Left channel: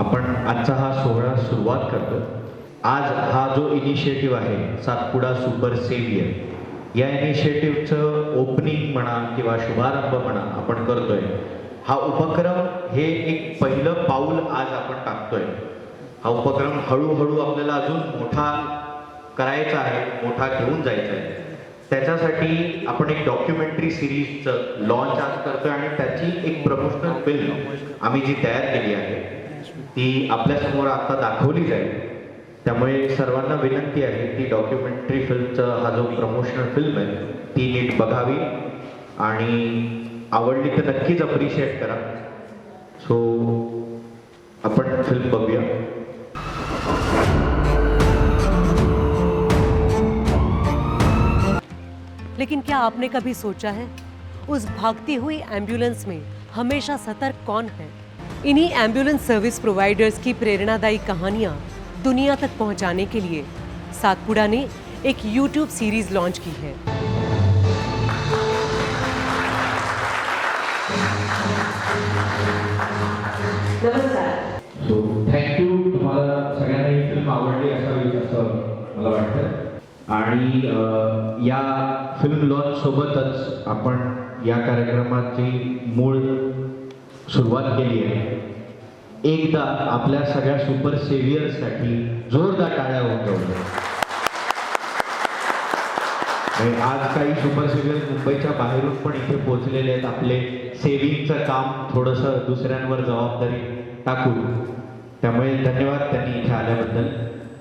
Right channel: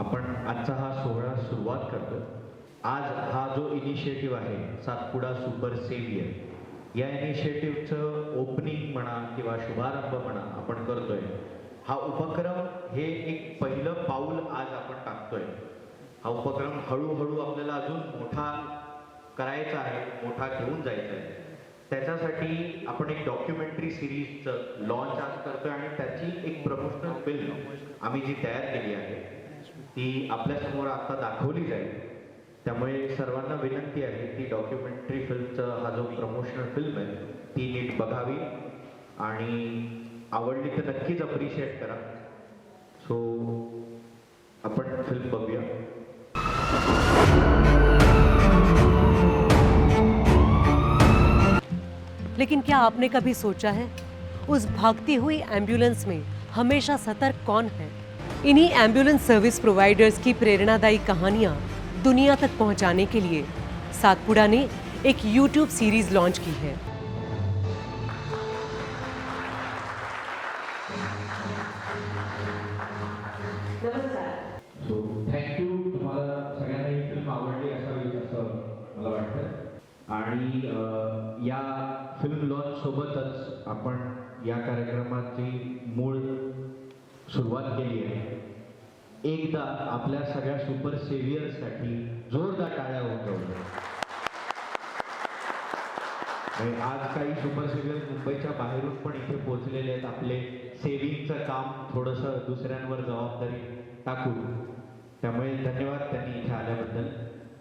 आपण आजचा हा सोहळा सुरुवात करतो. आज हा जो इनिशिएटिव्ह आहे सातपुडा सुपर सेव्हियर, या इनिशिएटिव्हचं ओपनिंग म्हणा किंवा शुभारंभ म्हणा आपण करतोय. हा उपक्रम हे एक पहिलं पाऊल आज आपण टाकतोय. हा उपक्रम हळूहळू आपल्याला अजून मोठा करायचा आहे, मोठा घेऊन जायचा आहे. त्याच्यासाठी आपण एक डॉक्युमेंटरी सिरीजचं लॉन्च आज करतोय आणि त्याची एक प्रमोशनल फिल्म आम्ही जी तयार केली आहे ती आपल्यासमोर आता दाखवली जाईल. त्यामुळे सर्वांना विनंती आहे की डॉक्युमेंटरी फिल्मचा हा जो प्रमोशनल फिल्म आहे ती नीट बघावी आणि आवडली तर नक्कीच अप्रिशिएट करा. सो आपण फिल्म बघूया. लेकिन क्या आपने कभी सोचा है उस भागती हुई एम्बुलेंस में हमेशा सतर्क कौन है? इन्हीं एम्बुलेंस सर्विस प्रोवाइडर्स की प्रेरणादायी कहानियां दुनिया तक पहुंचाने के लिए सातपुड़ा ने एक यूट्यूब सीरीज लॉन्च की है. So thank you. तुम्हाला सगळ्यांना ही फिल्म आवडली असावी असं मला वाटतं. आणि या फिल्म लॉन्च सोबतच आपण या कार्यक्रमाची मूळ सुरुवात केली आहे. एकदा आपल्या सगळ्या सुपर सेव्हियर्ससाठी जोरदार टाळ्या होऊन जाऊ. आज काही सुपर सेव्हियर्स मुंबईच्या बाहेरून पण इथे पोहोचलेले आहेत आपले सेव्हिंगचं काम थोडंसं दुसऱ्यांवर जबाबदारी टाकून. त्यामुळे धन्यवाद त्यांनी इथे आल्याबद्दल.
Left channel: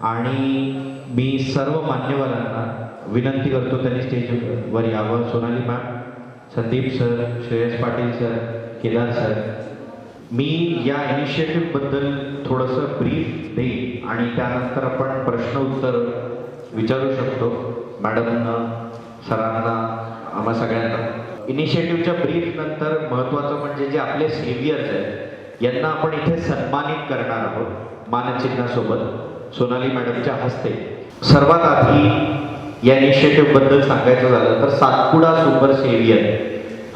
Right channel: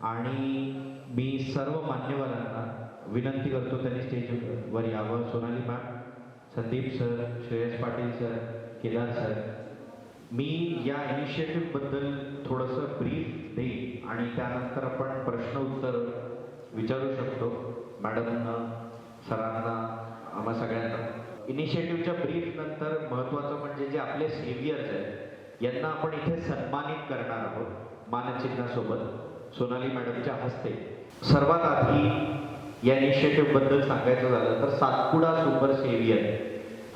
आणि मी सर्व मान्यवरांना विनंती करतो त्यांनी स्टेजवर यावं. Sonali ma'am, Sandeep sir, Shreyas Patil sir, Kedar sir. मी या इनिशिएटिव्हबद्दल थोडंसं ब्रीफ देईन आणि त्यानंतर आपण प्रश्न उत्तर विचारू शकतो मॅडमना, सरांना, आम्हा सगळ्यांना. इनिशिएटिव्हच्या ब्रीफ नंतर महत्त्वाचं म्हणजे जे आपले सेव्हियर्स आहेत यांना आपण इथे सन्मानित करणार आहोत मानचिन्हासोबत सोनाली मॅडमच्या हस्ते. सर्वात आधी या इनिशिएटिव्हबद्दल सांगायचं झालं तर सातपुडा सुपर सेव्हियर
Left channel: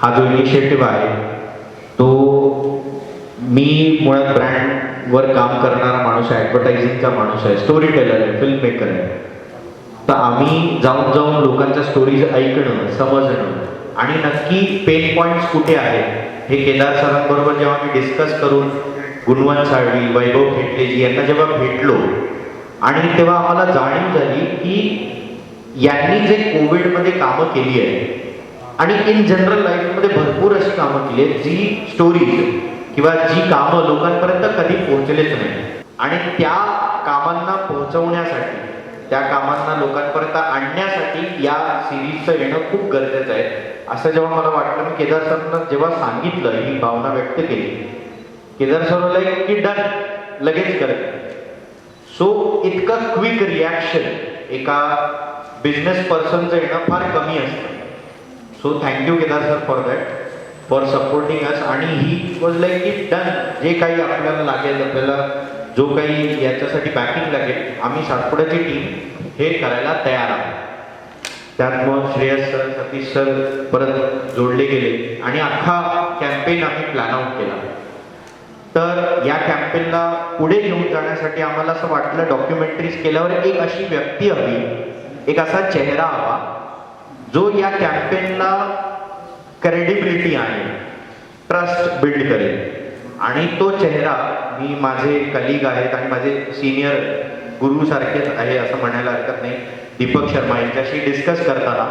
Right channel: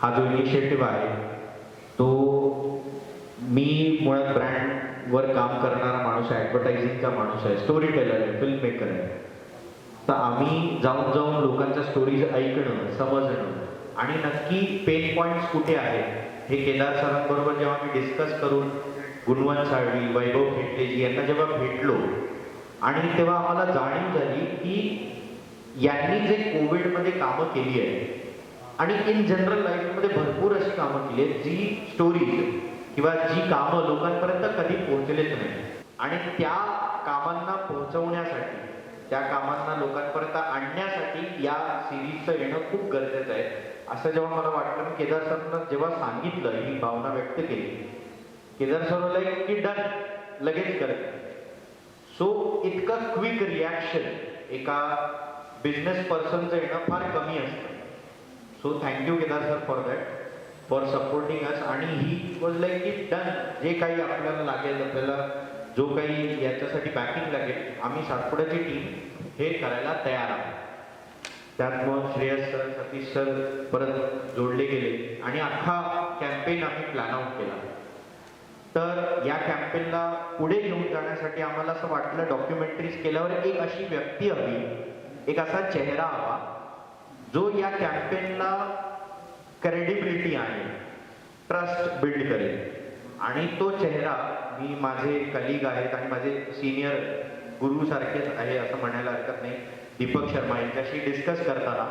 हा जो इनिशिएटिव्ह आहे तो मी मुळात ब्रँडवर काम करणारा माणूस आहे, ॲडव्हर्टायझिंगचा माणूस आहे, स्टोरी टेलर आहे, फिल्म मेकर आहे. तर आम्ही जाऊन जाऊन लोकांच्या स्टोरीज ऐकणं, समजणं आणि नक्की पेन पॉईंट्स कुठे आहेत हे केदार सरांबरोबर जेव्हा मी डिस्कस करून गुणवंत साळवी, वैभव खेटलेजी यांना जेव्हा भेटलो आणि तेव्हा आम्हाला जाणीव झाली की यांनी जे कोविडमध्ये कामं केली आहे आणि इन जनरल लाईफमध्ये भरपूर अशी कामं केली आहेत जी स्टोरीज किंवा जी कामं लोकांपर्यंत कधी पोहोचलेच नाही आणि त्या कामांना पोहोचवण्यासाठी, त्या कामांना लोकांपर्यंत आणण्यासाठी या सिरीजचं येणं खूप गरजेचं आहे. असं जेव्हा मला वाटलं, मी केदार सरनं जेव्हा सांगितलं, ही भावना व्यक्त केली, केदार सरला की डन, लगेच करत. सो इतका क्विक रिॲक्शन एका बिझनेस पर्सनचं येणं फार कमी असतं. So thank you Kedar sir for that, for supporting us. आणि ही वॉज लाईक की डन, जे काही आपल्याला लागेल, आपल्याला जो काही याच्यासाठी बॅकिंग लागेल, आम्ही सातपुड्याची टीम हे करायला तयार आहोत. त्यात मग श्रेयस सर, सतीश सर परत जोडले गेले आणि अख्खा कॅम्पेन आम्ही प्लॅन आउट केला. तर या कॅम्पेनला पुढे घेऊन जाण्यासाठी आम्हाला असं वाटलं डॉक्युमेंटरीज केल्यावर एक अशी व्यक्ती हवी, एक असा चेहरा हवा जो या कॅम्पेनला क्रेडिबिलिटी आहे, ट्रस्ट बिल्ड करेल. आणि तो चेहरा मी माझे कलिग आहेत आणि माझे सिनियर गुरु सारखेच आहे असं म्हणायला हरकत नाही, दीपक शर्मा यांच्याशी डिस्कस करताना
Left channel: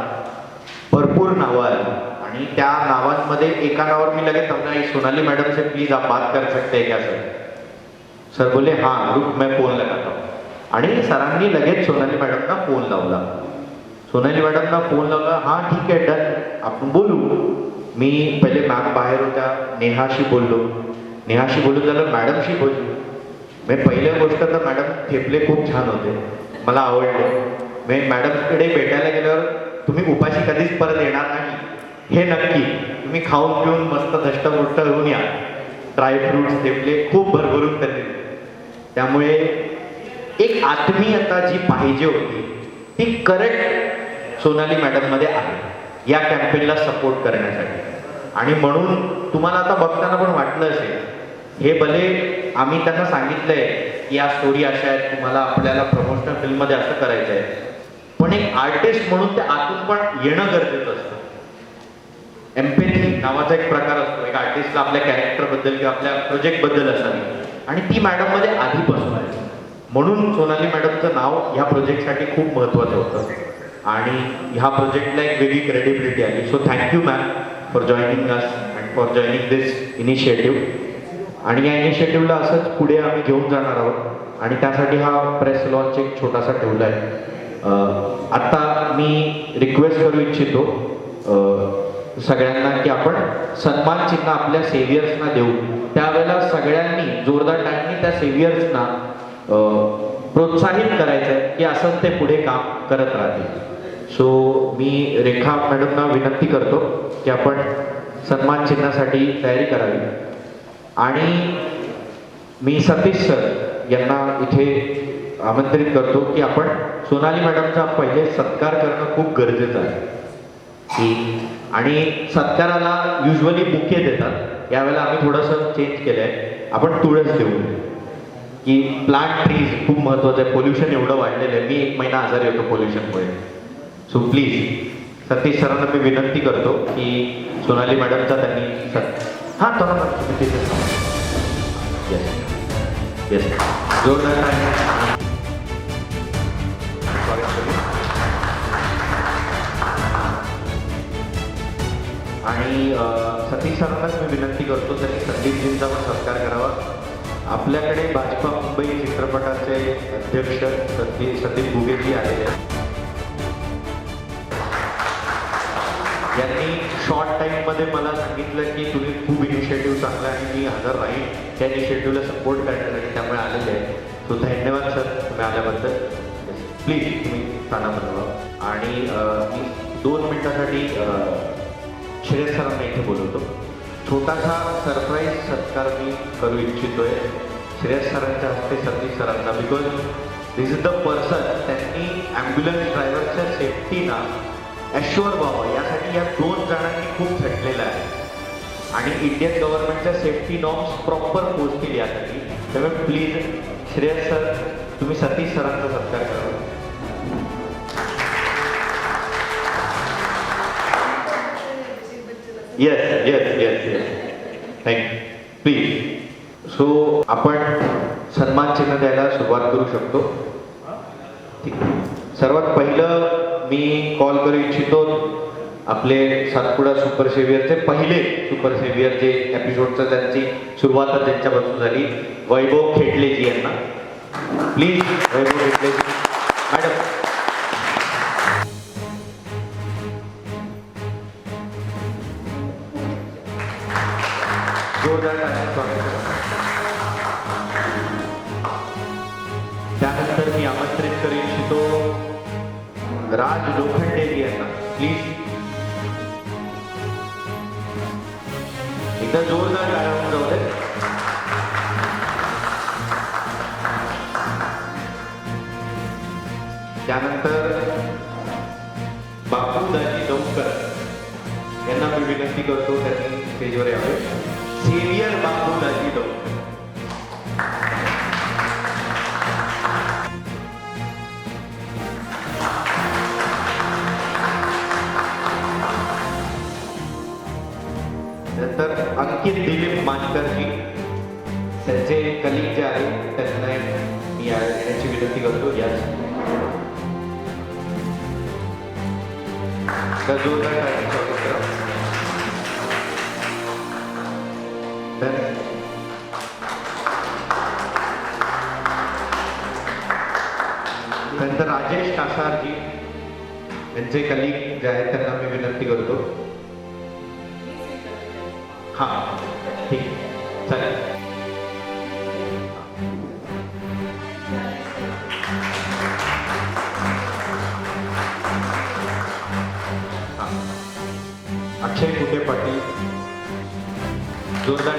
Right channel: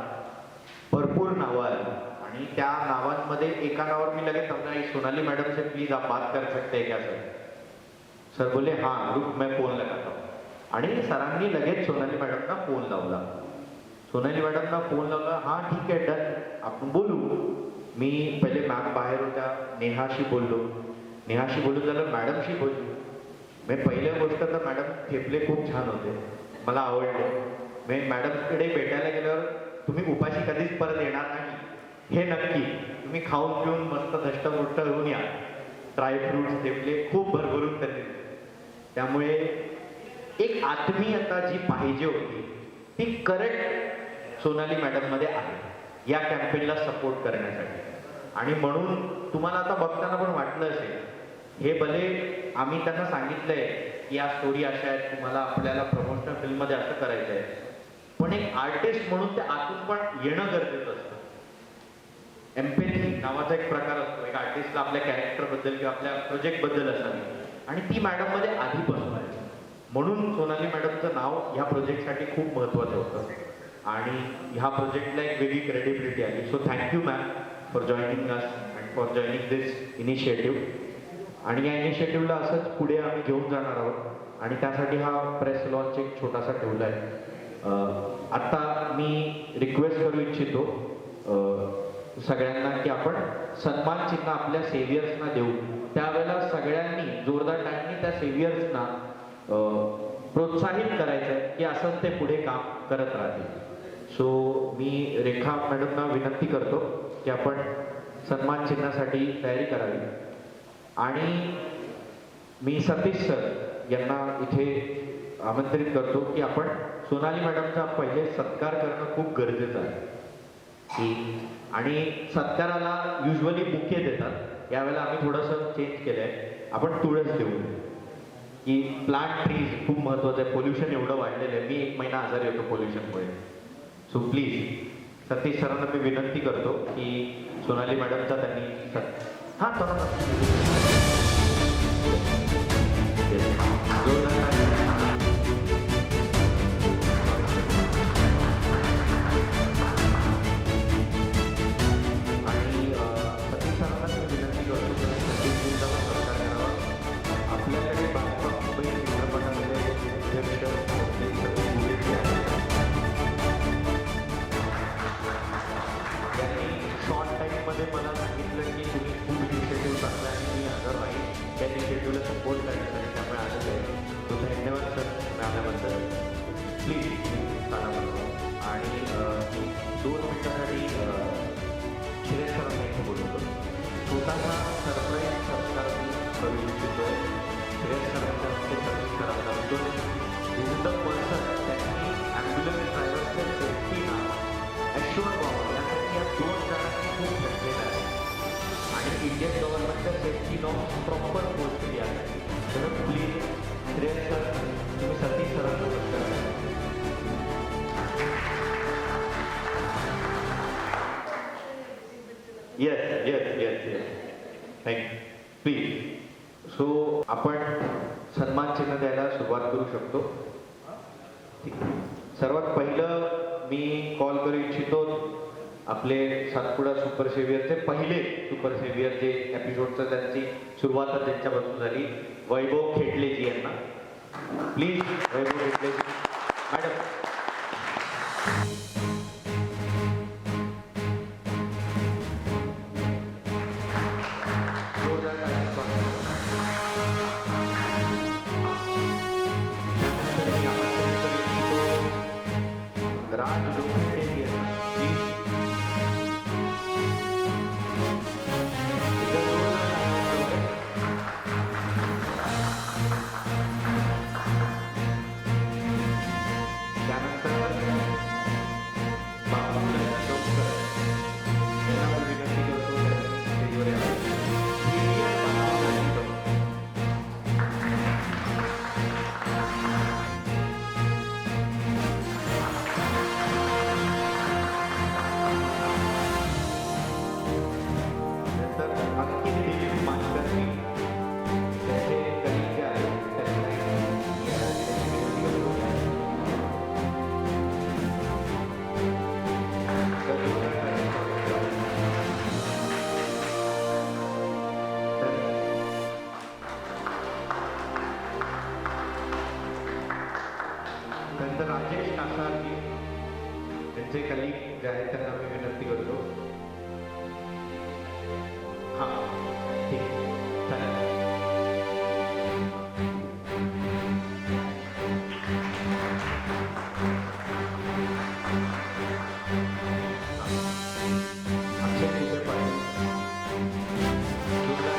भरपूर नावं आली आणि त्या नावांमध्ये एका नावावर मी लगेच समजा सोनाली मैडम से प्लीज आप बात कर सकते हैं क्या सर. सर बोले हाँ रुक मैं फोन लगाता हूँ. आणि सरांनी लगेच सोनाली मॅडमना फोन लावला. सोनाली मॅडमना फोन लावला, हां ठीक आहे डन, आपण बोलू. मी पहिले मॅम बाहेर होत्या, नेहाशी बोललो झालं, मॅडमशी बोललो. मी पहिल्या गोष्ट तर मॅडम थेपले खूप छान होते, मला आवडले. मी मॅडमकडे भेटायला गेल्यावर तुम्ही उपाशी कधीच परत येणार नाही हे नक्की, तुम्ही खाऊन पिऊन मस्त धष्टपुष्ट होऊन या. ड्रायफ्रुट्स थेपले खूप भरभरून त्यांनी. त्यामुळे एक आत्मीयता जी पाहिजे होती ती करेक्ट सोनाली मॅडममध्ये आहे या कॅम्पेनला सपोर्ट करण्यासाठी. आणि म्हणून तुम्हाला आता बघताना पण वाटलं असेल हे भले आम्ही त्यांना सांगितलंय की या स्टोरी अशा आहेत, तुम्हाला आपल्याला प्रमोशनल फिल्ममध्ये असं करायचं आहे. पण एक आर्टिस्ट म्हणून ते आतून पण येणं गरजेचं असतं. एम्पॅथी नावाचा एक प्रकार असतो. एक आर्टिस्टला आपल्या कॅरेक्टरबद्दल किंवा आपल्या प्रोजेक्टबद्दल असावी, आणि ती मॅडममध्ये आधीपासून आहे. म्हणून सोनाली मॅडमचं नाव ह्या प्रोजेक्टसाठी खूप महत्त्वाचं होतं आणि ह्या प्रोजेक्टला एक वेगळी क्रेडिबिलिटी आली. So thank you ma'am for joining us and for joining this initiative. आणि या इनिशिएटिव्हला असंच पुढे आम्ही घेऊन जाणार आहोत आणि त्यासाठी हा प्रेस लॉन्च एक छोटासा ठेवला आहे. आत्ता मी रिक्वेस्ट करू इच्छितो सगळ्यांना की आपण सन्मान चिन्ह आपल्या सेव्हियर्सना देऊ. त्यावेळेला सगळ्यांनी जोरदार टाईमनी त्या सेव्हियर्सना प्रोत्साहित करायचं की असंच ते पुढे काम करत राहतील. सो मी रेखा मॅडमना विनंती करतो की आपण सन्मान चिन्हासाठी तयारी करावी. आणि मी सतीश सर यांना इथे आमंत्रित करतो की आपण सोनाली मॅडमचा पहिले सत्कार करणं खूप गरजेचं आहे. की आणि सत्काराला युजली बुके देतात, यावेळेला आम्ही थोडंसं चेंज केलं आहे, आपण तुळस देऊ. की प्लांट ट्रीज खूप महत्त्वाचं आहे. पोल्युशन एवढं वाढलेलं आहे, मी 1 महिना आजारी होतो पोल्युशनमुळे. सो प्लीज सतीश सरांना मी विनंती करतो की सोनाली मॅडमचा त्यांनी हां थोडा आणि सतीश सरांनाच मी विनंती करतो तर सतीशजींचा पण सत्कार करावा. आपल्याकडे भाजपा मुंबई चित्रपटाचे अध्यक्ष सतीश गुगेजी आहेत. यांनी शॉर्ट टाईममध्ये मला सांगितलं की तुम्ही खूप इनिशिएटिव्ह चांगला आणि मी हजर राहील त्या इनिशिएटिव्हला सपोर्ट करण्यासाठी, त्यामुळे आलेले आहे. तो धन्यवाद सर तुम्ही आल्याबद्दल. प्लीज तुम्ही स्थाना बनवा. आणि मी 2 मिनिटासाठी श्रेयस सरांना इथे बोलवतो. छोटासा सरप्राईज सत्कार मी करू इच्छितोय श्रेयस सरांच्या हस्ते सतीश सरांना. Because this is the person त्यांनी ॲम्ब्युलन्स ड्रायव्हरच्या सेफ्टीना ॲश्युअर व्हावं यासाठी या 2 जणांनी खूप झटलेलं आहे आणि इंडियन गव्हर्नमेंटच्या सेफ्टी नॉर्म्स प्रॉपर पोस्ट केली आहे. त्यामुळे प्लीज श्रेयस सर तुम्ही सतीश सरांचा सत्कार करा. Yes yes yes yes thank you. Please. So आपण सन्मान चिन्ह द्यायला सुरुवात करू शकतो. ठीक आहे. सर्वात पहिलं मी कॉल करू इच्छितो आपले सातपुडा सुपर सेव्हियरचे पहिले सुपर सेव्हियर जे एपिसोडचं त्यांची सुरुवात त्यांच्यापासून झाली, वैभव खेटलेजी यांना. Please Vaibhav Khetleji madam. त्यानंतर मी आमंत्रित करू इच्छितो राज लोखंडे यांना. प्लीज इथं जोरदार आनंद होते. त्यानंतर बाबूदाजी डोंकर यांना मी विनंती करतो त्यांनी स्टेजवर यावे. सिनियर बाबूदाजी डोंकर. अंकित दिलीप मानकरजी त्यांचे कलिग जे आहेत त्यांना याची विनंती करतो. या नंतर राजेश कासारजी यांचे कलिग जे आहेत त्यांना मी विनंती करतो. हां ठीक आहे चालेल. अक्षय कुठे पाटील जोरदार.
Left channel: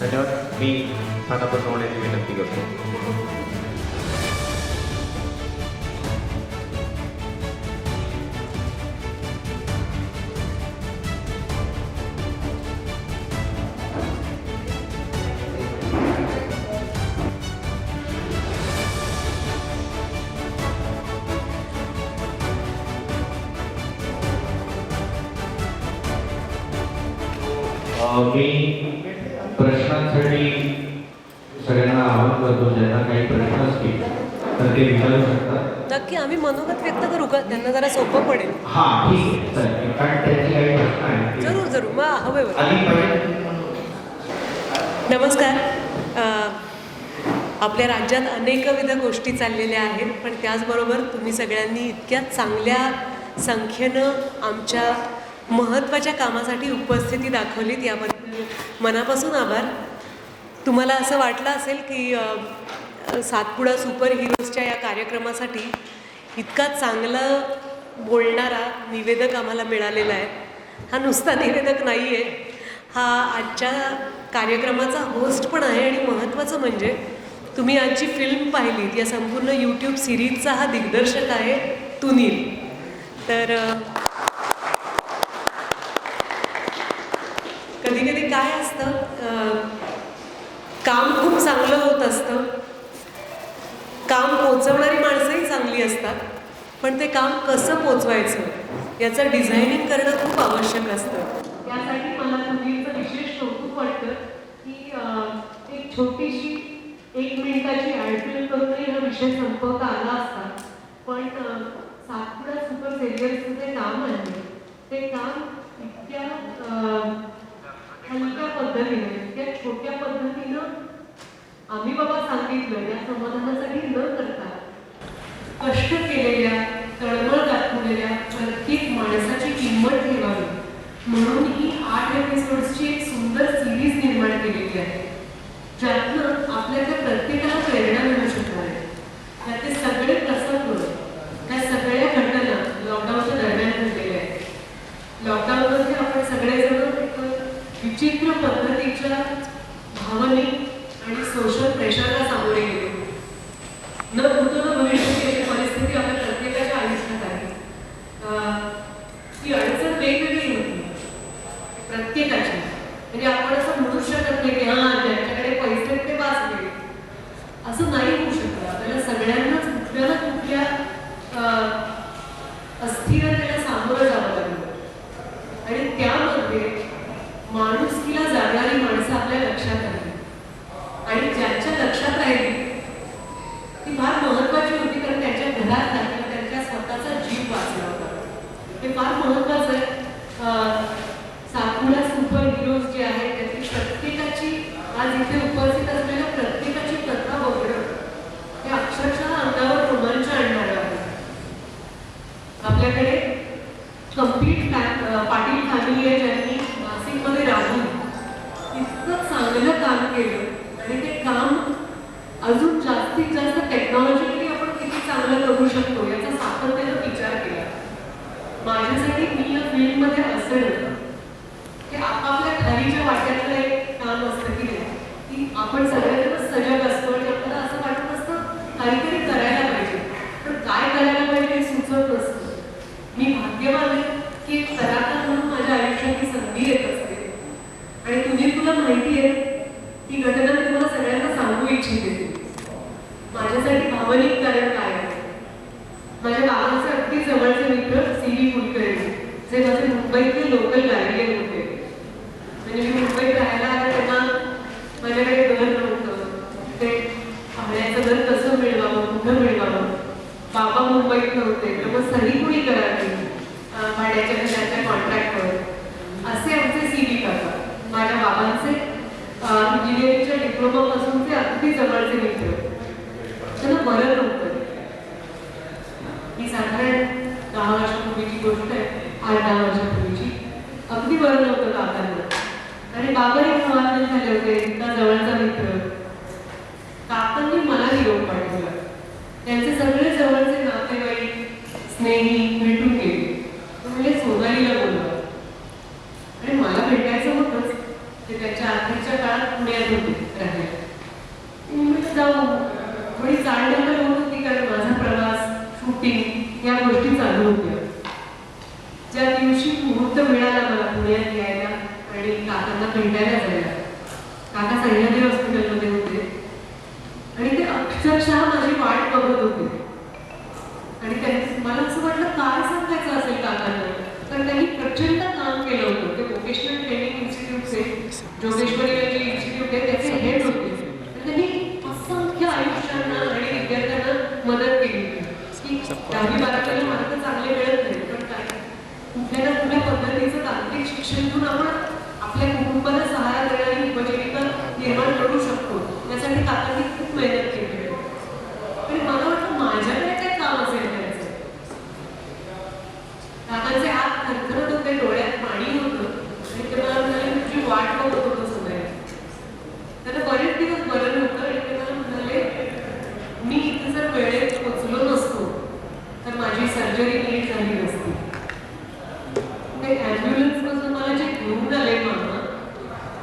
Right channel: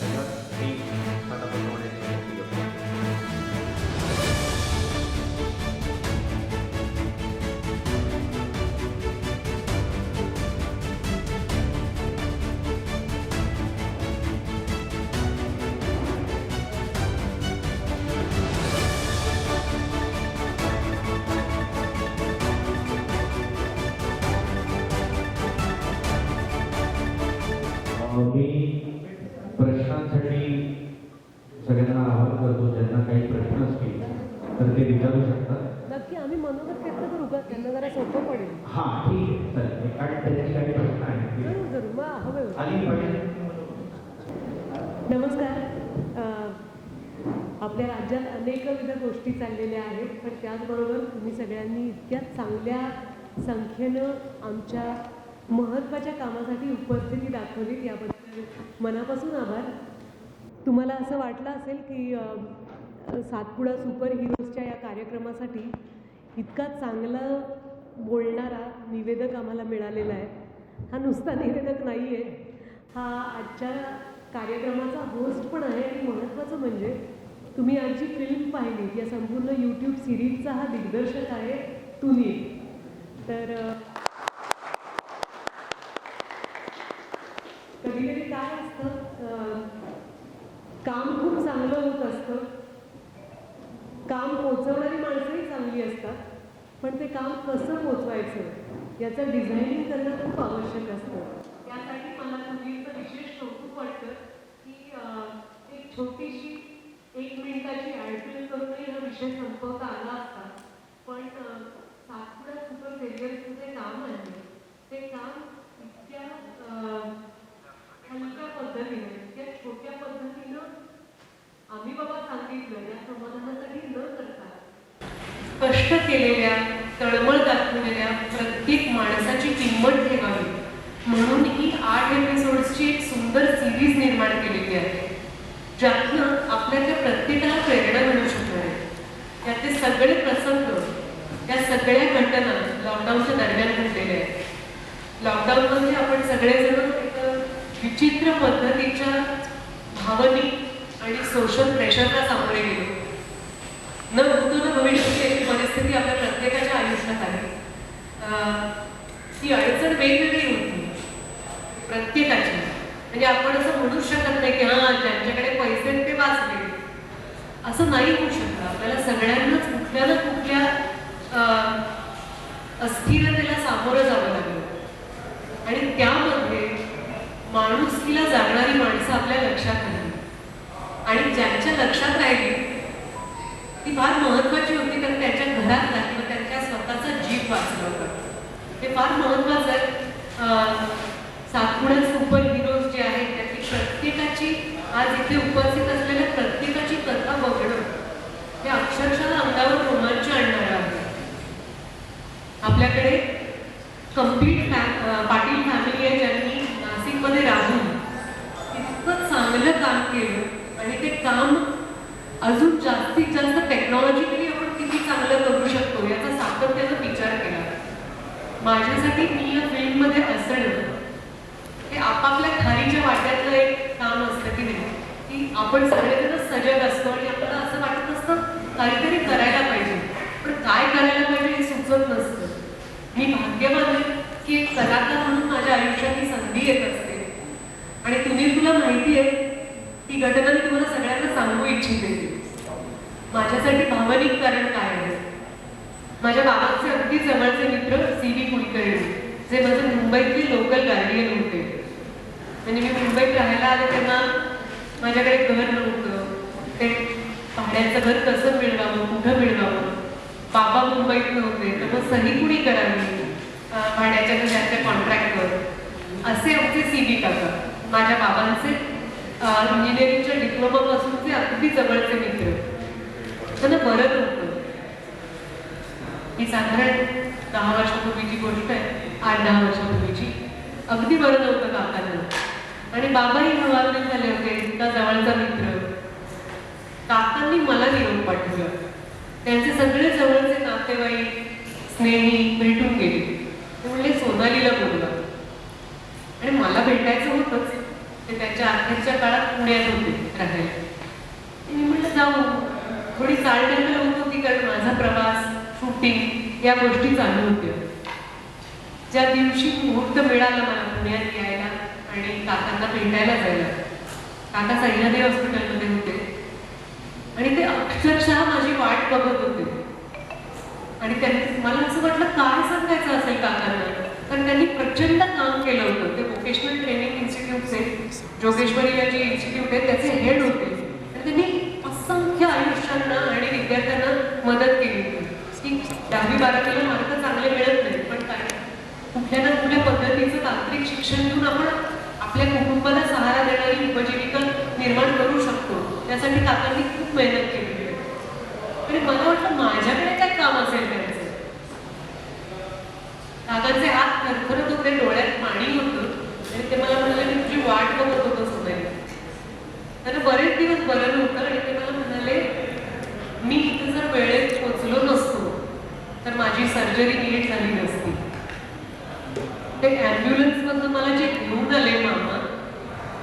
धन्यवाद. मी खाना बनवण्याची विनंती करतो. मी प्रश्नांसाठी सगळ्यांना आवाहन करतो, ज्यांना काही प्रश्न असतील तर ते विचारू शकतात. नक्की आम्ही मनोगत व्यक्त करू का? त्यांना जरा सोपं पडेल. हां ठीक आहे चालेल, कारण त्याची काही प्रश्न आहे. जरूर जरूर, मग हवे होते. आधी पहिले नमस्कार. आपल्या राज्यात अनेकविध गोष्टी चाललेल्या आहेत, पण त्याचबरोबर तुम्ही सगळ्यांनी इतक्या चांगल्या संख्येनं आमच्या महत्त्वाच्या कामासाठी उपस्थिती दाखवलीत, याबद्दल मनापासून आभार. तुम्हाला असं वाटलं असेल की सातपुडा सुपर हिरोजच्या या कार्यक्रमासाठी इतका चांगला बोलणारा निवेदक आम्हाला मिळालेला आहे. हा नुसता निवेदक नाही आहे, हा आजच्या कार्यक्रमाचा होस्ट पण आहे. आणि महत्त्वाचं म्हणजे तुम्ही आज जी फिल्म पाहिलीत, या संपूर्ण यूट्यूब सिरीजचा हा दिग्दर्शक आहे तुनील. तर कधी कधी काय असतं, काम खूप चांगलं होत असतं, काम पोचवणारी माणसंही चांगली असतात, पण ते काम कसं पोचवायचं याचं डिझायनिंग करणं खूप आवश्यक असतं. त्यासाठी मला तुनीलचं विशेष कौतुक वाटतं की एक छोटीशी 1 मिनिटाची ॲडफिल्म करूनही हा विषय संपवता आला असता. पण सातपुडा सुपर सिरियलचं जे काम आहे ते काम इतक्या हलक्या पद्धतीने, इतक्या छोट्या पद्धतीनं आम्ही बाबा सांगितलं या समाधानासाठी न करता कष्ट केलेल्या, तळमळ दाखवलेल्या प्रत्येक माणसाची किंमत ठेवावी म्हणून ही 8 एपिसोड्सची एक सुंदर सिरीज निर्माण केलेली आहे, ज्यातनं आपल्याला प्रत्येकाला प्रेरणा मिळू शकणार आहे. त्यातले सगळे प्रसंग, त्या सगळ्या घटना लॉकडाऊनच्या दरम्यान घडलेल्या आहेत. लॉकडाऊनमध्ये आपण सगळेजण एक विचित्र पद्धतीच्या भावनिक आणि सोशल प्रेशरला सामोरे गेलो. न भूतो न भविष्याची परिस्थिती आपल्या प्रत्येकाच्या आयुष्यात आहे. ती अडचण वेगवेगळी होती प्रत्येकाची. म्हणजे आपण असं म्हणू शकत नाही की हां ज्यांच्याकडे पैसे ते वाचले, असं नाही होऊ शकतं. आपल्याला सगळ्यांनाच कुठल्या ना कुठल्या अस्थिरतेला सामोरं जावं लागलं. आणि त्यामध्ये माणुसकीला जाणणारी माणसं आपल्या लक्षात आली, आणि ज्यांच्या लक्षात राहिली ती फार महत्त्वाची होती, कारण त्यांच्या घरातला किंवा त्यांच्या स्वतःचा जीव वाचला होता. ते फार महत्त्वाचं आहे. सातपुडा सुपर हिरोज जे आहे त्याची प्रत्येकाची, आज इथे उपस्थित असलेल्या प्रत्येकाची कथा बघणं हे अक्षरशः अंगावर रोमांच आणणारं आहे. आपल्याकडे कम्प्लीट पाटील फॅमिली आहे, ज्यांनी नाशिकमध्ये राहून इतकं चांगलं काम केलं, आणि ते काम अजून जास्तीत जास्त टेक्नॉलॉजिकली आपण किती चांगलं करू शकतो याचा सातत्यानं विचार केला. माझ्यासाठी मी या फील्डमध्ये असेल ते आपापल्या खारीच्या वाट्यातलं एक काम असतं की नाही, की आपण सगळ्यांनाच सजग असतो आणि आपल्याला असं वाटत असतं काहीतरी करायला पाहिजे, पण काय करायला पाहिजे हे सुचत नसतं. मी भाग्यवान आहे की एक कलाकार म्हणून माझ्या आयुष्यात ही संधी येत असते. आणि तुला माहिती आहे ती घटना मी तुम्हाला सगळ्यांना सांगू इच्छिते. माझ्यासाठी भावनिक कारण काय आहे, माझ्या बाबांचे अगदी जवळचे मित्र CB कुलकर्णी, जे माझे मुंबईतले लोकल गार्डियन होते. म्हणजे मी मुंबईत राहायला आले तेव्हा माझ्याकडे घर नव्हतं, ते भाड्याचं घर कसं मिळवावं, कुठं मिळवावं. बाबा मुंबईत नव्हते, मग सही कुणी करावी भाड्याच्या घराच्या कॉन्ट्रॅक्टवर. असे आमचे CB काका, माझ्या बाबांचे इंजिनिअरिंगच्या डिप्लोमापासूनचे अगदी जवळचे मित्र. त्यांना बरं नव्हतं. ही साधारण 10 वर्षापूर्वीची गोष्ट आहे, 8-10 वर्षापूर्वीची. अगदी बरं नव्हतं काकांना, आणि बाबाही प्रवासात झाले होते. इतका जवळचा मित्र. काकांनी मला निरोप पाठवला. त्यांचे सगळे जवळचे नातेवाईक, स्नेही भेटून गेले. ते म्हणजे सोनालीला बोलवा, आणि मला भेटायचं होतंच. ते त्याच्या अखेरच्या काळात पुण्यात होते राहायला. मी म्हटलं जाऊ. थोडी चालण्याला होत होती, कारण माझा प्रवास, शूटिंग या गोष्टी चालू होत्या. ज्या दिवशी मुहूर्त मिळाला मला पुण्यात यायला आणि काकांना भेटायला जायला, काका सह्याद्री हॉस्पिटलमध्ये होते, आणि ते अक्षरशः माझी वाट बघत होते. आणि मला असं वाटलं काय सांगायचं असेल काकांना, कारण त्यांनी प्रचंड काम केलं होतं. ते व्होकेशनल ट्रेनिंग इन्स्टिट्यूटचे, जोगेश्वरीला जे इन्स्टिट्यूट आहे त्याचे हेड होते, आणि त्यांनी असंख्य आयुष्यांना आणि विद्यार्थ्यांना मदत केली होती. की 10वी-12वीला मार्क चांगले मिळत नाही, पण काय कुठल्या ना कुठल्या पद्धतीचं तांत्रिक शिक्षण घेऊन आपण आपल्या कुटुंबाला सहारा देणारी उपजीविका निर्माण करू शकतो. त्यासाठी काकांनी खूप मेहनत केली. आणि मला वाटतं माझ्याकडे काय काम असेल करायचं. काकांचे हात थरथरत होते, डोळ्यात पाणी होतं, आणि ते मला म्हणाले मी तुझी वाट बघत होतो सोनाली. त्यांना बरेच दिवस बरं नव्हतं, आणि ते मला म्हणाले मी इथे जर वेळेत पोचलो नसतो तर माझी सर्जरी नीट झाली नसती. ते ॲम्ब्युलन्समधून मला जे घेऊन आले मामा,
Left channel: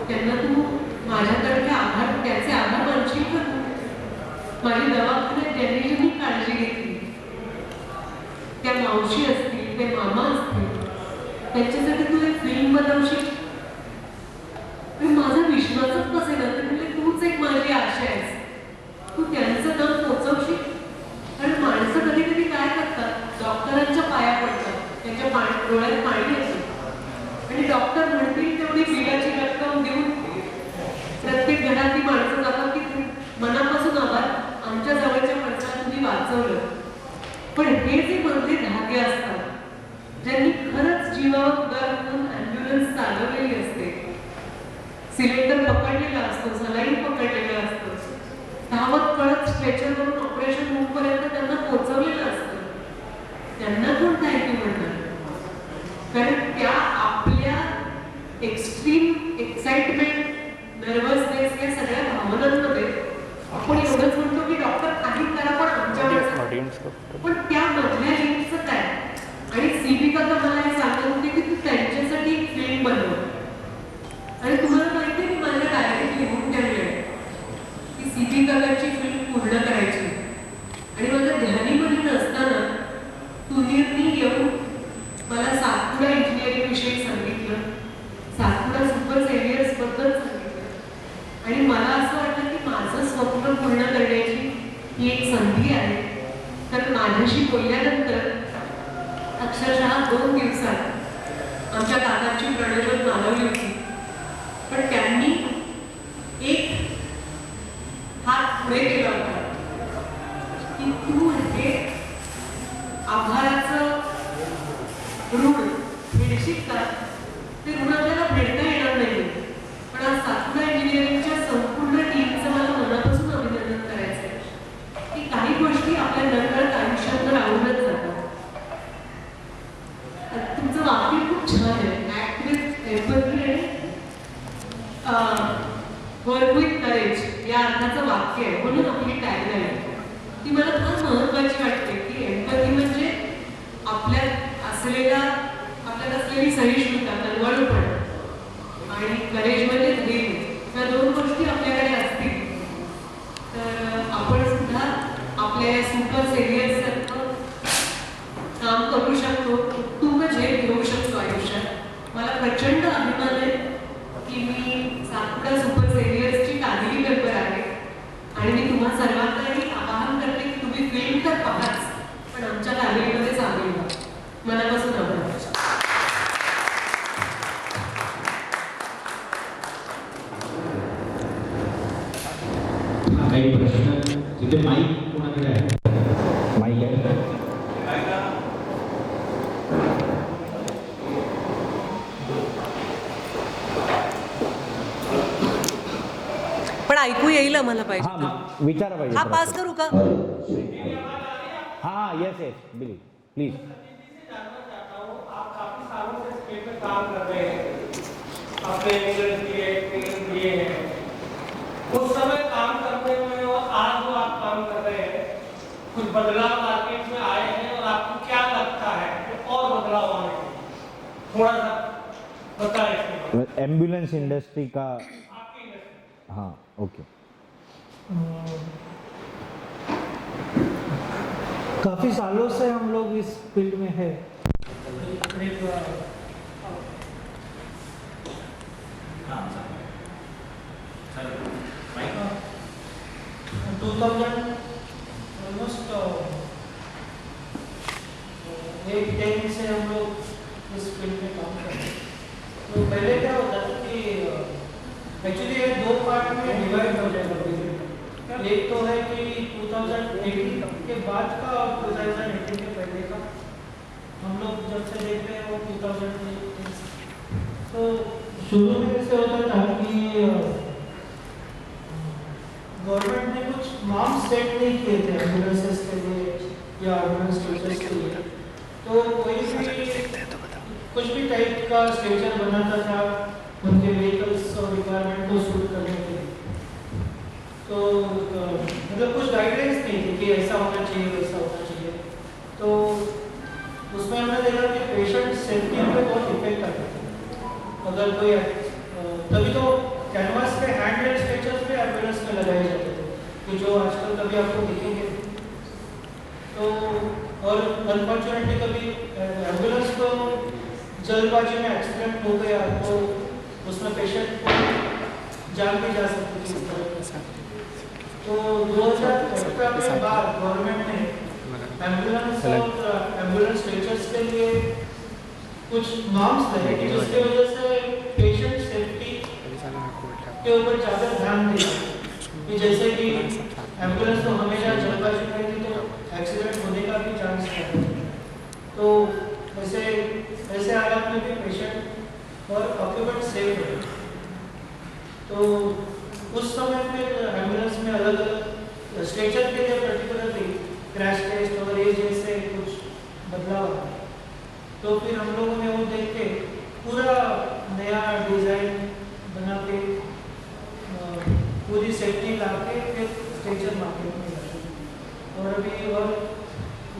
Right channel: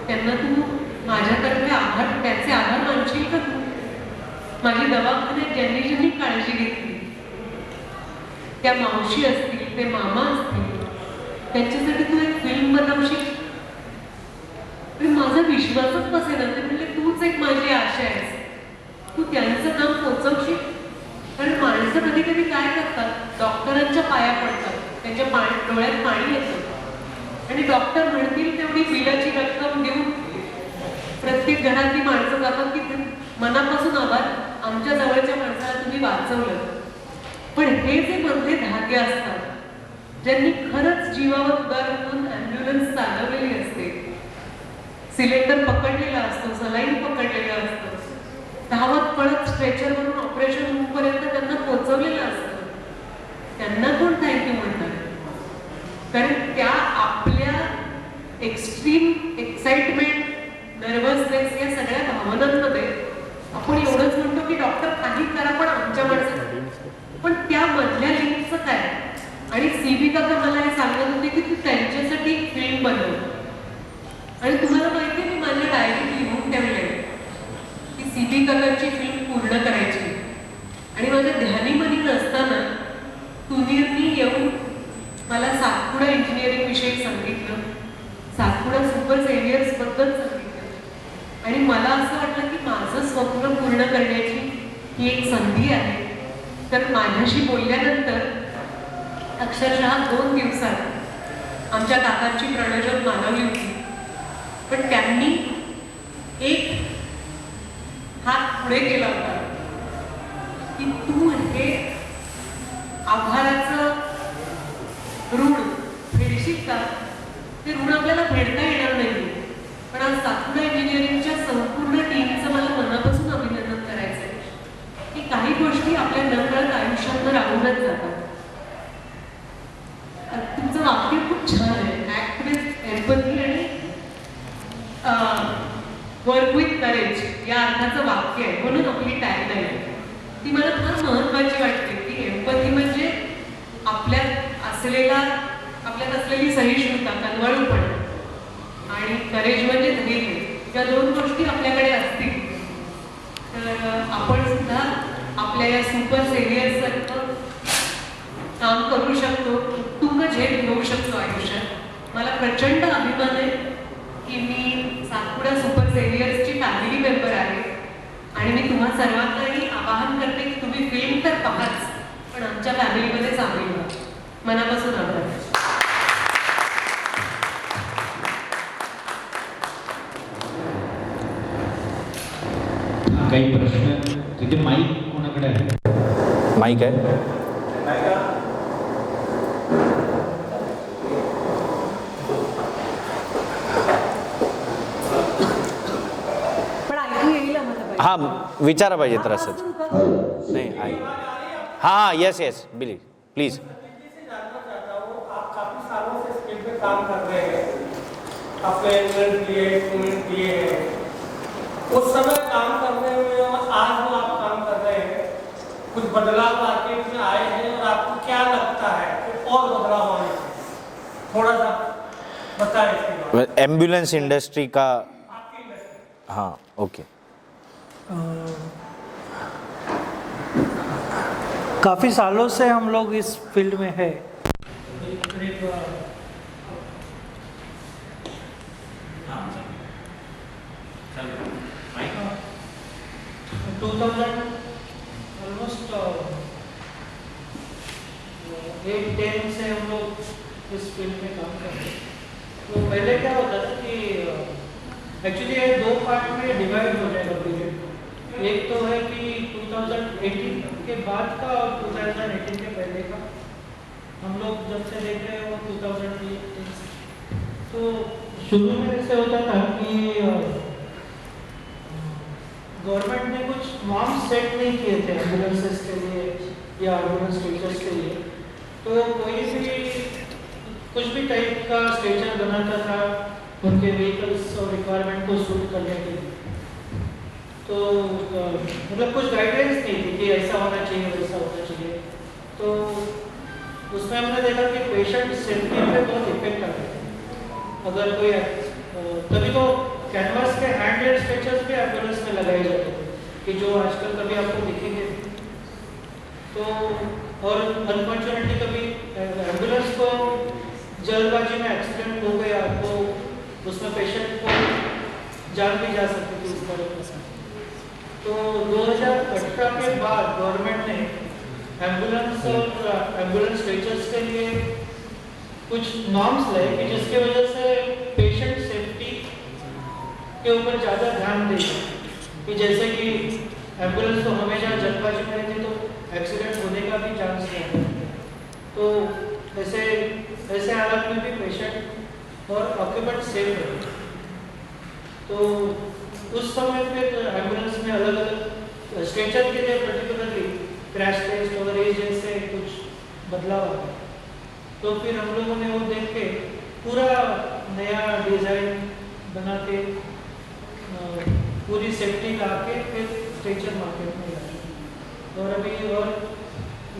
त्यांना तू माझ्यातर्फे आभार, त्याचे आभार मानशील का तू? माझी दवाखान्यात ज्यांनी ज्यांनी काळजी घेतली, त्या मावशी असतील, ते मामा असतील, त्यांच्यासाठी तू एक फिल्म बनवशील? माझा विश्वासच बसेना. ते म्हणजे तूच एक माझी आशा आहेस, तू त्यांचं काम पोचवशील. कारण माणसं कधी कधी काय करतात, डॉक्टरांच्या पाया पडतात, त्यांच्या डोळ्यात पाणी येतं, आणि डॉक्टर म्हणतील तेवढी बिलाची रक्कम देऊन प्रत्येक घरातली माणसं जातात की मनापासून आभार, आमच्या जवळच्या माणसाला तुम्ही वाचवलं. पण हे जे मधले धागे असतात, ज्यांनी खरंच जीवावर उदार करून ॲम्ब्युलन्स चालवलेली असते, सिलेंडर पकडलेला असतो, सलाईन पकडलेलं असतं, धावत पळत स्ट्रेचरवरून ऑपरेशन रूमपर्यंत त्यांना पोहोचवलेलं असतं, त्यांना कोण थँक्यू म्हणतात? कारण त्या आपल्या एक्स्ट्रीम एक्साइटमेंट, नर्वसनेस या सगळ्या भावनांमध्ये आपण एवढंच म्हणतो की डॉक्टर काही करा पण आमच्या माणसासाठी, पण त्या मधल्या लिंकचं काय? आणि सीबीका तर मला हे सांगत होते की तू त्यांच्यासाठी एक फिल्म बनव. आणि तुम्हाला माहिती आहे, मी माझ्या डायरीत लिहून ठेवले की सीबीकाची फिल्म पूर्ण करायची. आणि माझ्या ध्यानीमध्ये नसताना तुनीरनी येऊन मला सातपुडा इंजिनिअरिंग विषयी सांगितलं, सातपुडा सुपर सेव्हियर्स बद्दल सांगितलं, आणि मला असं वाटलं की माझं स्वप्न पूर्ण करण्याची ही एक संधी आहे. तर माझ्याशी बोलल्यानंतर अक्षरशः 2 दिवसात आमच्या काकांची प्रणोदन मानवली होती. पण त्यांनी एक हात पुढे केला होता की तू हे आभाराचं ऋण फेडशील का? ते ऋण आपल्याला फेडता येणार नाही. पण आज सातपुडा इंजिनिअरिंगच्या संपूर्ण टीमचं मला मनापासून अभिनंदन करायचं आहे की काही गोष्टी आपल्या नकळत आयुष्यात राहूनच जातात. तुमचं वाक्य खूप छान आहे, ऍक्ट विथ एम्पॅथी आणि वर्क विथ करेज या अर्थाचं वाक्य आहे, म्हणून आपली टॅगलाईन आहे. ती मला फार महत्त्वाची वाटते की एम्पॅथी म्हणजे आपल्यात असलेली सहिष्णुता, कनवाळूपणा, आणि करेज म्हणजे धैर्य. या 2 गोष्टी आपल्याकडे असतील तर आपण सुद्धा आपल्या या सुपर सेव्हियर्ससारखं काम करू शकतो, उत्तुंग झेल घेऊ शकतो आयुष्यात. मला प्रचंड अभिमान आहे की मी सातपुडा सुपर सेव्हियर्सची फॅमिली मेंबर आहे, आणि मी तुम्हा सर्वांनाही आवाहन करते की तुम्ही फिल्म तर पाहाच, पण आमच्या फॅमिलीमध्ये सामील व्हा. मनापासून आभार. काही प्रश्न तिथे माईक कोणाकडे आहे? माईक आहे. पण ऐकू येईल मला पाहिजे. हां विचारा पाहिजे हा तर पास असं करू का? नाही. हां येस येस बिलीव प्लीज. आप काफी सालों से स्किल पे काम कर रहे हैं, आपने इंग्लैंड किए हैं, उस समय काम करने में और आज जो आप काम कर रहे हैं, कुछ बदलाव मार्केट में आए हैं, और आपको क्या लगता है कि और बदलाव आने चाहिए? थोड़ा सा बताएं. एम्बुलेंस इंडस्ट्री का. हाँ ओके. काफ़ी सालों से हम लोग इस फील्ड में है. करीब 2000 ऑलमोस्ट 8-10 से हम लोग इस फील्ड में काम कर रहे हैं। तो पहले क्या होता था कि एक्चुअली ये 2 पार्ट में डिवाइड हो जाएगा पीरियड। एक तो है कि 2018 के बाद का और 2018 के पहले का। हम लोग जब से देख रहे हैं वो 2018 से। तो शुरू में ऐसे होता था कि गवर्नमेंट ने कुछ नॉर्म्स सेट नहीं किए थे एम्बुलेंसेस के लिए या एम्बुलेंस स्ट्रेचर्स के लिए। तो कोई भी कुछ भी टाइप का स्ट्रेचर बनाता था उनके व्हीकल्स और रिक्वायरमेंट को सूट करने के लिए। तो मतलब कुछ गाइडलाइंस नहीं थी कि ऐसा होना चाहिए वैसा होना चाहिए। तो उसमें हमने देखा कि पेशेंट सेफ्टी पे बहुत इफेक्ट आता है। अगर कोई कभी तो कैनवास के हैंडलेड स्ट्रेचर्स भी एम्बुलेंस में लगाए जाते थे कि जो आजकल कभी आपको दिखेंगे। तो और अनफॉर्चुनेटली कभी एम्बुलेंस को जल्दबाजी में एक्सीडेंट हो गया तो उसमें पेशेंट को जान भी जा सकती थी इस तरह से। तो 2018 के बाद गवर्नमेंट ने एम्बुलेंस और एम्बुलेंस स्ट्रेचर्स के लिए कुछ नॉर्म्स लाए कि जिसकी वजह से पेशेंट सेफ्टी के ऊपर ज़्यादा ध्यान दें कि जैसे कि एम्बुलेंस तो हमेशा जल्दबाजी करेंगे तो एक्सीडेंट होने का भी चांस है। तो ऐसे हालात में भी पेशेंट और ऑक्यूपेंट सेफ रहे। तो उस समय फिर एम्बुलेंस में अलग अलग स्ट्रेचर के लिए पर्टिकुलरली क्रैश टेस्ट और ये जैसे कुछ बदलाव आए। तो फिर हम लोगों ने वो देख के पूरा नया डिज़ाइन बना के पूरी सेफ्टी ला के फिर स्ट्रेचर मार्केट में लाए। और अभी और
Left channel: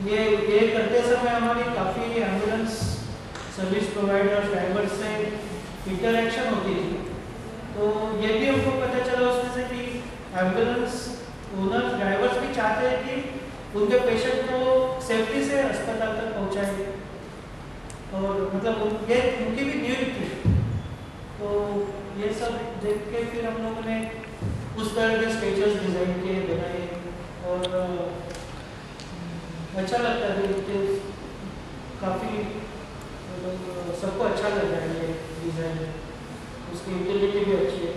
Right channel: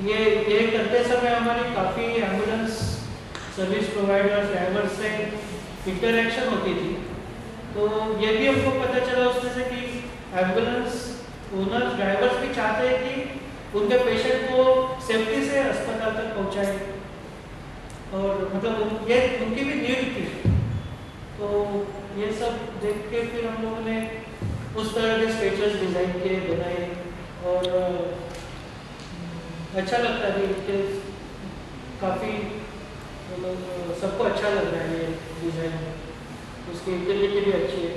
ये करते समय हमारी काफ़ी एम्बुलेंस सर्विस प्रोवाइडर्स ड्राइवर्स से इंटरेक्शन होती थी। तो ये भी हमको पता चला उसमें से कि एम्बुलेंस ओनर्स ड्राइवर्स भी चाहते हैं कि उनके पेशेंट को सेफ्टी से अस्पताल तक पहुंचाएं। और मतलब ये उनकी भी नीड थी। तो ये सब देख के फिर हम लोगों ने उस तरह के स्ट्रेचर्स डिज़ाइन किए बनाए। और अच्छा लगता है कि काफ़ी मतलब सबको अच्छा लग रहा है ये डिज़ाइन। उसकी यूटिलिटी भी अच्छी है।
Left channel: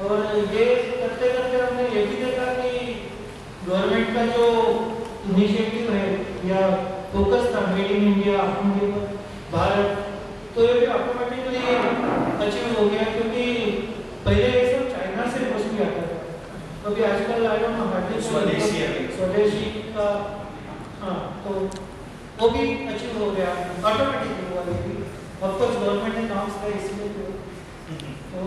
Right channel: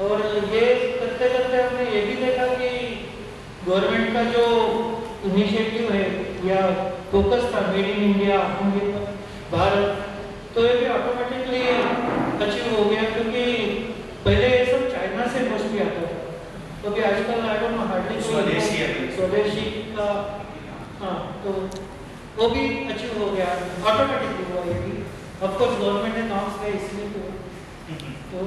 और ये करते करते हमने ये भी देखा कि गवर्नमेंट का जो इनिशिएटिव है या फोकस था मेड इन इंडिया आत्मनिर्भर भारत, तो ये भी ऑटोमेटिकली अचीव हो गया। क्योंकि पहले ये सब चाइना से मोस्टली आता था, तो अभी आजकल आई डोंट नो हार्डली स्वदेशी का। हाँ, तो वो भी अचीव हो गया ऑटोमेटिकली हुआ। ये भी ऑफकोर्स गवर्नमेंट ने नॉर्म्स का इसलिए तो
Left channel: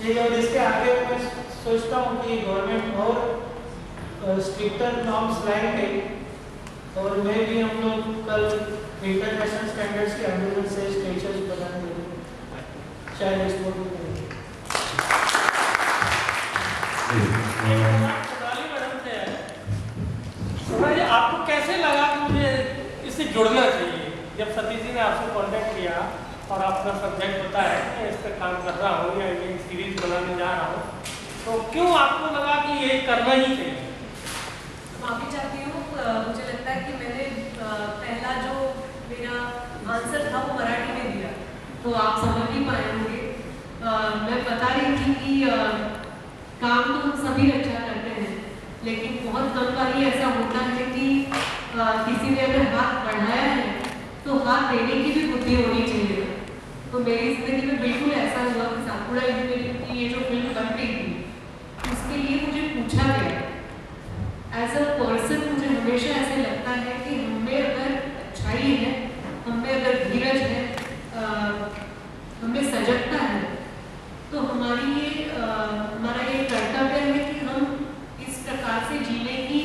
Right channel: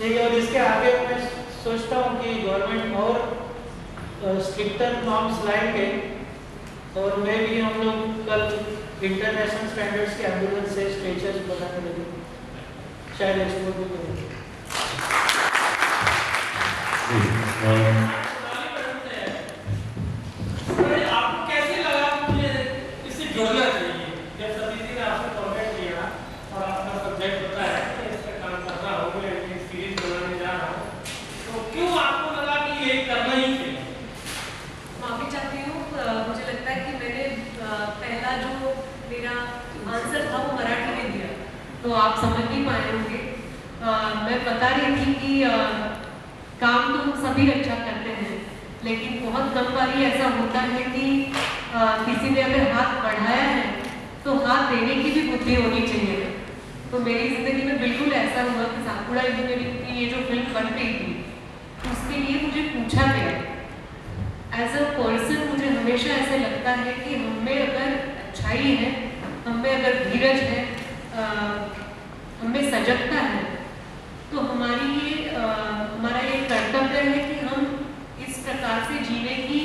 ठीक है। और इसके आगे मैं सोचता हूँ कि गवर्नमेंट और स्ट्रिक्टर नॉर्म्स लाएंगे और मैं भी हम लोग कल इंटरनेशनल स्टैंडर्ड्स के एम्बुलेंस से स्ट्रेचर्स बनाने लगेंगे, शायद एक्सपोर्ट भी करेंगे। आपको कैसे लगा मुझे इससे जुड़ना चाहिए? जब सतीश जी ने आपसे कॉन्टैक्ट किया और आपका सब्जेक्ट होता है तो इस पर काम कर रहा हूँ या ये सीरीज बनाने जा रहा हूँ, तो क्यों आपको लगा कि ये करना ही चाहिए? माफ़ी चाहती हूँ, मुझे लगता है कि मैंने पहला जो मेरा आंसर था वो मराठी में दिया, तो आप समझ नहीं पाए होंगे। मैं बता रही थी कि काम तो हम सभी अच्छा करते हैं, लेकिन बहुत कम बार ऐसा होता है कि किसी ने अगर हाथ बढ़ाया है तो हाथ देने की भी बुद्धि होनी चाहिए। तो मेरी ज़िंदगी में बिल्कुल ऐसा हुआ कि सातपुड़ा इंजीनियरिंग की ये जो फिल्म बन रही थी उसके लिए मुझे पूछा गया। एज अ पर्सन मुझे हमेशा ऐसे लगता है कि हमें अगर अच्छाई है, हमें अगर धीरज है, हमें सजगता है, तो हमारा ये कर्तव्य है कि हम इस प्रकार से जीने की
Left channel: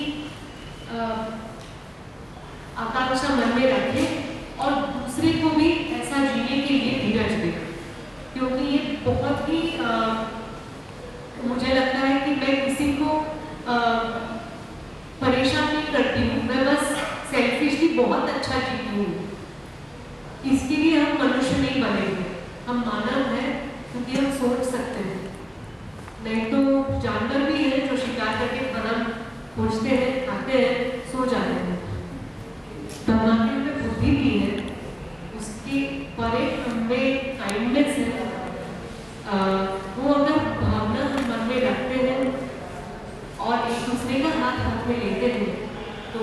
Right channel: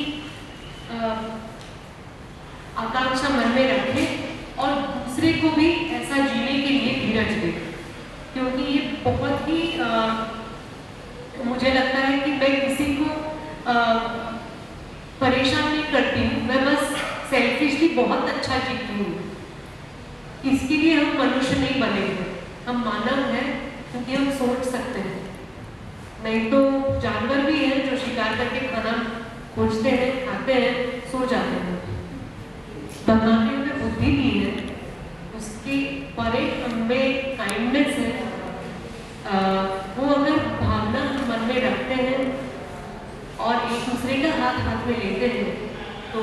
आकांक्षा मन में रखें और दूसरे को भी ऐसा जीने के लिए धीरज दें। क्योंकि ये बहुत ही मुझे लगता है कि मैं किसी को परेशान नहीं करती हूँ, मैं बस सेल्फिशली बहुत अच्छा जीती हूँ। इसके लिए हम मनुष्य नहीं बने हैं, हम मानव हैं क्योंकि हम सोच सकते हैं। नहीं तो जानवर भी हैं जो शिकार करके खाना खोजते हैं, खाते हैं, सो जाते हैं। भगवान के अंदर बुद्धि भी है, उसके परे हमें काइंडनेस है, वो अगर भावना हम मन में रखते हैं और एक दूसरे का हाथ हाथ में लेते हैं तो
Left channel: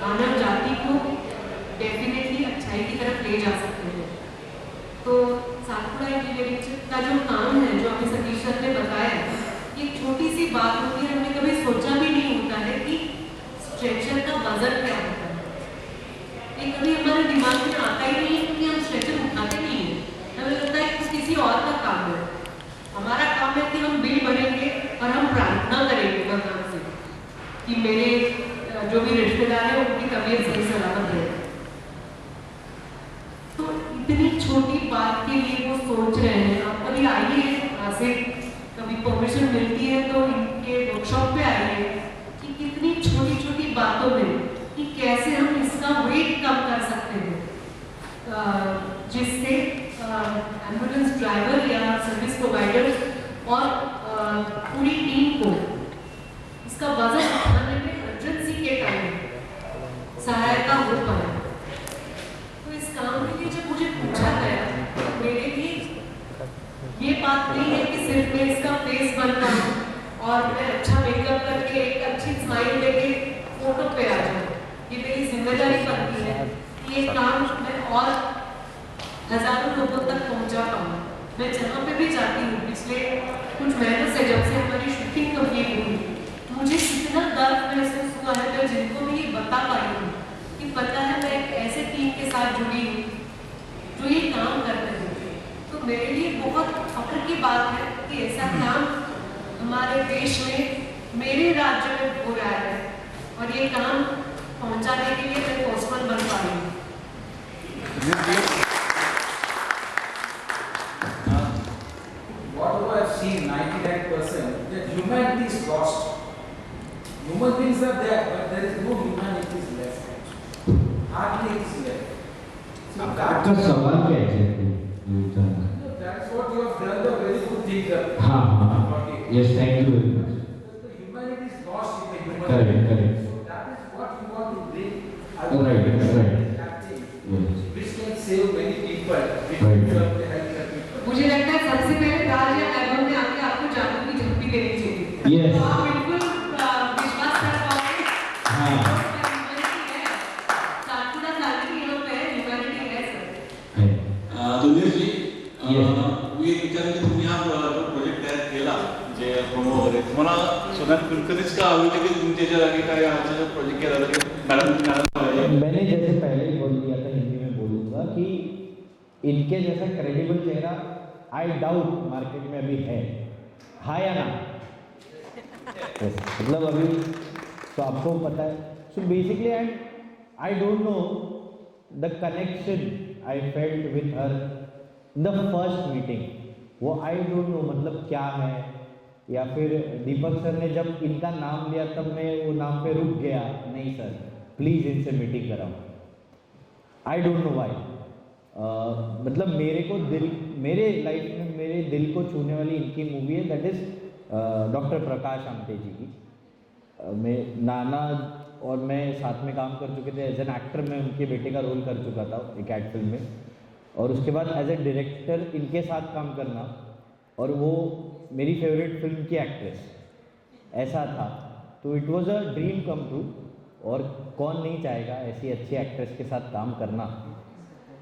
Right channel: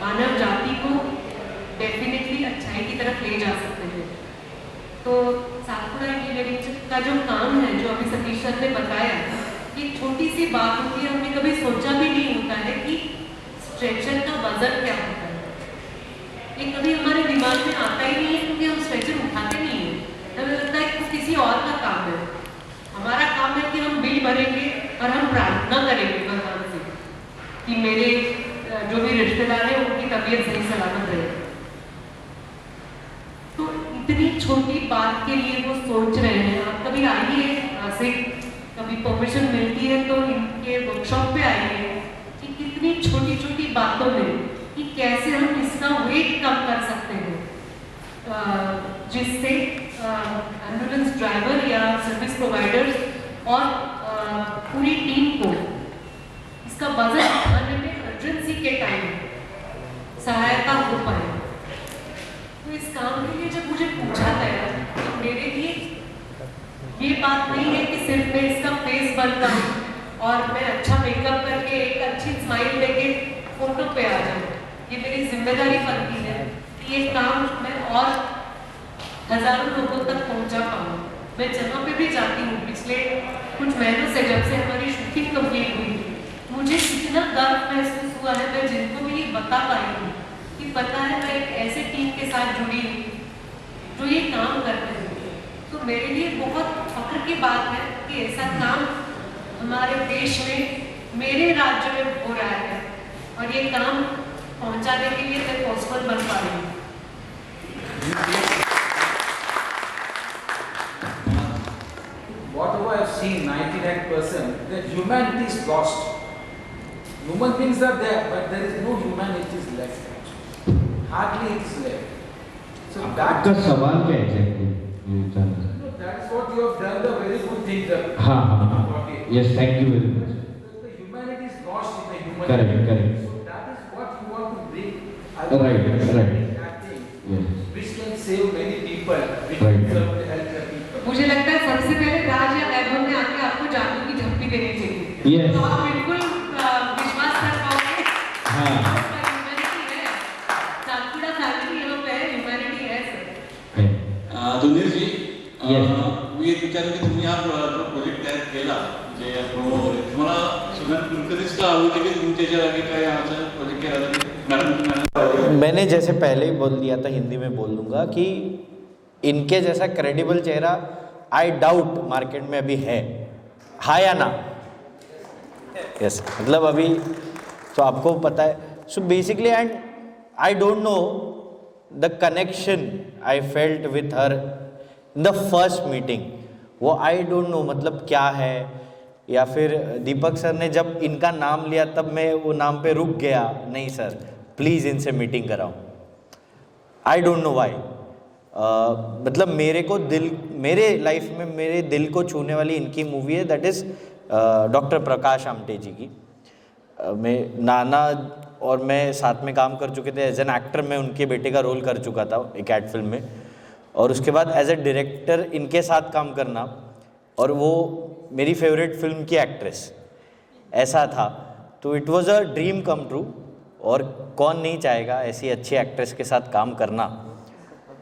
मानव जाति को डेफिनेटली अच्छाई की तरफ ले जा सकते हैं। तो सातपुड़ा इंजीनियरिंग का जो काम है, जो अभी सतीश सर ने बताया, ये छोटी सी बात होती है, हमने कभी सोचा भी नहीं होता है कि स्ट्रेचर का वजन क्या होता है। ये कभी हमारे दिमाग में आता ही नहीं है क्योंकि हम स्ट्रेचर उठाते नहीं है। हमें लगता है कि किसी और का काम है। हमारा काम है कि हम बिल भरेंगे और हम प्रार्थना करेंगे भगवान से कि मेरे जो भी रिश्तेदार हैं उनकी तबीयत सही सलामत रहे। तो इतनी छोटी बात के लिए वो सोच रहे हैं। आप कभी आइए, यहाँ से कभी परमिशन मिलती है तो इनके वर्कशॉप पे आइए कि कितनी छोटी छोटी बातों में कि कैसे हम इसका वेट कम कर सकते हैं, जिससे एम्बुलेंस ड्राइवर या सर्विस प्रोवाइडर्स और पूरी टीम को इसका वजन उठाने में इमरजेंसी के टाइम सहायता हो पाए। तो इस काम के लिए जब मुझे पूछा गया तो मेरे लिए ये बात नहीं है कि सिर्फ मैं इसका फेस बनता हूँ और मैं अच्छा मेकअप करके एक अच्छी स्माइल लेके फोटो पे आ जाऊँ। ये मेरी जिम्मेदारी बनती है कि ये काम मैं और हजारों लोगों तक पहुँचा पाऊँ। मैं जहाँ पे भी जाती हूँ, पिछले कुछ महीनों से जब से हमारी शूटिंग कंप्लीट हुई, मुझे इतना गर्व महसूस हुआ है। मैं जिनको भी ये बता पाई हूँ कि पता है मैं एक ऐसे टीम के साथ जुड़ी हूँ जो ये काम कर रहे हैं, तो मेरे लिए बहुत फख्र की बात है कि ऐसा काम हमारे देश में, मेरे राज्य में हो रहा है और ये काम पहुंचाने के लिए मैं पॉसिबल बन पा रही हूँ। Whatever I've seen, 99%, the humanity is lost. Human things are there, but there is no humanity left. Hardly it is left. So आपका सवाल क्या है exactly? that's what you have done, the very good thing. हाँ हाँ हाँ, yes, thank you very much. The humanity is lost in the human. Correct, being. correct. So that is what you want to bring. Right, right. That thing, Yes. which can save many people, which Right. can help the people. मुझे लगता है सबसे पहले राज या वैभव में आके आपको जादू की झपकी देनी चाहिए। Yes. तो आप बिल्कुल विश्वास कर पाओगे। हाँ। ह्यूमैनिटी है, सातपुड़ा फैमिली यहाँ पे है, ह्यूमैनिटी है सर। सुनील जी, Yes. मी एक विचार की तुम्ही हा प्रोजेक्ट तयार केला जे तुम्हाला सगळ्यात कुलकर्णीच का आवडले की तुमच्या जे आगे काय आमचा प्रोजेक्ट केला तर मॅडम मैंने जैसे पहले ही बोल दिया था, हिंदी में बोल दूंगा कि इनके जैसा क्रेडिबल चेहरा आई डाउट मार्केट में अभी है, हाँ या ना? यस, मतलब अभी तो आपको पता है। So basically and I don't know the connection I felt with her in the first meeting, वो आई डोंट नो मतलब क्या है, या फिर दीपक सर ने जब इनका नाम लिया तब मैं वो नाम पे रुक गया, नहीं सर प्लीज़ इनसे मीटिंग कराओ। आई डोंट नो वाई, मतलब मेरे को दिल, मेरे लाइफ में मेरे दिल को छूने वाली इनकी मूवी है, that is doctor Prakash Amte जी की। मैं नाना और मैं साथ में काम कर चुके थे, एज एन एक्टर मैं उनके बेटे का रोल कर चुका था एक एड फिल्म में, और उसके बाद एज ए डायरेक्टर इनके साथ काम करना, और वो मेरी फेवरेट फिल्म की एक्ट्रेस, ऐसा था। तो it was a dream come true, और कौन नहीं चाहेगा ऐसी अच्छी एक्ट्रेस के साथ काम करना।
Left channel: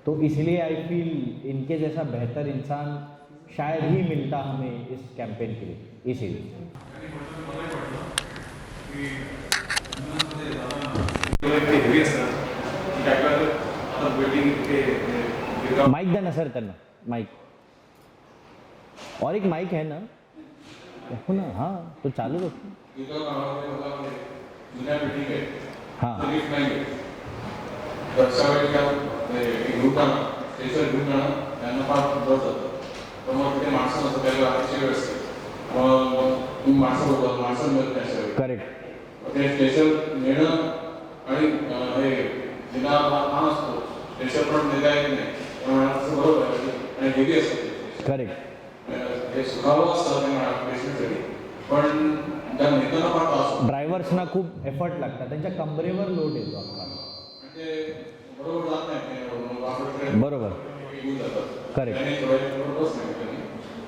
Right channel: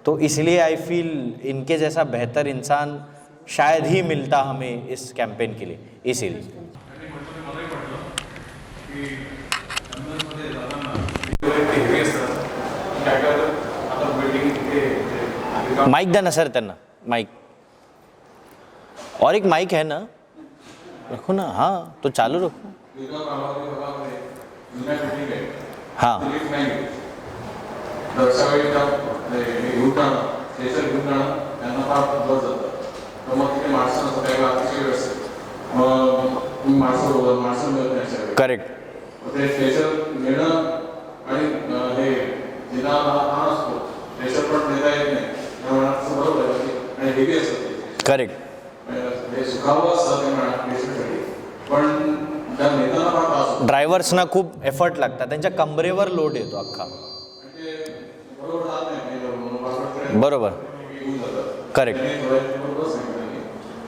तो इसलिए आई फील इनके जैसा बेहतर इंसान शायद ही मिलता हमें इस कैंपेन के लिए, इसीलिए। माइक देना सर, त्यांना माइक, और एक माइक है ना, रखो ना। हाँ तो चालू रखो। हाँ करेक्ट, करेक्ट, ड्रायव्हर्सना खूप एफर्ट लागतात, त्यांच्या कंबरेवर लोड येतो अख्खा। ते बरोबर जात नाही ते म्हणून बाबाकडे बरोबर येऊन जातात. करेक्ट. त्यांनी थोड्या बरोबर सांगितलं त्यांनी.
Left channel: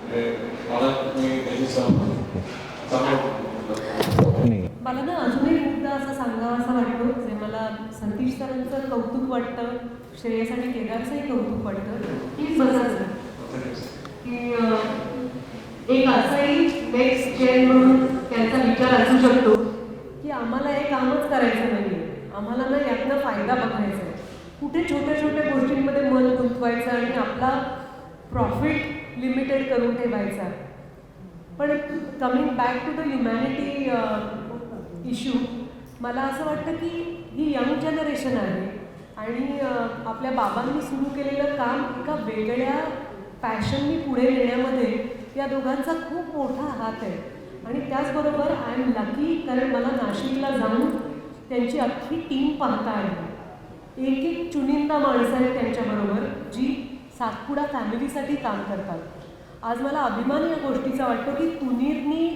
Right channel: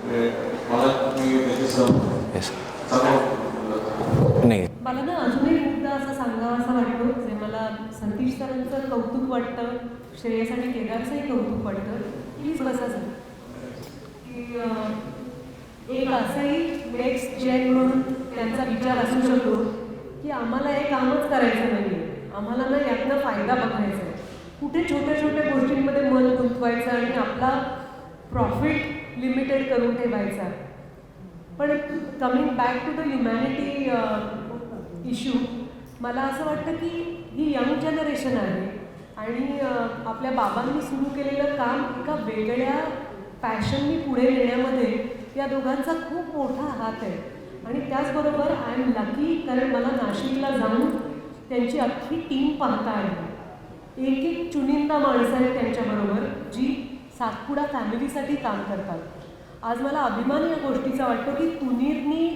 म्हणजे मला तुम्ही त्यांची येस चांगलं नाही मला ना अजून एक मुद्दा असा सांगावा असा वाटतो जे मला सतीश सरांचं कौतुक वाटतं, श्रेयस आणि केदारचंही कौतुक वाटतं. प्लीज बसा सर. की एक असंही नेक्स्ट जेन म्हणून त्यांचा विचार असू शकतो की आम्हाला हे कामच करायचं नाही आहे, आम्हाला ना यातनं फायदा बघायचा आहे, कुठे छोट्या छोट्या गोष्टींमध्ये मन गुंतवायचं आणि आपला प्रॉफिट लिमिटेड करून ठेवायचा. पण coming back to the humanity issue, मला असं वाटतं की ही यंग जनरेशन आहे आणि आपल्या बाबांनी सुरू केलेलं काम एका वेगळ्या पॅशननी पुढे नेण्यामध्ये या दोघांचा खूप मोठा हात आहे. आणि त्याचबरोबर आय एम लकी, कारण मला नाशिकला जाऊन त्यांची अख्खी टीम पाहता आली. एक एक चुनिंदा माणसं आहेत त्यांच्याबरोबर जी सातपुडा फॅमिलीसाठी काम करतात. आज मला अभिमान या गोष्टीचा वाटतो की तुनीरनी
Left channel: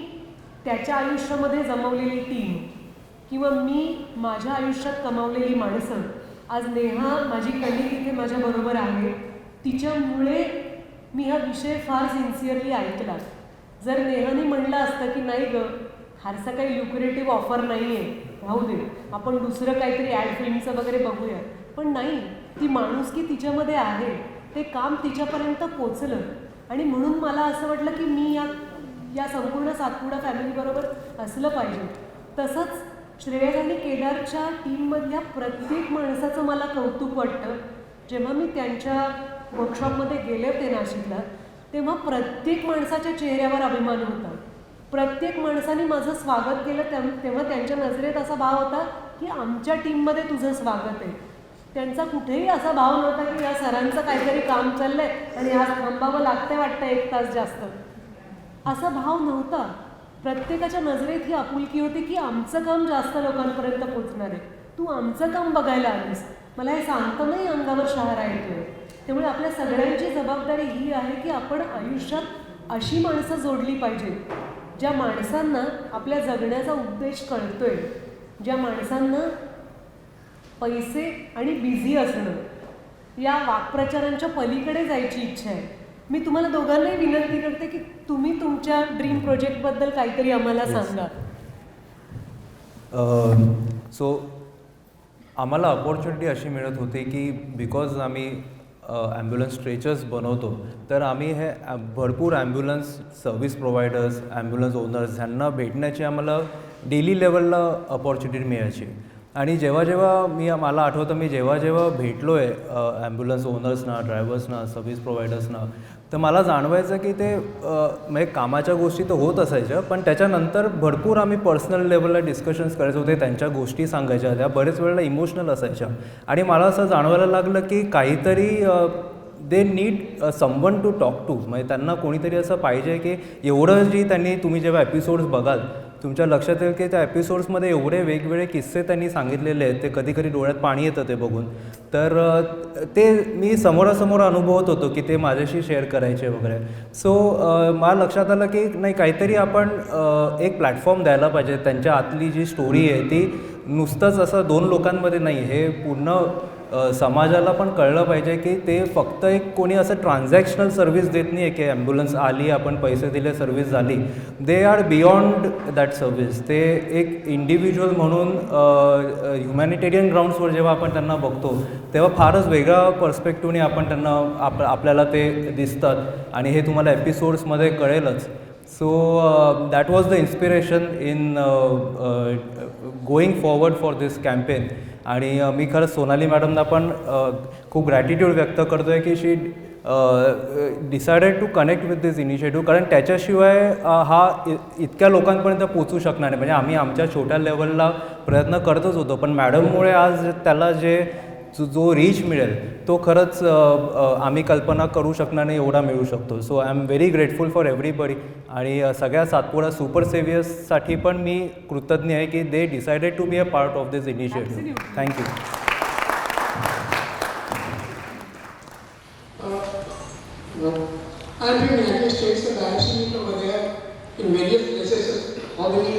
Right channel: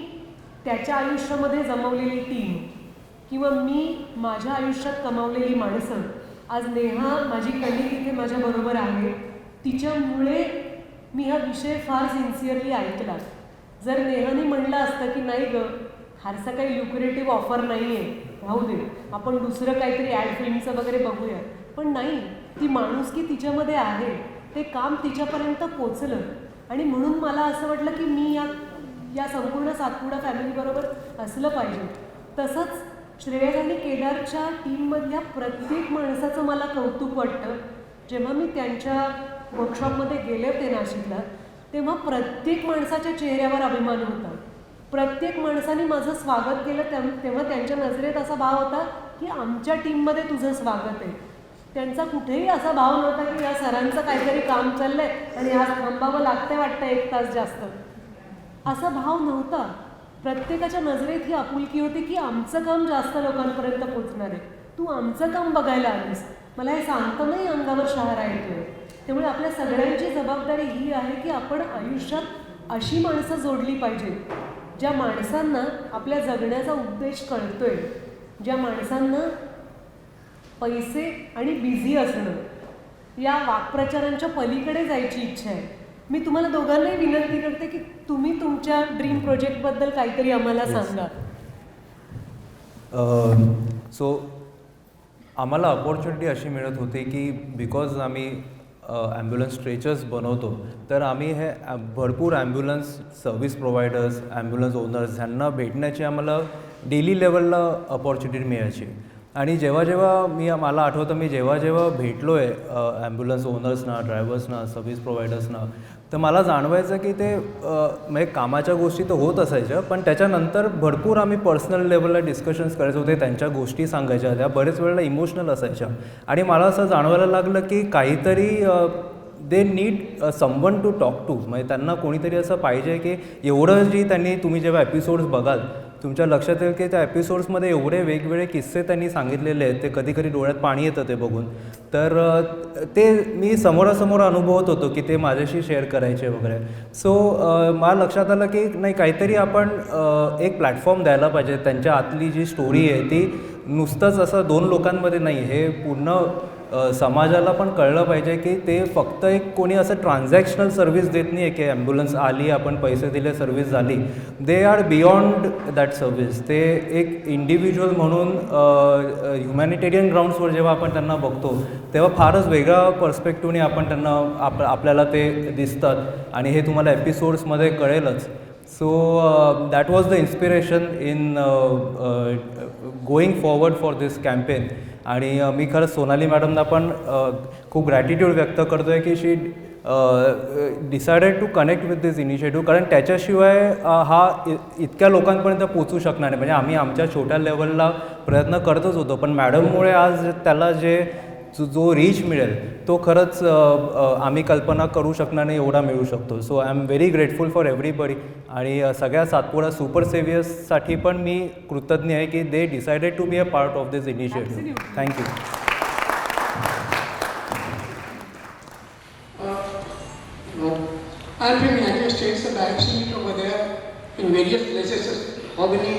त्याच्या आयुष्यामध्ये जमवलेली टीम किंवा मी माझ्या आयुष्यात कमावलेली माणसं, आज नेहा माझी कलिग इथे माझ्याबरोबर आहे, तिच्यामुळे मी हा विषय फार सिन्सिअरली ऐकला. जर नेहाने म्हणलं असतं की नाही गं, फारसं काही ल्युक्रेटिव्ह ऑफर नाही आहे, राहू दे, आपण दुसरं काहीतरी ॲड फिल्मचं वगैरे बघूया, पण नाही, ती माणुसकी तिच्यामध्ये आहे, ते काम तिच्यापर्यंत पोचलं. आणि म्हणून मला असं वाटलं की मी या संपूर्ण सातपुडा फॅमिलीबरोबर असलं पाहिजे. तसंच श्रेयस आणि केदारच्या टीममधल्या प्रत्येक माणसाचं मला कौतुक वाटतं. जेव्हा मी त्यांच्या वर्कशॉपमध्ये गेले होते नाशिकला, तेव्हा प्रत्येक माणसाच्या चेहऱ्यावर अभिमान होता. प्रत्येक माणसाने माझं स्वागत केलं तेव्हा त्यांच्या नजरेत असा भाव होता की आमच्या टीममध्ये तुझं स्वागत आहे. त्यांचा कुठेही असा भाव नव्हता की या सरांचं काहीतरी काम चाललं आहे आणि आज थांबावं लागतंय वाटतं 1 तास जास्त, असा भाव नव्हता. प्रत्येकाच्या नजरेत ही आपुलकी होती की आमचं काम जास्त लोकांपर्यंत पोचणार आहे, तू आमचं काम बघायला आलीस. मला हे सांगतानाही अंगावर शहारा येतोय. त्यामुळे आपल्या सगळ्यांची जबाबदारी ही आहे की आपण आयुष्यात अशी माणसं जोडली पाहिजेत ज्या माणसांना आपल्या जगण्याचा उद्देश कळतोय, ज्या माणसांना पैसे आणि बिझी असणं या वाक्प्रचारांच्या पलीकडे जायची इच्छा आहे. मी तुम्हाला दोघांनाही विनंती करते की तुम्ही तुमच्या ड्रीम प्रोजेक्टबद्दल काहीतरी आम्हाला सांगा. सो आम्हाला अपॉर्च्युनिटी अशी मिळत होती की बिकॉज आम्ही ॲम्ब्युलन्स स्ट्रेचर्स बनवतो, तर आम्ही हे भरपूर ambulance service providers, ambulance owners ह्यांना भेटण्याची आम्हाला डेली लेवलला अपॉर्च्युनिटी मिळायची. आणि जेव्हा मला आठवतं मी जेव्हा भेटलो आहे ॲम्ब्युलन्स ओनर्सना, ड्रायव्हर्सना, सर्व्हिस प्रोव्हायडर्सना, तर मला जाणवायचं की ते म्हणजे कामाच्या गोष्टी तर होत असायच्या, पण त्याच्यानंतर भरपूर आम्ही पर्सनल लेवलला डिस्कशन्स करायचे होते, त्यांच्या गोष्टी सांगायच्या, त्या बरेच वेळेला इमोशनल असायच्या. आणि मला असं जाणवायला लागलं की काहीतरी they need someone to talk to, म्हणजे त्यांना कोणीतरी असं पाहिजे की एवढं तुम्ही जेव्हा एपिसोड्स बघाल तुमच्या लक्षात येईल की त्या एपिसोड्समध्ये एवढे वेगवेगळे किस्से त्यांनी सांगितलेले आहेत, ते कधी कधी डोळ्यात पाणी येतं ते बघून. तर ते मी समोरासमोर अनुभवत होतो की ते माझ्याशी शेअर करायचे वगैरे. सो मला लक्षात आलं की नाही, काहीतरी आपण एक प्लॅटफॉर्म द्यायला पाहिजे. त्यांच्या आतली जी स्टोरी आहे ती नुसतंच असं 2 लोकांमध्ये नाही, हे पूर्ण समाजाला पण कळलं पाहिजे की ते फक्त एक कोणी असं ट्रान्झॅक्शनल सर्व्हिस देत नाही आहे की ॲम्ब्युलन्स आली, आपण पैसे दिले, सर्व्हिस झाली. They are beyond that service. ते एक इंडिव्हिज्युअल म्हणून ह्युमॅनिटेरियन ग्राउंड्सवर जेव्हा आपण त्यांना बघतो तेव्हा फारच वेगळ्या पर्स्पेक्टिव्हने आपण त्यांना आपल्याला ते दिसतात आणि हे तुम्हाला एपिसोड्समध्ये कळेलच. So that was the inspiration in going forward for this campaign. आणि मी खरंच सोनाली मॅडमना पण खूप ग्रॅटिट्यूड व्यक्त करतो आहे की she decided to connect with this initiative, कारण त्याच्याशिवाय हा इतक्या लोकांपर्यंत पोचू शकणार नाही. म्हणजे आम्ही आमच्या छोट्या लेवलला प्रयत्न करतच होतो, पण मॅडममुळे आज त्याला जो रीच मिळेल तो खरंच आम्ही कल्पना करू शकणार नाही एवढा मिळू शकतो. So I am very grateful for everybody. आणि सगळ्या सातपुडा सुपर सेव्हियर्ससाठी पण मी कृतज्ञ आहे की they decided to be a part of this initiative. Thank you. I've been in the United States and I've seen over there in various places how many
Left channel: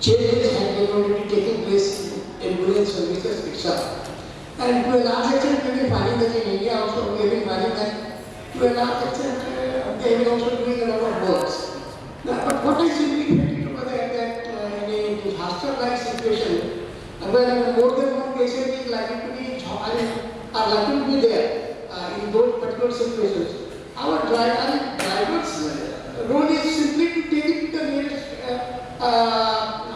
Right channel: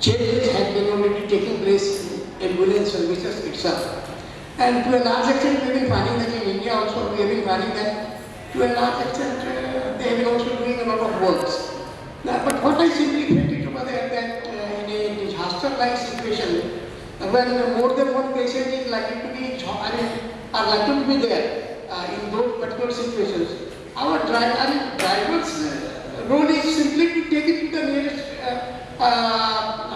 changes have been already taking place in ambulance services. itself. And to a large extent, we will find that in India also, we will find that to a large extent, they will also doing a lot of works. Now, but what I simply felt over there that in a disaster-like situation, when more than one patient is likely to be, are likely to be there in those particular situations, our driver's role is simply to take it to the nearest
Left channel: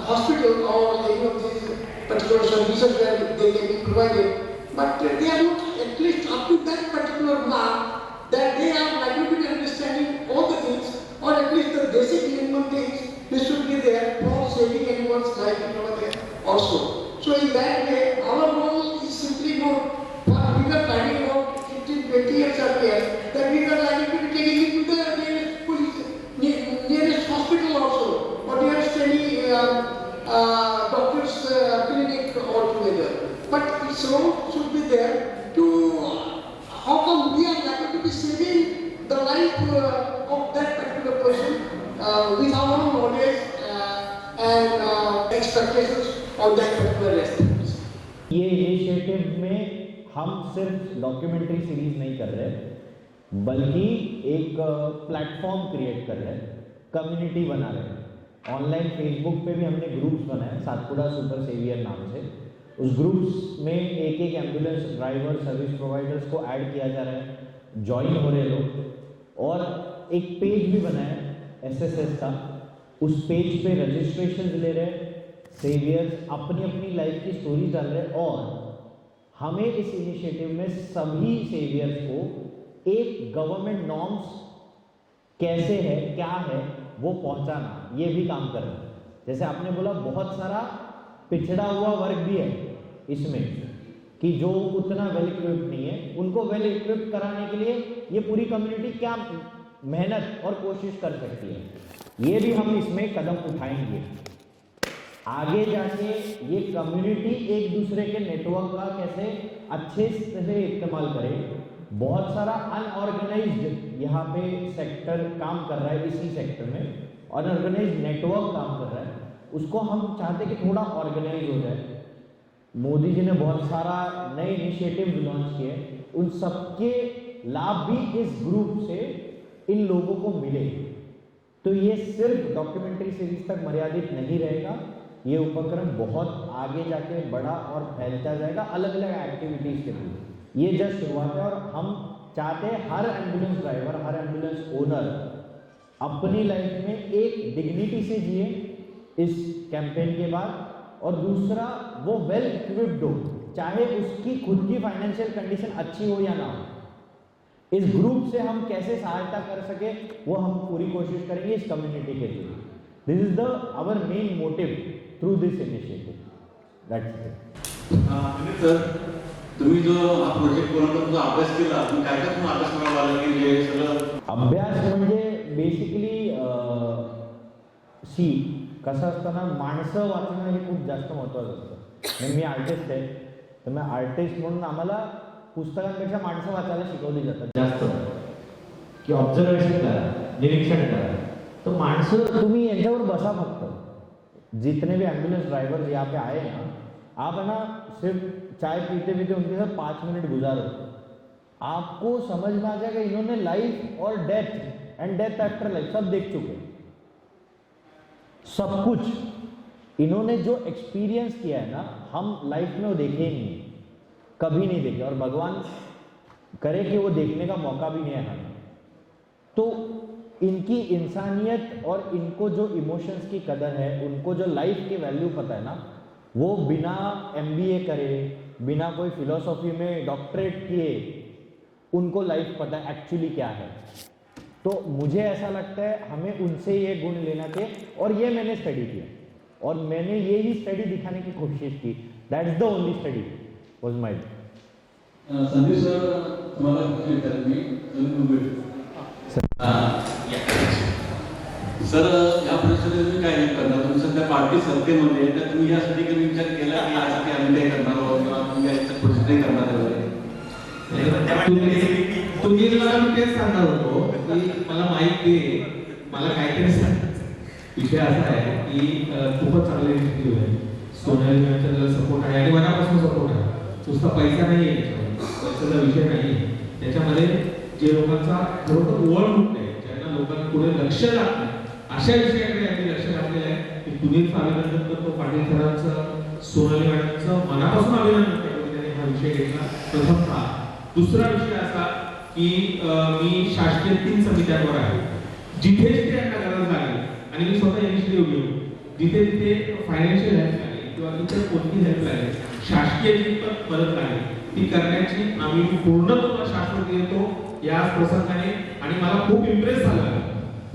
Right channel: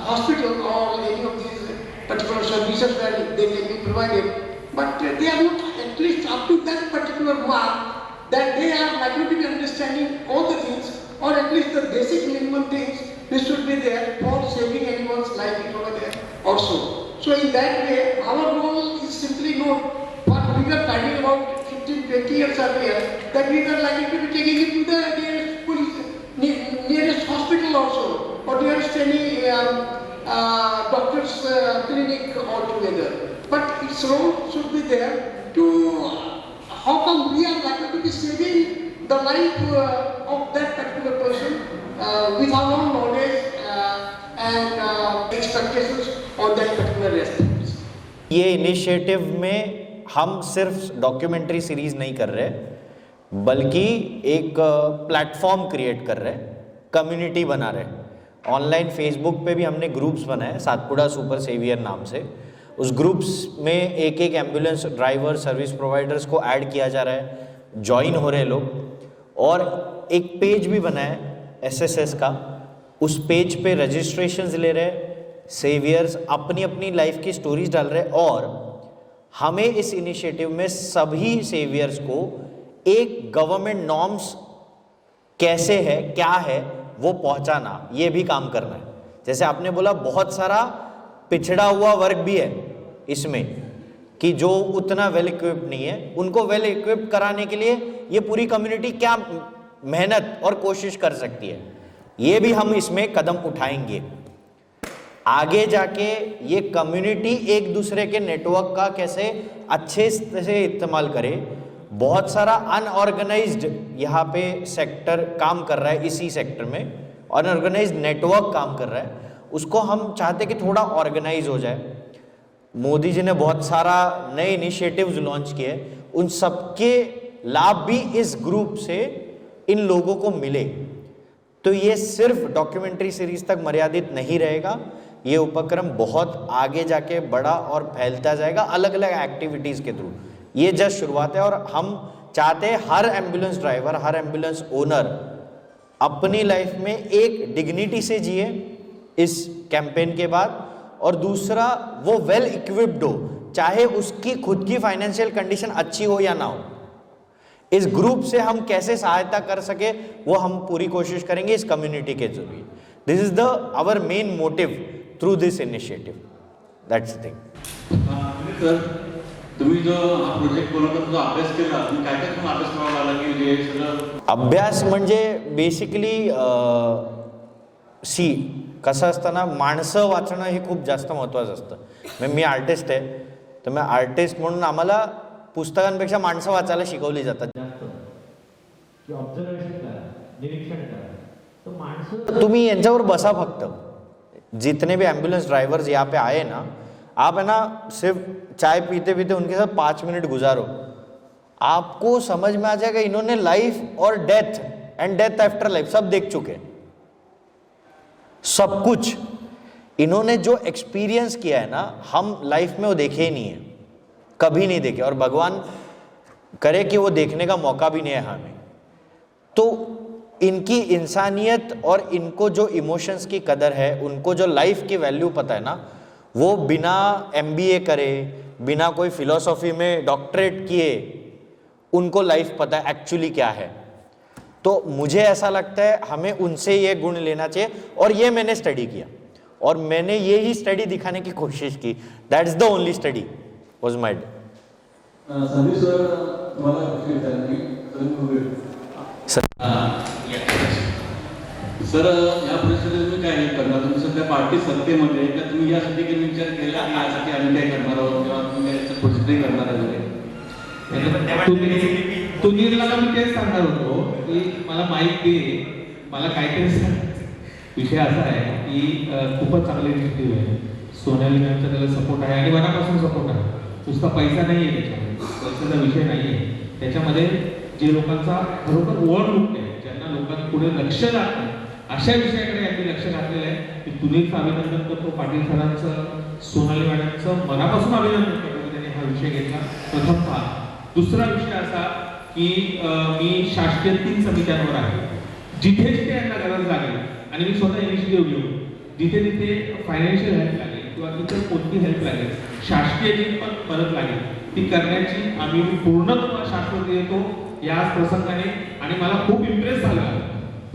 hospital or any of these particular services that they can be provided. But they are not at least up to that particular mark that they are likely to be understanding all the things, or at least the basic minimum things this should be there for saving anyone's life over there also. So in that way, our role is simply not what we were planning about 15, 20 years earlier, that we were likely to be taking it to the nearest police, nearest hospital also, or nearest any doctor's clinic altogether. But its role should be there to how come we are likely to be saving the life of that particular person with our own knowledge and expectations on that particular aspect. ये initiative में हम सिर्फ documentary series नहीं कर रहे, बल्कि एक platform create कर रहे, कम्युनिटी बना रहे। ऑनलाइन फेसबुक पे भी हमने ग्रुप्स बनाए सातपुड़ा सुपर सेवियर नाम से। उस ग्रुप्स में एक एक एम्बुलेंस ड्राइवर सर्विस प्रोवाइडर्स को ऐड किया जा रहा है, ज्वाइन हो रहे लोग, और एक पेज भी बना है एसएसएस का। उस पेज पे रजिस्ट्रेशंस ले रहे, सेवियर्स अपनी अपनी लाइफ की स्टोरीज डाल रहे, और हमें इस इनिशिएटिव में सभी सेवियर्स को एक गवर्नमेंट नॉर्म्स कैसे है क्या है वो पहुंचाना, ये भी काम करना है। जैसे आपने बोला बहुत सारा पिछड़ा हुआ वर्ग भी है इसमें, कि जो उतना वेल इक्विप्ड नहीं है, उनको वेल इक्विप्ड कराने के लिए ये पूरी कम्युनिटी क्या मेहनत और कोशिश कर सकती है, ये भी हम इसमें कदम उठाएंगे। आगे जाके ये कम्युनिटी एक दूसरे के नेटवर्क का कैसे अच्छे से इस्तेमाल करे। बहुत सारा अनऑर्गेनाइज्ड यहाँ पे सेक्टर काम कर रहा है, इसी सेक्टर में अनऑर्गेनाइज्ड नेटवर्क काम कर रहा है, उसको हम चाहते कि थोड़ा ऑर्गेनाइज हो जाए। मोदी जी ने बहुत सारा नए इनिशिएटिव्स लॉन्च किए, उन सबके लाभ भी इस ग्रुप से इन लोगों को मिले। तो ये सिर्फ डॉक्यूमेंट्री सीरीज तक मर्यादित नहीं रहेगा, ये उपक्रम बहुत आगे जाके बड़ा और फैलता जाएगा अलग अलग एक्टिविटीज के थ्रू। ये जस्ट शुरुआत है, और हम चाहते हैं हर एम्बुलेंस ड्राइवर, हर एम्बुलेंस ओनर अपनी लाइफ में एक डिग्निटी से जिए इस कैंपेन के बाद, और दूसरा वो वेल इक्विप्ड हो, चाहे उसकी खुद की फाइनेंशियल कंडीशन अच्छी हो या ना हो। इस ग्रुप से हम कैसे सहायता कर सके वो हम पूरी कोशिश करेंगे इस कम्युनिटी के through. This is the our main motive through this initiative, that's the thing. Sir, तुम्ही जो हा प्रोजेक्ट बनवला तो अभ्यास केला, काय काय तुम्ही अभ्यास करावा लागला की जे सगळं अभ्यास म्हणजे बेसिकली कसं असतं ना, माणसं वाचणं हे खूप जास्त महत्त्वाचं असतं। मी आर्टिस्ट आहे, तर मी आर्टिस्ट म्हणून आम्हाला पुस्तकांपेक्षा माणसं वाचायला शिकवली जातात जास्त की ऑब्झर्वेशन करा, निरीक्षण करा, तर माणसं तुम्ही यांच्यावर बसा फक्त। जितने भी एम्बुलेंस ड्राइवर्स यहाँ पे आए ना, आप है ना सिर्फ चाय पीते पीते उनके साथ 5 मिनट गुजारो, आपको समझ में आ जाएगा इन्होंने लाइफ और death and death after life सब देख चुके हैं। सब कुछ इन्होंने जो एक्सपीरियंस किया है ना, हम लाइफ में वो देखे ही नहीं है, कभी नहीं देखे, और भगवान करे कि वो देखने का मौका भी नहीं है हमें। तो इनकी इंसानियत और इनको जो इमोशंस की कदर है, उनको जो लाइफ की वैल्यू पता है ना, वो बिना MBA करे, बिना कोई फिलॉसफी में डॉक्टरेट किए, उनको लाइफ पता है एक्चुअली क्या है। तो मुझे ऐसा लगता है हमें उनसे ये गुण लेना चाहिए, और ये मैंने स्टडी किया, और मैंने ये ही स्टडी दिखाने की कोशिश की। That is the only study was might. Sandeep sir, तुम्हाला सर या परिस्थितीत तुम्ही काय करणार? तुम्ही सध्या पार्टी सत्तेमध्ये, तर तुम्ही यासाठी काही विचार केला की यासाठी आम्ही काय करणार आहोत, किंवा तुम्ही याच्यात प्रोसेस करणार वगैरे? तुम्हाला मी तेच सांगणार होतो की मला माहिती आहे, मला काहीतरी सांग। विषय असा आहे की खूपच चांगले इनिशिएटिव्ह आहे, सोनाली मॅमचा त्याला सपोर्ट आहे आणि मनापासून सपोर्ट आहे. नुसता पैसा नाही आहे त्याच्यामध्ये, पैशाचा विषय नाही आहे त्याच्यामध्ये. जे लोकांचा खरोखर ओव्हरलुक आहे, ज्यांना लोकांपुढे लक्ष जात नाही, अशा विषयाकडे आम्ही लक्ष घातलेलं आहे. मी पुनीत अभिनंदन करतो पाटील सरांचं, सोनाली मॅडमचं मनापासून अभिनंदन करतो की त्यांनी हा विषय घेतला प्रथमतः. दुसरा विषय असा की मी शासकीय 3 समित्यांवर आहे. जिथे जिथे यांना गरज लागेल आणि मी स्वतः इनिशिएटिव्ह घेऊन जिथे तिथे फायनान्शियल हेल्प लागेल किंवा तिथे कोणती हेल्प लागेल, शासकीय जी पण मदत लागेल ती करण्याची आम्ही पूर्ण शाश्वत देतो याच प्रसंगाने. आणि मला खूप इम्प्रेस झाला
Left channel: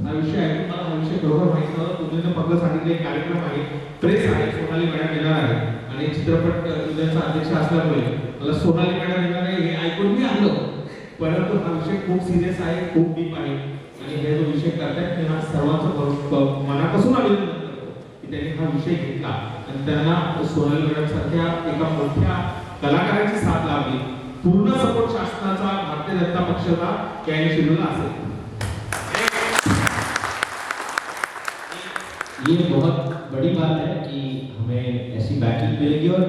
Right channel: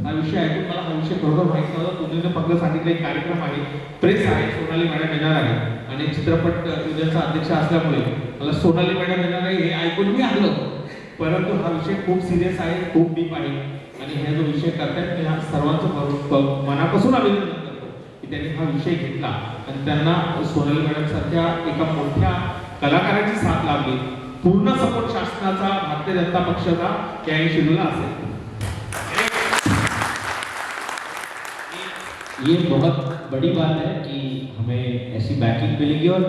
हा विषय ऐकून. मला हा विषय बरोबर माहिती नव्हता. तुम्ही फक्त सांगितलं एक कार्यक्रम आहे, प्रेस आहे, सोनाली मॅडम येणार आहे आणि चित्रपट युनियनचा अध्यक्ष असल्यामुळे मला सोनाली मॅडम येणार आहे हे ऐकून मी आलो. परंतु हा विषय खूप सिरियस आहे, खूप डीप आहे आणि हे जो विषय करतायत मी हा सर्वांचं मनापासून अभिनंदन करतो की त्यांनी हा विषय घेतला आणि त्यांना सोनाली मॅडम सारख्या एका मोठ्या कलाकाराची साथ लाभली. पूर्ण सपोर्ट शासनाचा, भारतीय जनता पक्षाचा या इनिशिएटिव्हला असेल. ये बहुत बड़ी बात है कि हमें ऐसी बैकिंग मिलेगी और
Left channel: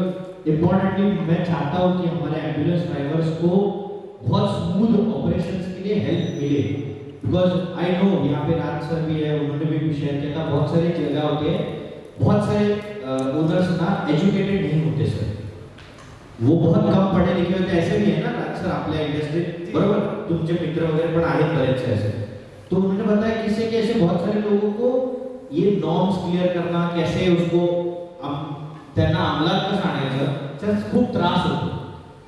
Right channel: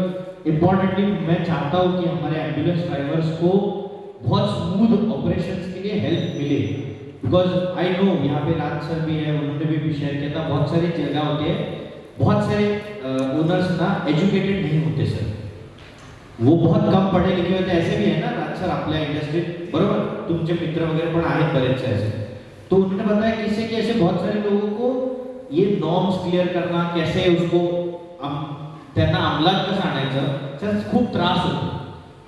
इम्पोर्टेंटली मैं चाहता हूँ कि हमारे एम्बुलेंस ड्राइवर्स को बहुत स्मूथ ऑपरेशंस के लिए हेल्प मिले. बिकॉज आई नो यहाँ पे राज सर भी है, उन्होंने भी शेयर किया था, बहुत सारी जगह होती है, बहुत सारे ओनर्स ना एजुकेटेड नहीं होते सर, वो बहुत कम पढ़े लिखे होते. ऐसे भी है ना राज सर आपल्या इंडस्ट्रीत, बरोबर, तुमचे मित्र वगैरह पण आहेत बरेच ऐसे. तो उन्होंने बताया किससे कि ऐसे बहुत सारे लोगों को ये नॉर्म्स क्लियर करना, कैसे उसको त्यांना अंमलात कसं आणायचं त्याचा खूप त्रास होतो.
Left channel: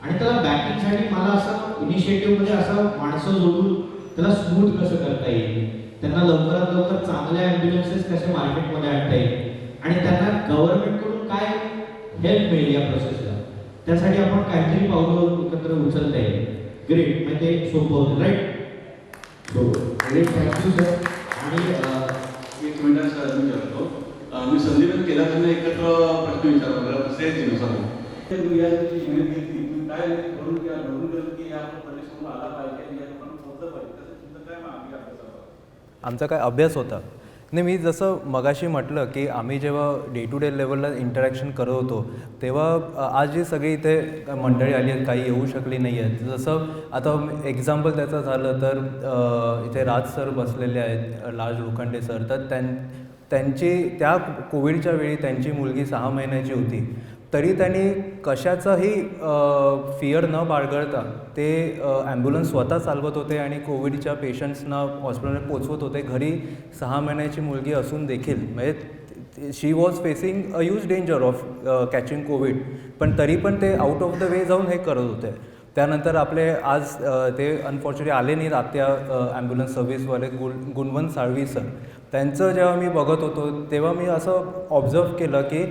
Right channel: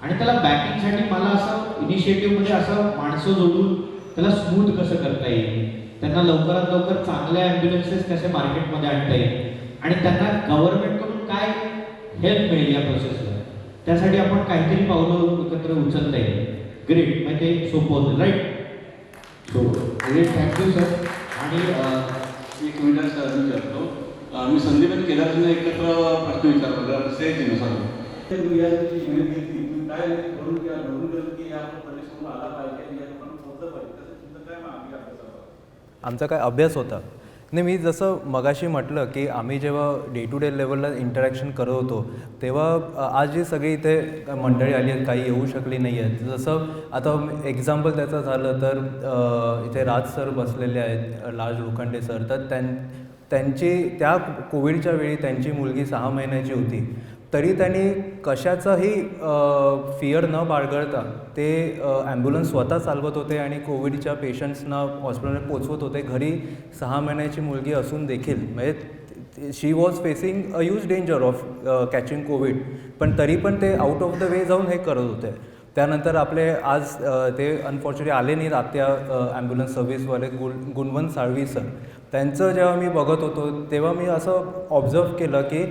आणि त्याला बॅकिंगसाठी मला असं इनिशिएटिव्ह म्हणजे असं माणसं जोडून त्याला स्मूथ कसं करता येईल, त्यांना लवकरात लवकर चांगल्या ॲम्ब्युलन्सेस कसे मार्केटमध्ये आणता येईल आणि त्यांना गव्हर्नमेंटकडून काय हेल्प मिळेल या प्रोसेसला, त्यासाठी आपण काहीतरी पावलं एकत्र उचलता येईल. ग्रेट, मग ते सोपं होतं, right? So great, thank you sir. आणि एक मिनिट सर मी करतो. मी संदीप केदारजीने एक प्रश्न विचारला सेल केलं या विनंती काय करून किंवा घडून गेलं की या प्रदेशातून आला पाहिजे, या पण पोहोचलं पाहिजे, तसं तुमचं काय मागणी अभ्यास? आमचा काय अभ्यास होता नाही. मी जसं मगाशी म्हटलं की आम्ही जेव्हा डे टू डे लेवलला इंटरॅक्शन करत होतो तेव्हा आज जी सगळी इथे मंडळी आली आहेत, काही येऊ शकली नाही आहेत. जसं आता एक्झाम्पल त्याचं झालं तर इथे राज सर बसलेले आहेत, राज लोखंडे सर, तर त्यांची त्या कोविडच्या वेळी त्यांची मुलगी 6 महिन्याची होती, तरी त्यांनी कशाचाही फिअर न बाळगता ते ॲम्ब्युलन्स स्वतः चालवत होते आणि कोविडच्या पेशंट्सना हॉस्पिटलमध्ये पोचवत होते. घरी 6 महिन्याची मुलगी असून देखील म्हणजे she was facing a huge danger of catching Covid, पण तरी पण ते आउट ऑफ द वे जाऊन हे करत होते. त्यानंतर आपले आज ते अनफॉर्च्युनेटली आले नाहीत आत्या ॲम्ब्युलन्स सर्व्हिसवाले गुणवंत साळवी सर. त्यांचं जेव्हा मी बघत होतो तेव्हा मी असं ऑब्झर्व केलं की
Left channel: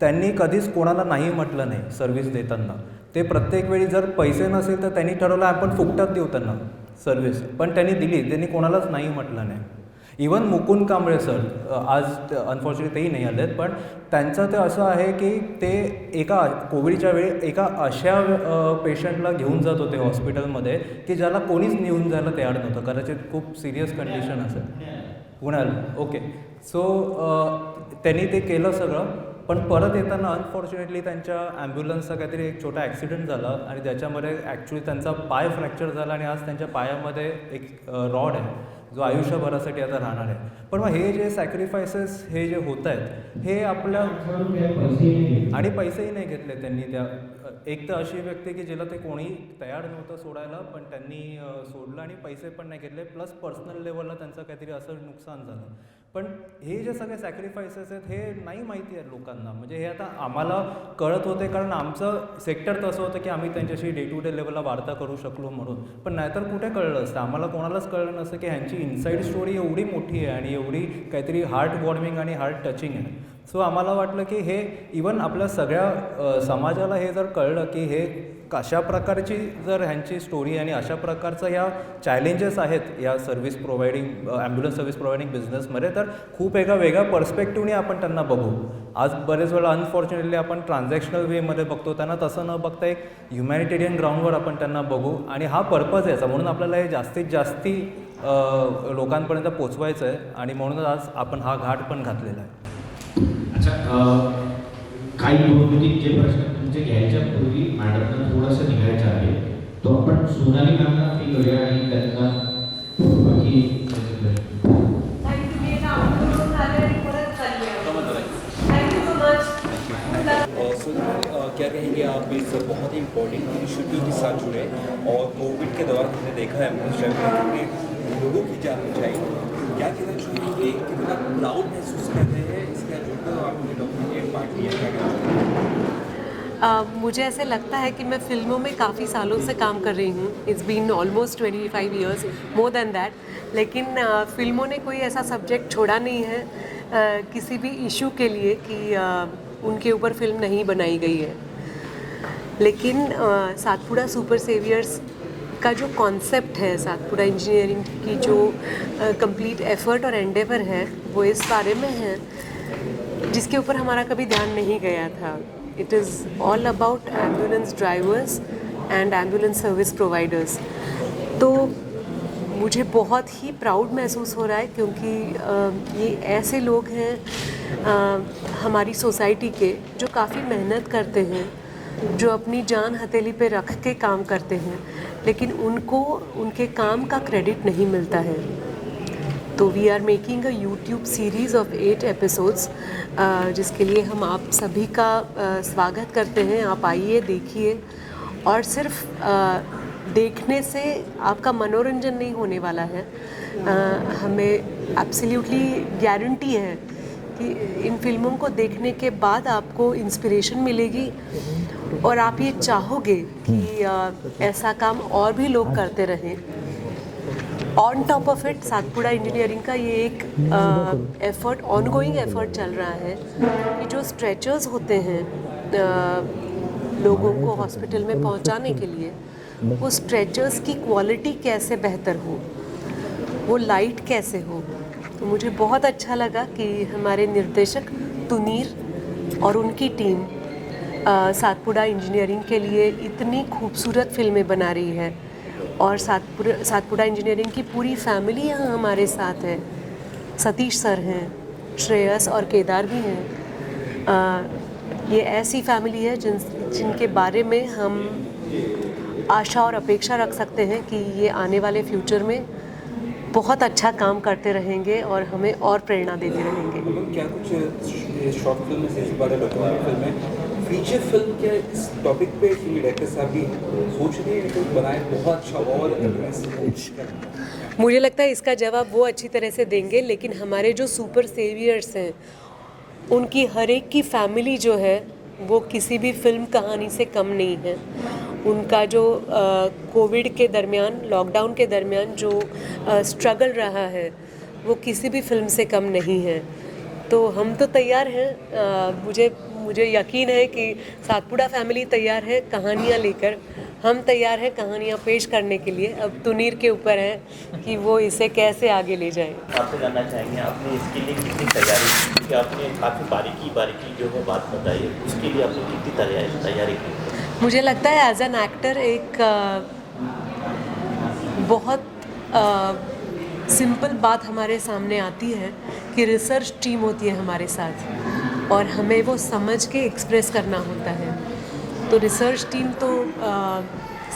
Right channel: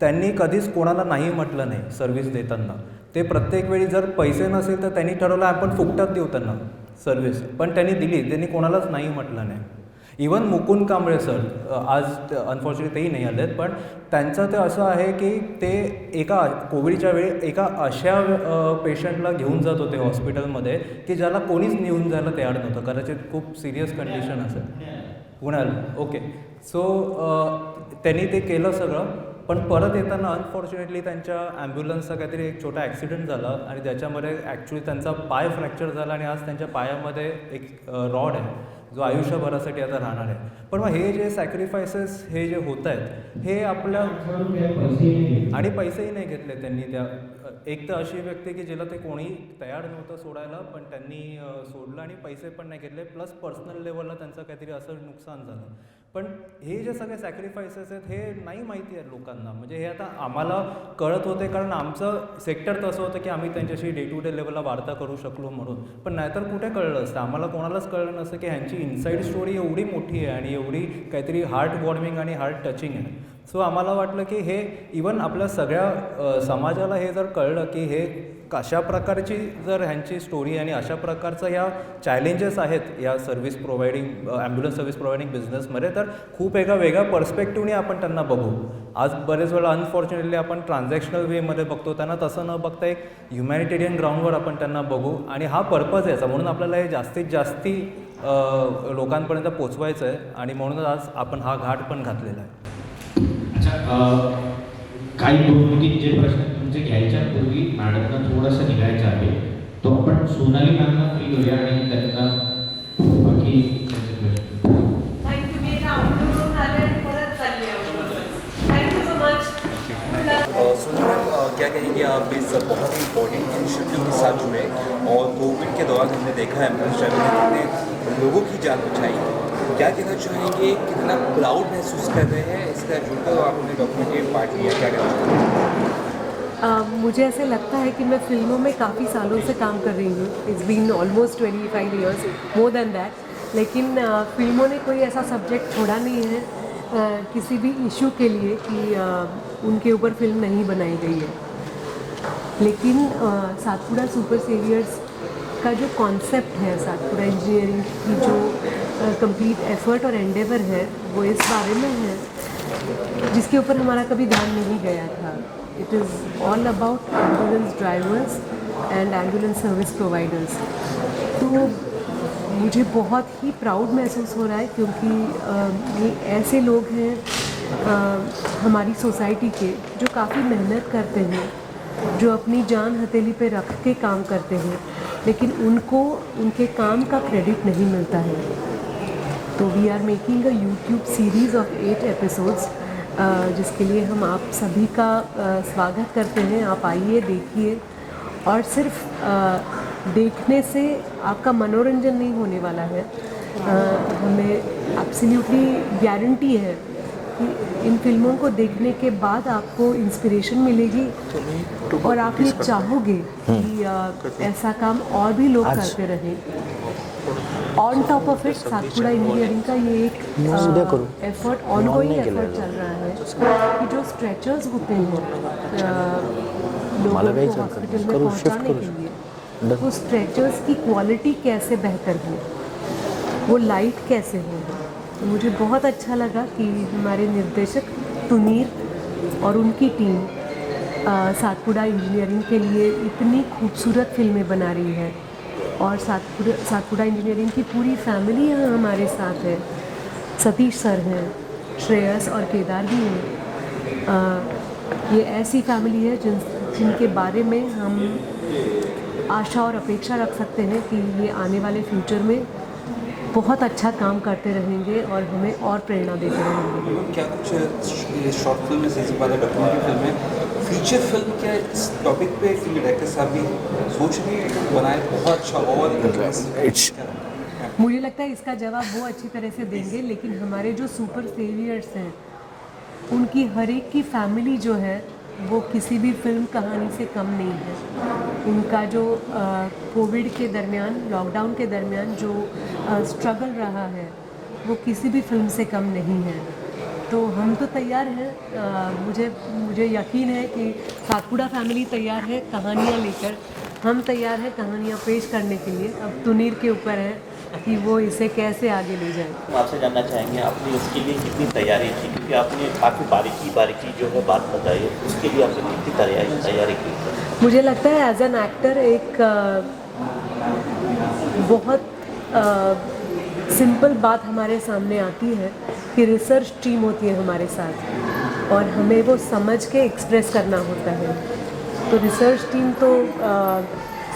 त्यांनी कधीच कोणाला नाही म्हटलं नाही सर्व्हिस देताना. ते प्रत्येक वेळी जर पैसे नसेल तर त्यांनी ठरवलं आपण फुकटात देऊ त्यांना सर्व्हिस, पण त्यांनी दिली, त्यांनी कोणालाच नाही म्हटलं नाही. इवन मुकुंद कांबळे सर आज अनफॉर्च्युनेटली तेही नाही आलेत, पण त्यांचं ते असं आहे की ते एका कोविडच्या वेळी एका अशा पेशंटला घेऊन जात होते हॉस्पिटलमध्ये की ज्याला कोणीच नेऊन जायला तयार नव्हतं, कदाचित खूप सिरियस कंडिशन असेल. पुण्याला, ओके. सो त्यांनी ते केलं सगळं, पण परत येताना अनफॉर्च्युनेटली त्यांच्या ॲम्ब्युलन्सचा काहीतरी एक छोटा ॲक्सिडेंट झाला आणि त्याच्यामध्ये ॲक्च्युली त्यांचा पाय फ्रॅक्चर झाला आणि आज त्यांच्या पायामध्ये एक रॉड आहे जो आयुष्यभरासाठी आता राहणार आहे. पण मग हे जे सॅक्रिफायसेस हे जे होत आहेत हे आपल्या आणि पैसेही नाही घेतले त्यांनी. त्या एक तर अशी व्यक्ती की जिला ते कोणी तयार नव्हतं सोडायला, पण त्यांनी सोडलं आणि पैसे पण नाही घेतले, प्लस पर्सनल लेवलला त्यांचं काहीतरी असं नुकसान झालं. पण हे जे सगळे सॅक्रिफायसेस आहेत हे नाही माहिती आहे लोकांना. म्हणजे हे आता आम्हाला कळत होते कारण आमचं सेक्टर तसं होतं की आम्ही त्यांच्याशी डे टू डे लेवलला वार्ता करू शकलो म्हणून, पण नाहीतर कुठे कळलं असतं आम्हाला, कोणालाच कळलं नसतं की ह्यांची इनसाईड स्टोरी एवढी मोठी आहे आणि एवढी काहीतरी हार्ट वॉर्मिंग आणि हार्ट टचिंग आहे. सो आम्हाला वाटलं की हे इवन आपल्या सगळ्या समाजाला हे जर कळलं की हे कशा प्रकारची जर ह्यांची स्टोरी आणि अशा प्रकारचं ह्या चॅलेंजेस आहेत या service providing ambulance service providing बिझनेसमध्ये, तर खूप एका वेगळ्या पर्स्पेक्टिव्हने आपण त्यांना बघू. आज बरेच वेळा अनफॉर्च्युनेटली आपण ट्रान्झॅक्शनल वेमध्ये बघतो, त्यांना तसं न बघता एक ह्युमॅनिटेरियन ग्राउंडवर आपण त्यांना बघू आणि हा पर्पज याचा, म्हणून आपल्याला हे जास्तीत जास्ती लोकांपर्यंत पोचवायचं आहे आणि म्हणूनच आज आपण हा घाट पण घातलेला आहे. अच्छा, काही दोन तीन जे प्रश्न तुमचे घ्यायच्या पूर्वी मॅडमना थोडंसं निघायचं आहे, तो आपण सोनाली मॅमना फ्री करूया आणि त्यांना बाकी थँक्यू. मी एका आउटडोरवरून आले आणि परत चालली आहे. Thank you so much. क्या कहेंगे आप इस बहुत ही इम्पोर्टेंट शेड्यूल के साथ जुड़े और कोविड के दौरान हमने देखा है कितने लोगों की जान बचाई, क्या कहना चाहेंगे, कितना प्राउड महसूस कर रहे हैं इसका जुड़कर आपने डॉक्यूमेंट्री पार्ट लिया, क्या कहना चाहेंगे? मुझे ऐसे लगता है कि मैं फिल्मों में काफ़ी सालों से काम कर रही हूँ. It's been almost 25 years, more than that. लेकिन फिल्मों ने कोई ऐसा सब्जेक्ट छोड़ा नहीं है किसी भी इशू के लिए कि उनके ऊपर फिल्म नहीं बनाई गई है. लेकिन सातपुड़ा सुपर सेवियर्स का जो कॉन्सेप्ट है, सातपुड़ा इंजीनियरिंग की जो कंप्लीट एफर्ट और एंडेवर है, वो इस बारे में है जिसके ऊपर हमारा कभी ध्यान नहीं गया था. It is all about ambulance drivers and ambulance service providers. तो मुझे बहुत ही प्राउड महसूस हो रहा है क्योंकि ये ऐसे लोग हैं हमारी सोसाइटी के जो काफ़ी मेहनत करते हैं, जो अपनी जान हथेली पे रख के काम करते हैं, लेकिन उनको उनके काम का क्रेडिट नहीं मिलता है. तो we are making a YouTube series of 8 episodes जिसके लिए हम आप सभी का स्वागत करते हैं. आप आइए, देखिए, और सिर्फ देखने से आपका मनोरंजन नहीं होने वाला है. हमें एब्सोल्युटली गारंटी है कि इन फिल्मों को देखने के बाद आपको इंस्पिरेशन मिलेगी और आप ये चाहोगे कि ऐसा काम और भी लोग करते रहें. On top of it Satpura engineering का ये एक एफर्ट, ऑनगोइंग एफर्ट चल रहा है कि जो स्ट्रेचर्स होते हैं लोगों को हॉस्पिटल में पहुंचाने के लिए, वो स्ट्रेचर्स की क्वालिटी कैसे बेहतर हो, वो लाइट कैसे हो. तो मुझे बहुत अच्छा लगा कि हमारे निर्देशक तुनीर और उनकी टीम सातपुड़ा इंजीनियरिंग के लिए इतनी खूबसूरत फिल्में बना रही है. और सातपुड़ा इंजीनियरिंग की पूरी फैमिली यहाँ हमारे साथ है. सतीश सर हैं, श्रेयस और केदार भी हैं. ये ऐसी फैमिली है जिनके बारे में हम आशा और अपेक्षा रख सकते हैं कि ये आने वाले फ्यूचर में बहुत अच्छा काम करते रहेंगे और हमें और प्रेरणा देते रहेंगे. क्या कुछ शॉर्ट फिल्म से वाले डॉक्यूमेंट्री फिल्में फीचर फिल्म के इस टॉपिक पे डायरेक्टर साहब की सोच भी बनाए बहुत अच्छा और मुझे लगता है इसका जवाब वो अच्छी तरह से देंगे. लेकिन हमारे जो सुपर सेवियर्स हैं उनकी हर एक की फैमिली जो है वो किसी भी फिल्म कहानी से कम नहीं है. उनका जो कोविड के दरमियान, लॉकडाउन के दरमियान जो स्ट्रगल रहा है वो किसी भी फिल्म से कम नहीं है. तो हम तो तैयार हैं. मुझे यकीन है कि सातपुड़ा फैमिली तैयार है कहानियाँ लेकर. हम तैयार हैं कहानियाँ पेश करने के लिए. अब तुनीर के ऊपर है कि वो इसे कैसे आगे ले जाए. आपसे जानना चाहेंगे आपने इसके लिए कितनी तैयारी की, क्योंकि आपने काफ़ी बारीकी जो है बात बताई, उसके लिए आपने कितनी तैयारी की? मुझे लगता है एज एन एक्टर एक बहुत सिंपल बात हमारे सामने आती है कि रिसर्च टीम होती है हमारे साथ और हमें वो समझ के एक्सप्रेस करना होता है. तो रिसर्च टीम तो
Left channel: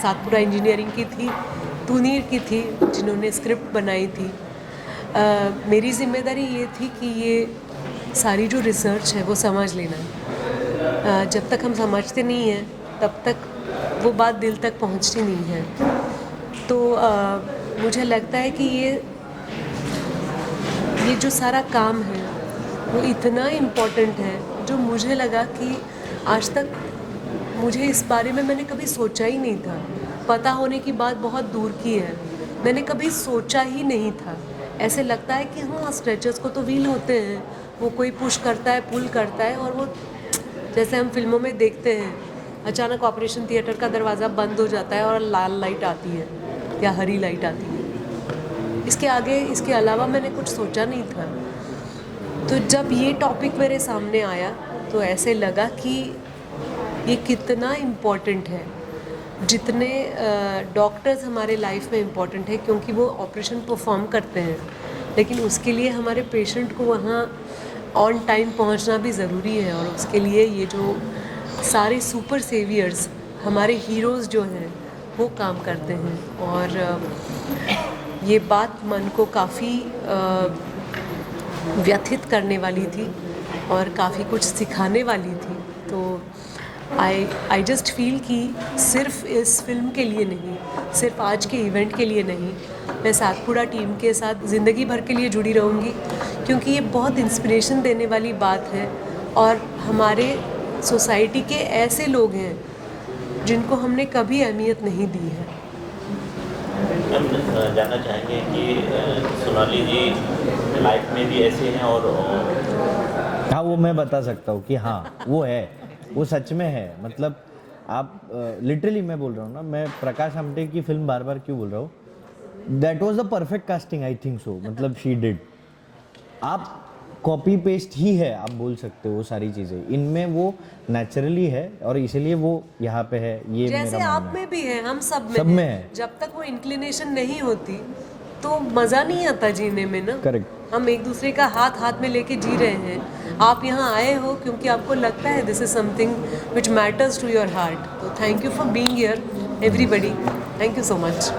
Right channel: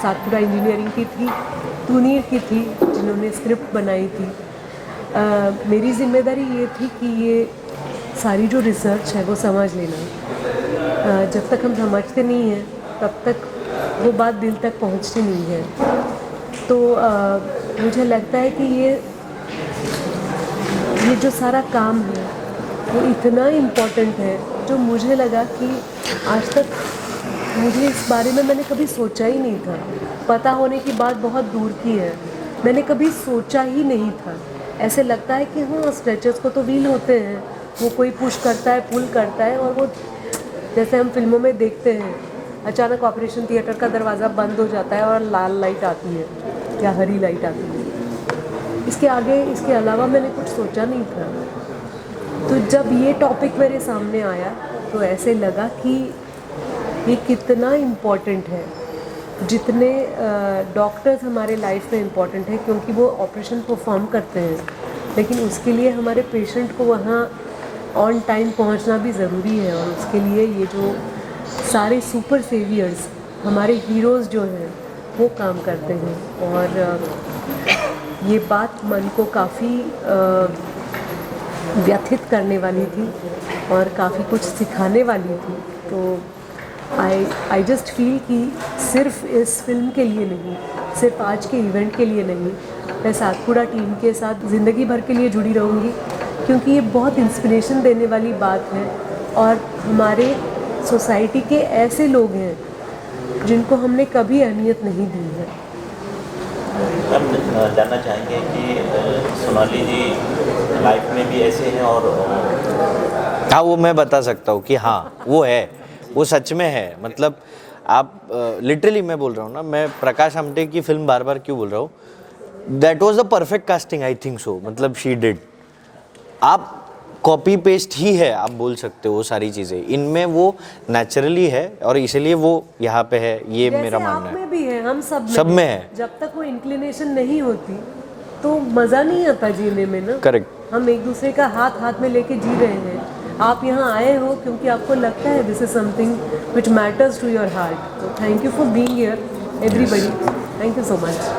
सातपुड़ा इंजीनियरिंग की थी, तुनीर की थी जिन्होंने स्क्रिप्ट बनाई थी. मेरी जिम्मेदारी ये थी कि ये सारी जो रिसर्च है वो समझ लेना. जब तक हम समझते नहीं हैं तब तक वो बात दिल तक पहुंचती नहीं है. तो मुझे लगता है कि ये जो सारा काम है वो इतना इम्पोर्टेंट है जो मुझे लगा कि आज तक मुझे इस बारे में मैंने कभी सोचा ही नहीं था. पता होने की बात बहुत दूर की है, मैंने कभी सोचा ही नहीं था. ऐसे लगता है कि हाँ स्ट्रेचर्स को तो व्हील होते हैं, वो कोई पुश करता है, पुल करता है, और वो जैसे हम फिल्मों में देखते हैं अचानक ऑपरेशन थिएटर का दरवाज़ा बंद हो जाता है और लाल लाइट आती है या हरी लाइट आती है. इसके आगे इसके अलावा मैंने कुछ सोचा नहीं था. तो जब ये टॉपिक मेरे सामने आया तो ऐसे लगा कि ये कितना इम्पोर्टेंट है. जितने डॉक्टर्स हमारे लाइफ में इम्पोर्टेंट है क्योंकि वो ऑपरेशन परफॉर्म करते हैं, लेकिन उसके लिए हमारे पेशेंट को वहाँ ऑन टाइम पहुंचना भी ज़रूरी है, और उसके लिए ये जो सारे सुपर सेवियर्स हमारे हीरोज़ जो हैं वो काम करते हैं। और ये बात मन को काफ़ी व्यथित करने वाली थी और काफ़ी कुछ सिखाने वाली थी। तो आई जस्ट फील कि सिर्फ इस फिल्म के लिए नहीं, सिर्फ आज के इवेंट के लिए नहीं, मैं सातपुड़ा टीम के साथ ज़िंदगी भर के लिए जुड़ी रहूँगी, क्योंकि ये बहुत इंस्पिरेशन देने वाली बात है। और हमारे सोसाइटी के ऐसे लोग हैं जिनको हमने कभी अहमियत नहीं दी है। हम जानना चाहेंगे कि सोनाली जी लाइफ में भी ऐसे हैं और हाँ, वो मैं बता सकता हूँ कि हाँ वो है, वो सच में है। मतलब आप लिटरली मैं बोल रहा हूँ ना, मैं प्रकाश आमटे की फिल्म बार बार क्यों बोल रहा हूँ, that was the perfect casting, I think so. मतलब शी डिड, आप कॉपी पेस्ट ही है, आप बोल सकते हो वो सारी चीज़ें, इनमें वो नेचुरली है और इसलिए वो यहाँ पे है, ये मेरा मानना आप है। में भी है, हम सब में है। जब तक वो इंक्लिनेशन नहीं होती तो मज़ा नहीं आता जीने में ना। करेक्ट। हम एक दूसरे का हाथ हाथ में लेके जी रहे हैं। आप यहाँ आए हो क्योंकि आपको लगता है this is something which matters to your heart. तो thank you for being here everybody, thank you so much.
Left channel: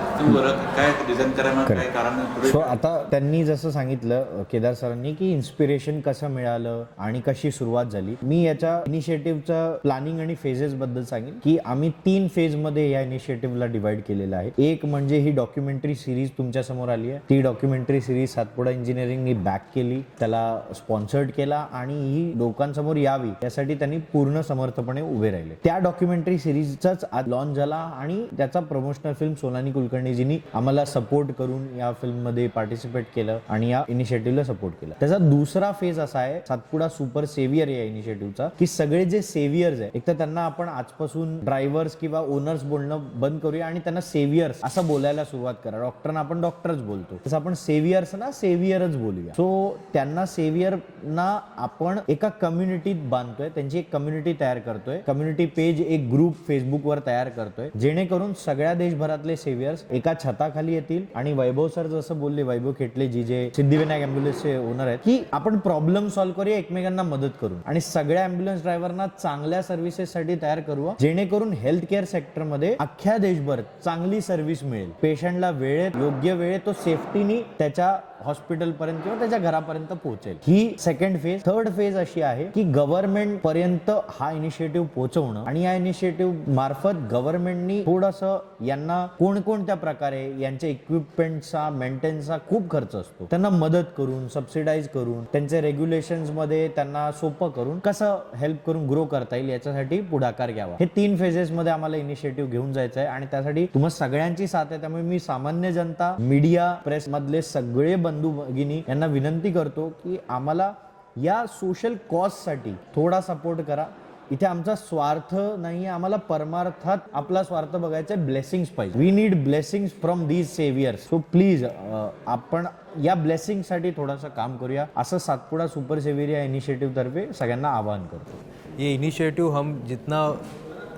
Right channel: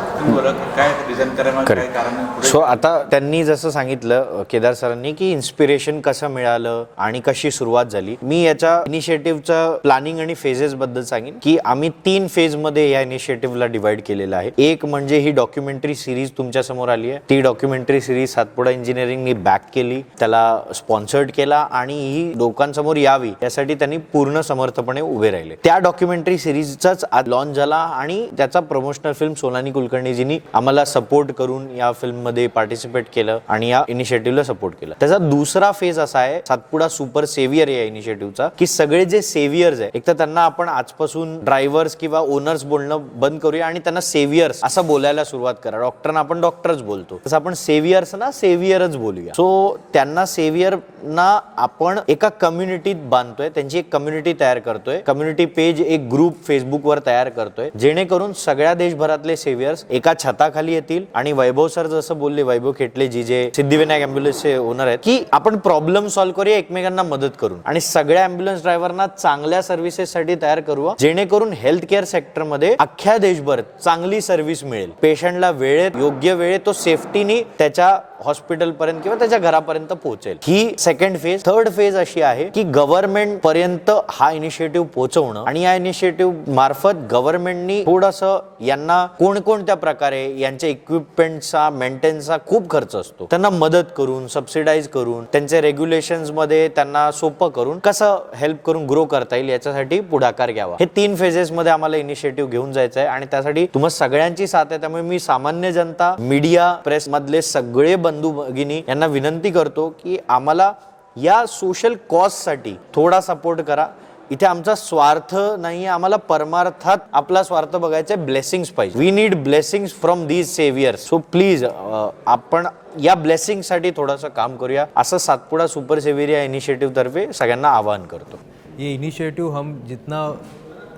So आता त्यांनी जसं सांगितलं केदार सरांनी की इन्स्पिरेशन कसं मिळालं आणि कशी सुरुवात झाली, मी याच्या इनिशिएटिव्हचं प्लॅनिंग आणि फेजेस बद्दल सांगेन की आम्ही 3 फेजमध्ये या इनिशिएटिव्हला डिवाइड केलेलं आहे। एक म्हणजे ही डॉक्युमेंटरी सिरीज तुमच्या समोर आली आहे, ती डॉक्युमेंटरी सिरीज सातपुडा इंजिनिअरिंगनी बॅक केली, त्याला स्पॉन्सर्ड केला आणि ही लोकांसमोर यावी यासाठी त्यांनी पूर्ण समर्थपणे उभे राहिले। त्या डॉक्युमेंटरी सिरीजचाच आज लॉन्च झाला आणि त्याचा प्रमोशनल फिल्म सोनाली कुलकर्णीजींनी आम्हाला सपोर्ट करून या फिल्म मध्ये पार्टिसिपेट केलं आणि या इनिशिएटिव्हला सपोर्ट केला। त्याचा दुसरा फेज असा आहे सातपुडा सुपर सेव्हियर या इनिशिएटिव्हचा, की सगळे जे सेव्हियर्स आहे, एक तर त्यांना आपण आजपासून ड्रायव्हर्स किंवा ओनर्स बोलणं बंद करूया आणि त्यांना सेव्हियर्स असं बोलायला सुरुवात करा। डॉक्टरना आपण डॉक्टरच बोलतो, तसं आपण सेव्हियर्स ना सेव्हियरच बोलूया। सो त्यांना सेव्हियरना आपण एका कम्युनिटीत बांधतोय, त्यांची एक कम्युनिटी तयार करतोय, कम्युनिटी पेज एक ग्रुप फेसबुकवर तयार करतोय, जेणेकरून सगळ्या देशभरातले सेव्हियर्स एका छताखाली येतील। आणि वैभव सर जसं बोलले, वैभव खेटले जी जे सिद्धिविनायक ॲम्ब्युलन्सचे ओनर आहेत, की आपण प्रॉब्लेम सॉल्व्ह करूया एकमेकांना मदत करून आणि सगळ्या ॲम्ब्युलन्स ड्रायव्हरना चांगल्या सर्व्हिसेससाठी तयार करूया, जेणेकरून हेल्थ केअर सेक्टरमध्ये अख्ख्या देशभर चांगली सर्व्हिस मिळेल, पेशंटला वेळेत योग्य वेळेत तो सेफ्टीने त्याच्या हॉस्पिटल पर्यंत किंवा त्याच्या घरापर्यंत पोहोचेल। ही सेकंड फेज। थर्ड फेज अशी आहे की गव्हर्नमेंट पर्यंत हा इनिशिएटिव्ह पोहोचवणं आणि या इनिशिएटिव्ह मार्फत गव्हर्नमेंटनी थोडंसं यांना कोणकोणत्या प्रकारे यांच्या इक्विपमेंटचा मेंटेनचा खूप खर्च असतो, त्यांना मदत करून सबसिडाइज करून त्यांचे रेग्युलेशन्स मध्ये त्यांना सोपं करून कसं हेल्प करून ग्रो करता येईल याच्यासाठी पुढाकार घ्यावा। हे 3 फेजेस मध्ये आम्हाला इनिशिएटिव्ह घेऊन जायचं आहे आणि त्यासाठी तुम्हा सगळ्यांची साथ आहे। त्यामुळे मी सामान्य जनता, मीडिया, प्रेस मधले सगळे बंधू भगिनी यांना विनंती करतो की आम्हाला या सोशल कॉजसाठी थोडा सपोर्ट करा। इथे आमचा स्वार्थ नाही, आम्हाला परमार्थात आपला स्वार्थ बघायचा आहे, ब्लेसिंग्स पाहिजे। We need blessings from these saviours. So please आपण या ब्लेसिंगसाठी थोडंसं काम करूया, असं सातपुडा सुपर सेव्हियर या इनिशिएटिव्ह तर्फे सगळ्यांना आवाहन करतो। ये इनिशिएटिव हम जितना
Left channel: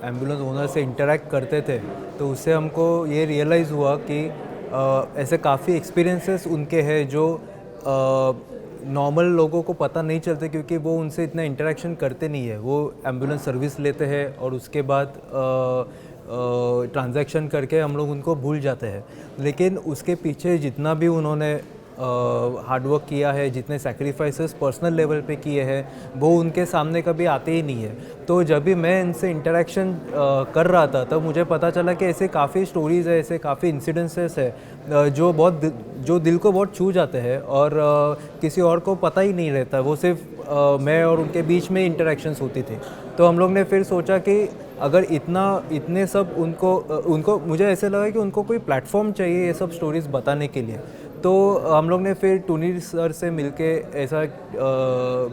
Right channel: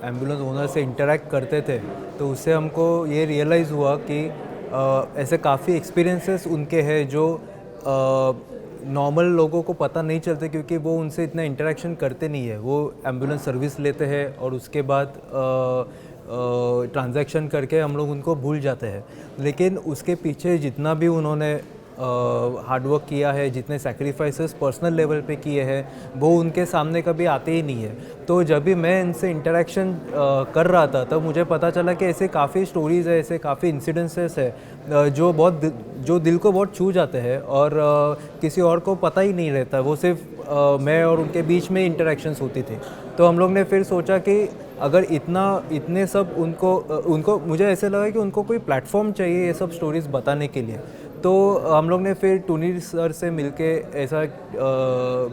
एम्बुलेंस ओनर से इंटरेक्ट करते थे तो उससे हमको ये रियलाइज़ हुआ कि ऐसे काफ़ी एक्सपीरियंसेस उनके हैं जो नॉर्मल लोगों को पता नहीं चलते, क्योंकि वो उनसे इतना इंटरेक्शन करते नहीं है। वो एम्बुलेंस सर्विस लेते हैं और उसके बाद ट्रांजैक्शन करके हम लोग उनको भूल जाते हैं। लेकिन उसके पीछे जितना भी उन्होंने हार्डवर्क किया है, जितने सैक्रिफाइसेस पर्सनल लेवल पे किए हैं, वो उनके सामने कभी आते ही नहीं है। तो जब भी मैं इनसे इंटरेक्शन कर रहा था तब मुझे पता चला कि ऐसे काफ़ी स्टोरीज़ है, ऐसे काफ़ी इंसिडेंसेस है जो दिल को बहुत छू जाते हैं और किसी और को पता ही नहीं रहता। वो सिर्फ मैं और उनके बीच में इंटरेक्शंस होती थी। तो हम लोग ने फिर सोचा कि अगर इतने सब उनको मुझे ऐसे लगा कि उनको कोई प्लेटफॉर्म चाहिए ये सब स्टोरीज़ बताने के लिए। तो हम लोग ने फिर टूनी सर से मिलके ऐसा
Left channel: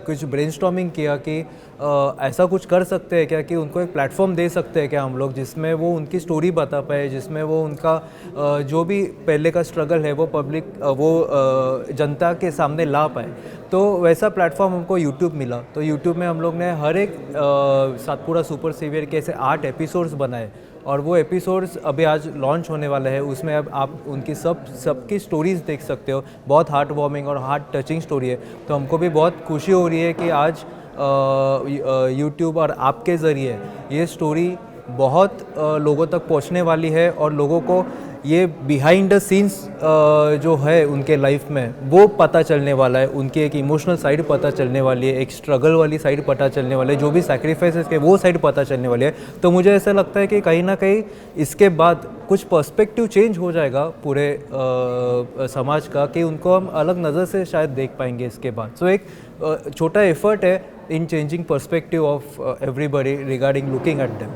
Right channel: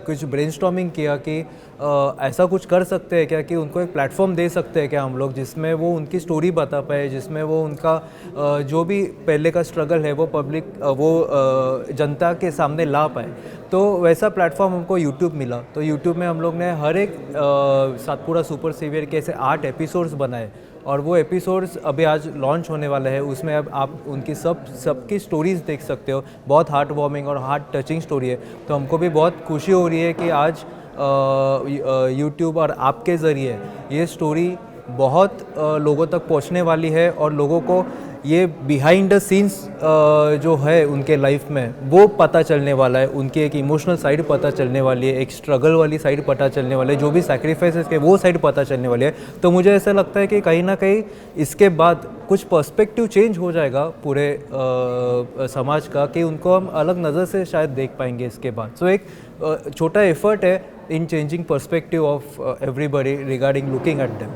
कुछ ब्रेनस्टॉर्मिंग किया कि ऐसा कुछ कर सकते हैं क्या, कि उनको एक प्लेटफॉर्म दे सकते हैं क्या हम लोग, जिसमें वो उनकी स्टोरी बता पाए, जिसमें वो उनका जो भी पहले का स्ट्रगल है वो जनता के सामने ला पाए। तो वैसा प्लेटफॉर्म हमको यूट्यूब मिला। तो यूट्यूब में हम लोग ने हर एक सातपुड़ा सुपर सेवियर के ऐसे 8 एपिसोड्स बनाए और वो एपिसोड्स अभी आज लॉन्च होने वाले हैं, उसमें अब आप उनकी सबकी स्टोरीज़ देख सकते हो। बहुत हार्ट वार्मिंग और हार्ट टचिंग स्टोरी है। तो हमको भी बहुत खुशी हो रही है कि आज यूट्यूब और आपके ज़रिए ये स्टोरी बहुत लोगों तक पहुंचने वाली है और लोगों को ये बिहाइंड द सीन्स जो है उनके लाइफ में वो पता चलने वाला है। उनकी एक इमोशनल साइड पता चलने वाली है, एक स्ट्रगल वाली साइड पता चलने वाली है, जो भी सैक्रिफाइसेस के वो साइड पता चलने वाली है। तो मुझे ऐसा लगता है कि कहीं ना कहीं इसके बाद कुछ पर्सपेक्टिव चेंज हो जाएगा पूरे समाज का, कि उनको हम अलग नज़र से शायद देख पाएंगे इसके बाद। सो एक छोटा एफर्ट है इन changing perspective of everybody regarding looking at them.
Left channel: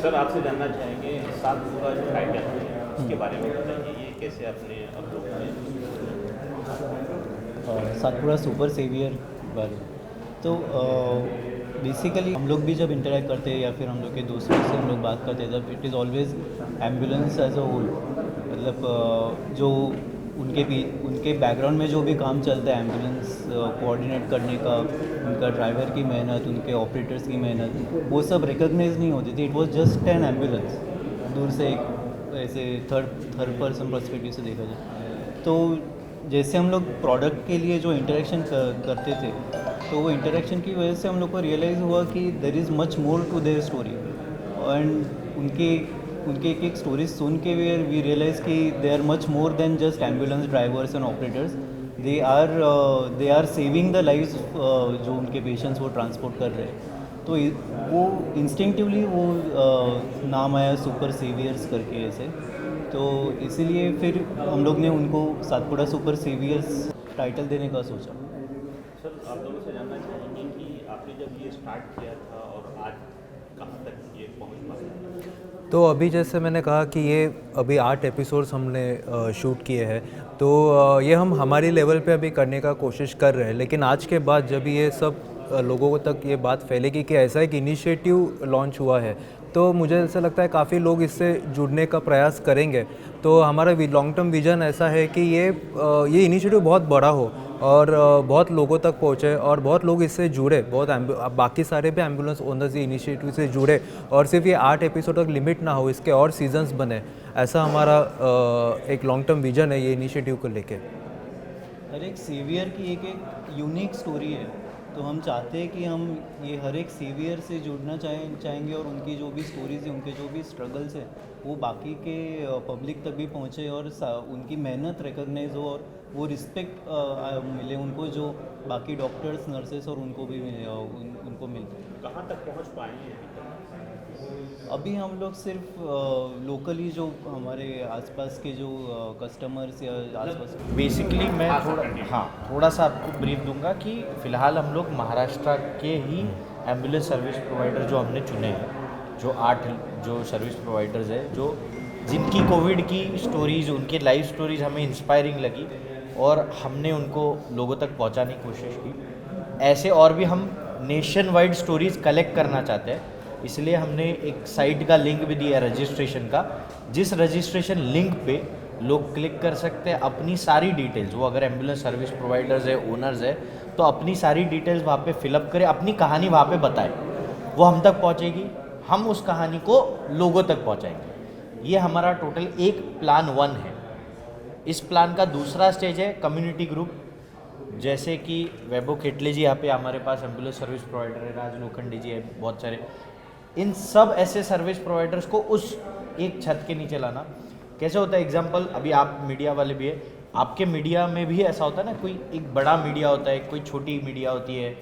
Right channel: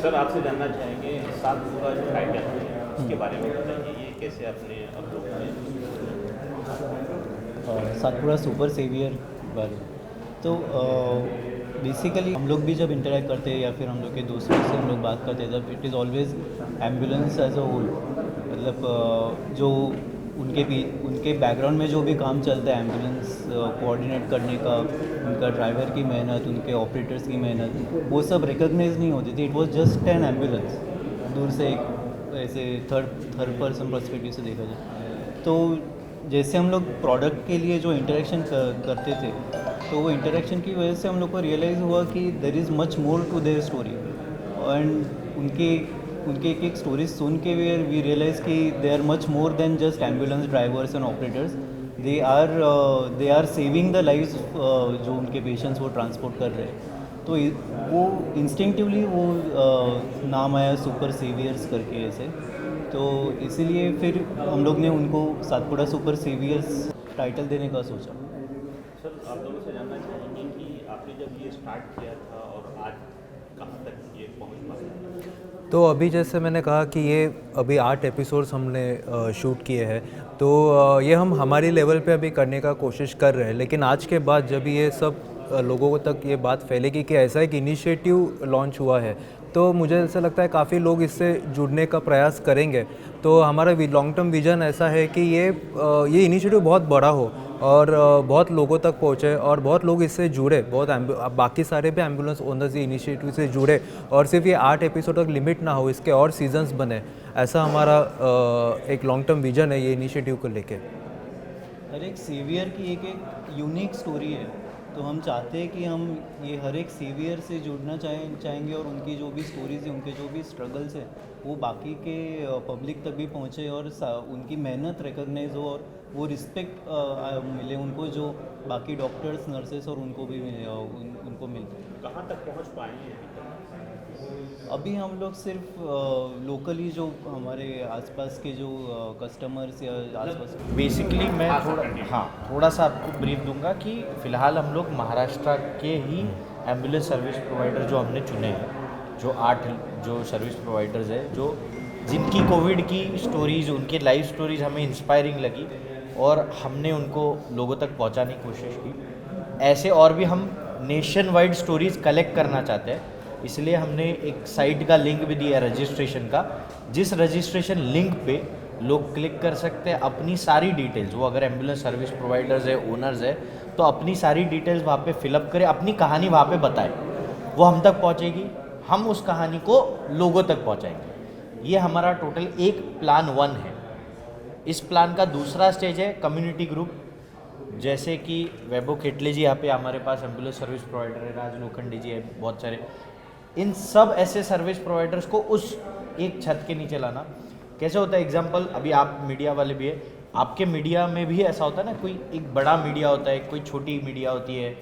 Sir आपसे जानना चाहेंगे सातपुरा जो टाइटल है उसके बारे में बताइए, ये कैसे आपने अपलोड किया? सातपुरा सुपर सेवियर बारे तो बेसिकली हम लोग भी जब इंटरेक्ट करते हैं या फिर हम लोग के दोस्तों से हम लोग बात करते हैं, तब it is always ambulance as a whole. मतलब जो उनके बैकग्राउंड में जो भी काम चलता है एम्बुलेंस कोऑर्डिनेट करने का, उनका ड्राइवर की मेहनत, उनके ऑपरेटर्स की मेहनत, वो सब रिकॉग्नाइज नहीं होती थी। It was just an ambulance, दूर से एक ऐसे थर्ड पर्सन पर्सपेक्टिव से देखा जाए। तो जैसे हम लोग प्रोडक्ट के लिए जो इंटरेक्शन करते थे, तो वो इंटरेक्शन की वजह से हम लोग को रियलाइज़ हुआ कि there is much more to their story. And उनके एक स्टोरीज सुन के वी रियलाइज़ कि they are much more than just ambulance drivers and operators. They are saving the lives जो उनके पेशेंट्स वो ट्रांसपोर्ट कर रहे हैं। तो वो इंस्टिंक्टिवली वो नाम आया सुपर सेवियर्स करके ऐसे। तो इसीलिए फिर हम लोग ने उनको सातपुरा सुपर सेवियर्स टाइटल देने का सोचा। सर आप लोगों से जानना चाहेंगे कि आपने जब ये स्टार्ट किया था और आज कहाँ तक ये पहुँच पाया? तो अभी जैसे मैंने कहा कि ये अभी 8 एपिसोड्स हमने शूट किए हैं, तो ये हम हमारी लेवल पे अभी करने का कोशिश कर रहे हैं। लेकिन आज के बाद जब ये सब लोगों तक ये बात फैलेगी कि ऐसा एक इनिशिएटिव लॉन्च हुआ है, तो मुझे ऐसा लगता है काफ़ी लोग इससे जुड़ने का प्रयास करेंगे। तो हमारा लॉन्ग टर्म विज़न ऐसा है कि ये इनिशिएटिव बहुत बड़ा हो और बहुत लोगों तक पहुँचे और बहुत लोग इससे जुड़े, बहुत बाकी सारे भी एम्बुलेंस ओनर्स ये इनिशिएटिव से जुड़े और सिर्फ ये 8 एपिसोड तक लिमिट ना हो, इसके और सीजन्स बने। ऐसा हमारा एक लॉन्ग टर्म विज़न है ये इनिशिएटिव को लेके। हर एक सेवियर की एक यूनिक स्टोरी है, तो हम चाहते हैं कि हम ये हर एक सेवियर से जुड़ना चाहेंगे और उनकी जो भी स्टोरीज़ है, उनके जो भी स्ट्रगल्स है, वो बाकी के पब्लिक तक भी पहुँचे और उनकी मेहनत रिकॉग्नाइज हो और वो रिस्पेक्ट मिले उनको, जो बाकी डॉक्टर्स नर्सेस और उनको भी उनको मिलते हैं। कहाँ तक पहुँच पाए हैं अभी हम लोग सिर्फ लोकली जो हमारे आसपास के जो कस्टमर्स या आसपास बेसिकली मैं थोड़ा सा आपको ब्रीफ दूंगा कि फ़िलहाल हम लोग महाराष्ट्र के ही एम्बुलेंस सर्विस प्रोवाइडर जो हमने चुने हैं, जो 8 जो सर्विस प्रोवाइडर्स है, जो जिनकी कोविड की स्टोरीज़, उनके लाइफ स्टोरीज़ हमें इंस्पायरिंग लगी और हमने उनको लोगों तक पहुंचाने की कोशिश की। ऐसे और भी हम नेशन वाइड स्टोरीज़ कलेक्ट करना चाहते हैं, इसलिए हमने एक साइट का लिंक भी दिया रजिस्ट्रेशन का, जिस रजिस्ट्रेशन लिंक पे लोग क्लिक कर सकते हैं अपनी सारी डिटेल्स। वो अगर एम्बुलेंस सर्विस प्रोवाइडर्स है, ओनर्स है, तो अपनी सारी डिटेल्स वहाँ पे फिलअप करें, अपनी कहानी वहाँ पे बताएं, वो हम तक पहुँचेगी, हम उस कहानी को लोगों तक पहुँचाएंगे। ये हमारा टोटल एक प्लान 1 है। इस प्लान का दूसरा स्टेज है कम्युनिटी ग्रुप, जैसे कि वैभव खेटले जी यहाँ पे हमारे पास एम्बुलेंस सर्विस प्रोवाइडर है, राज लोखंडे जी है, बहुत सारे। इन सब ऐसे सर्विस प्रोवाइडर्स को उस एक छत के नीचे लाना। कैसे होता है, एग्जांपल, अभी आप मीडिया वाले भी है, आपके मीडिया में भी ऐसा होता है ना, कोई एक बड़ा मीडिया होता है, कोई छोटी मीडिया होती है,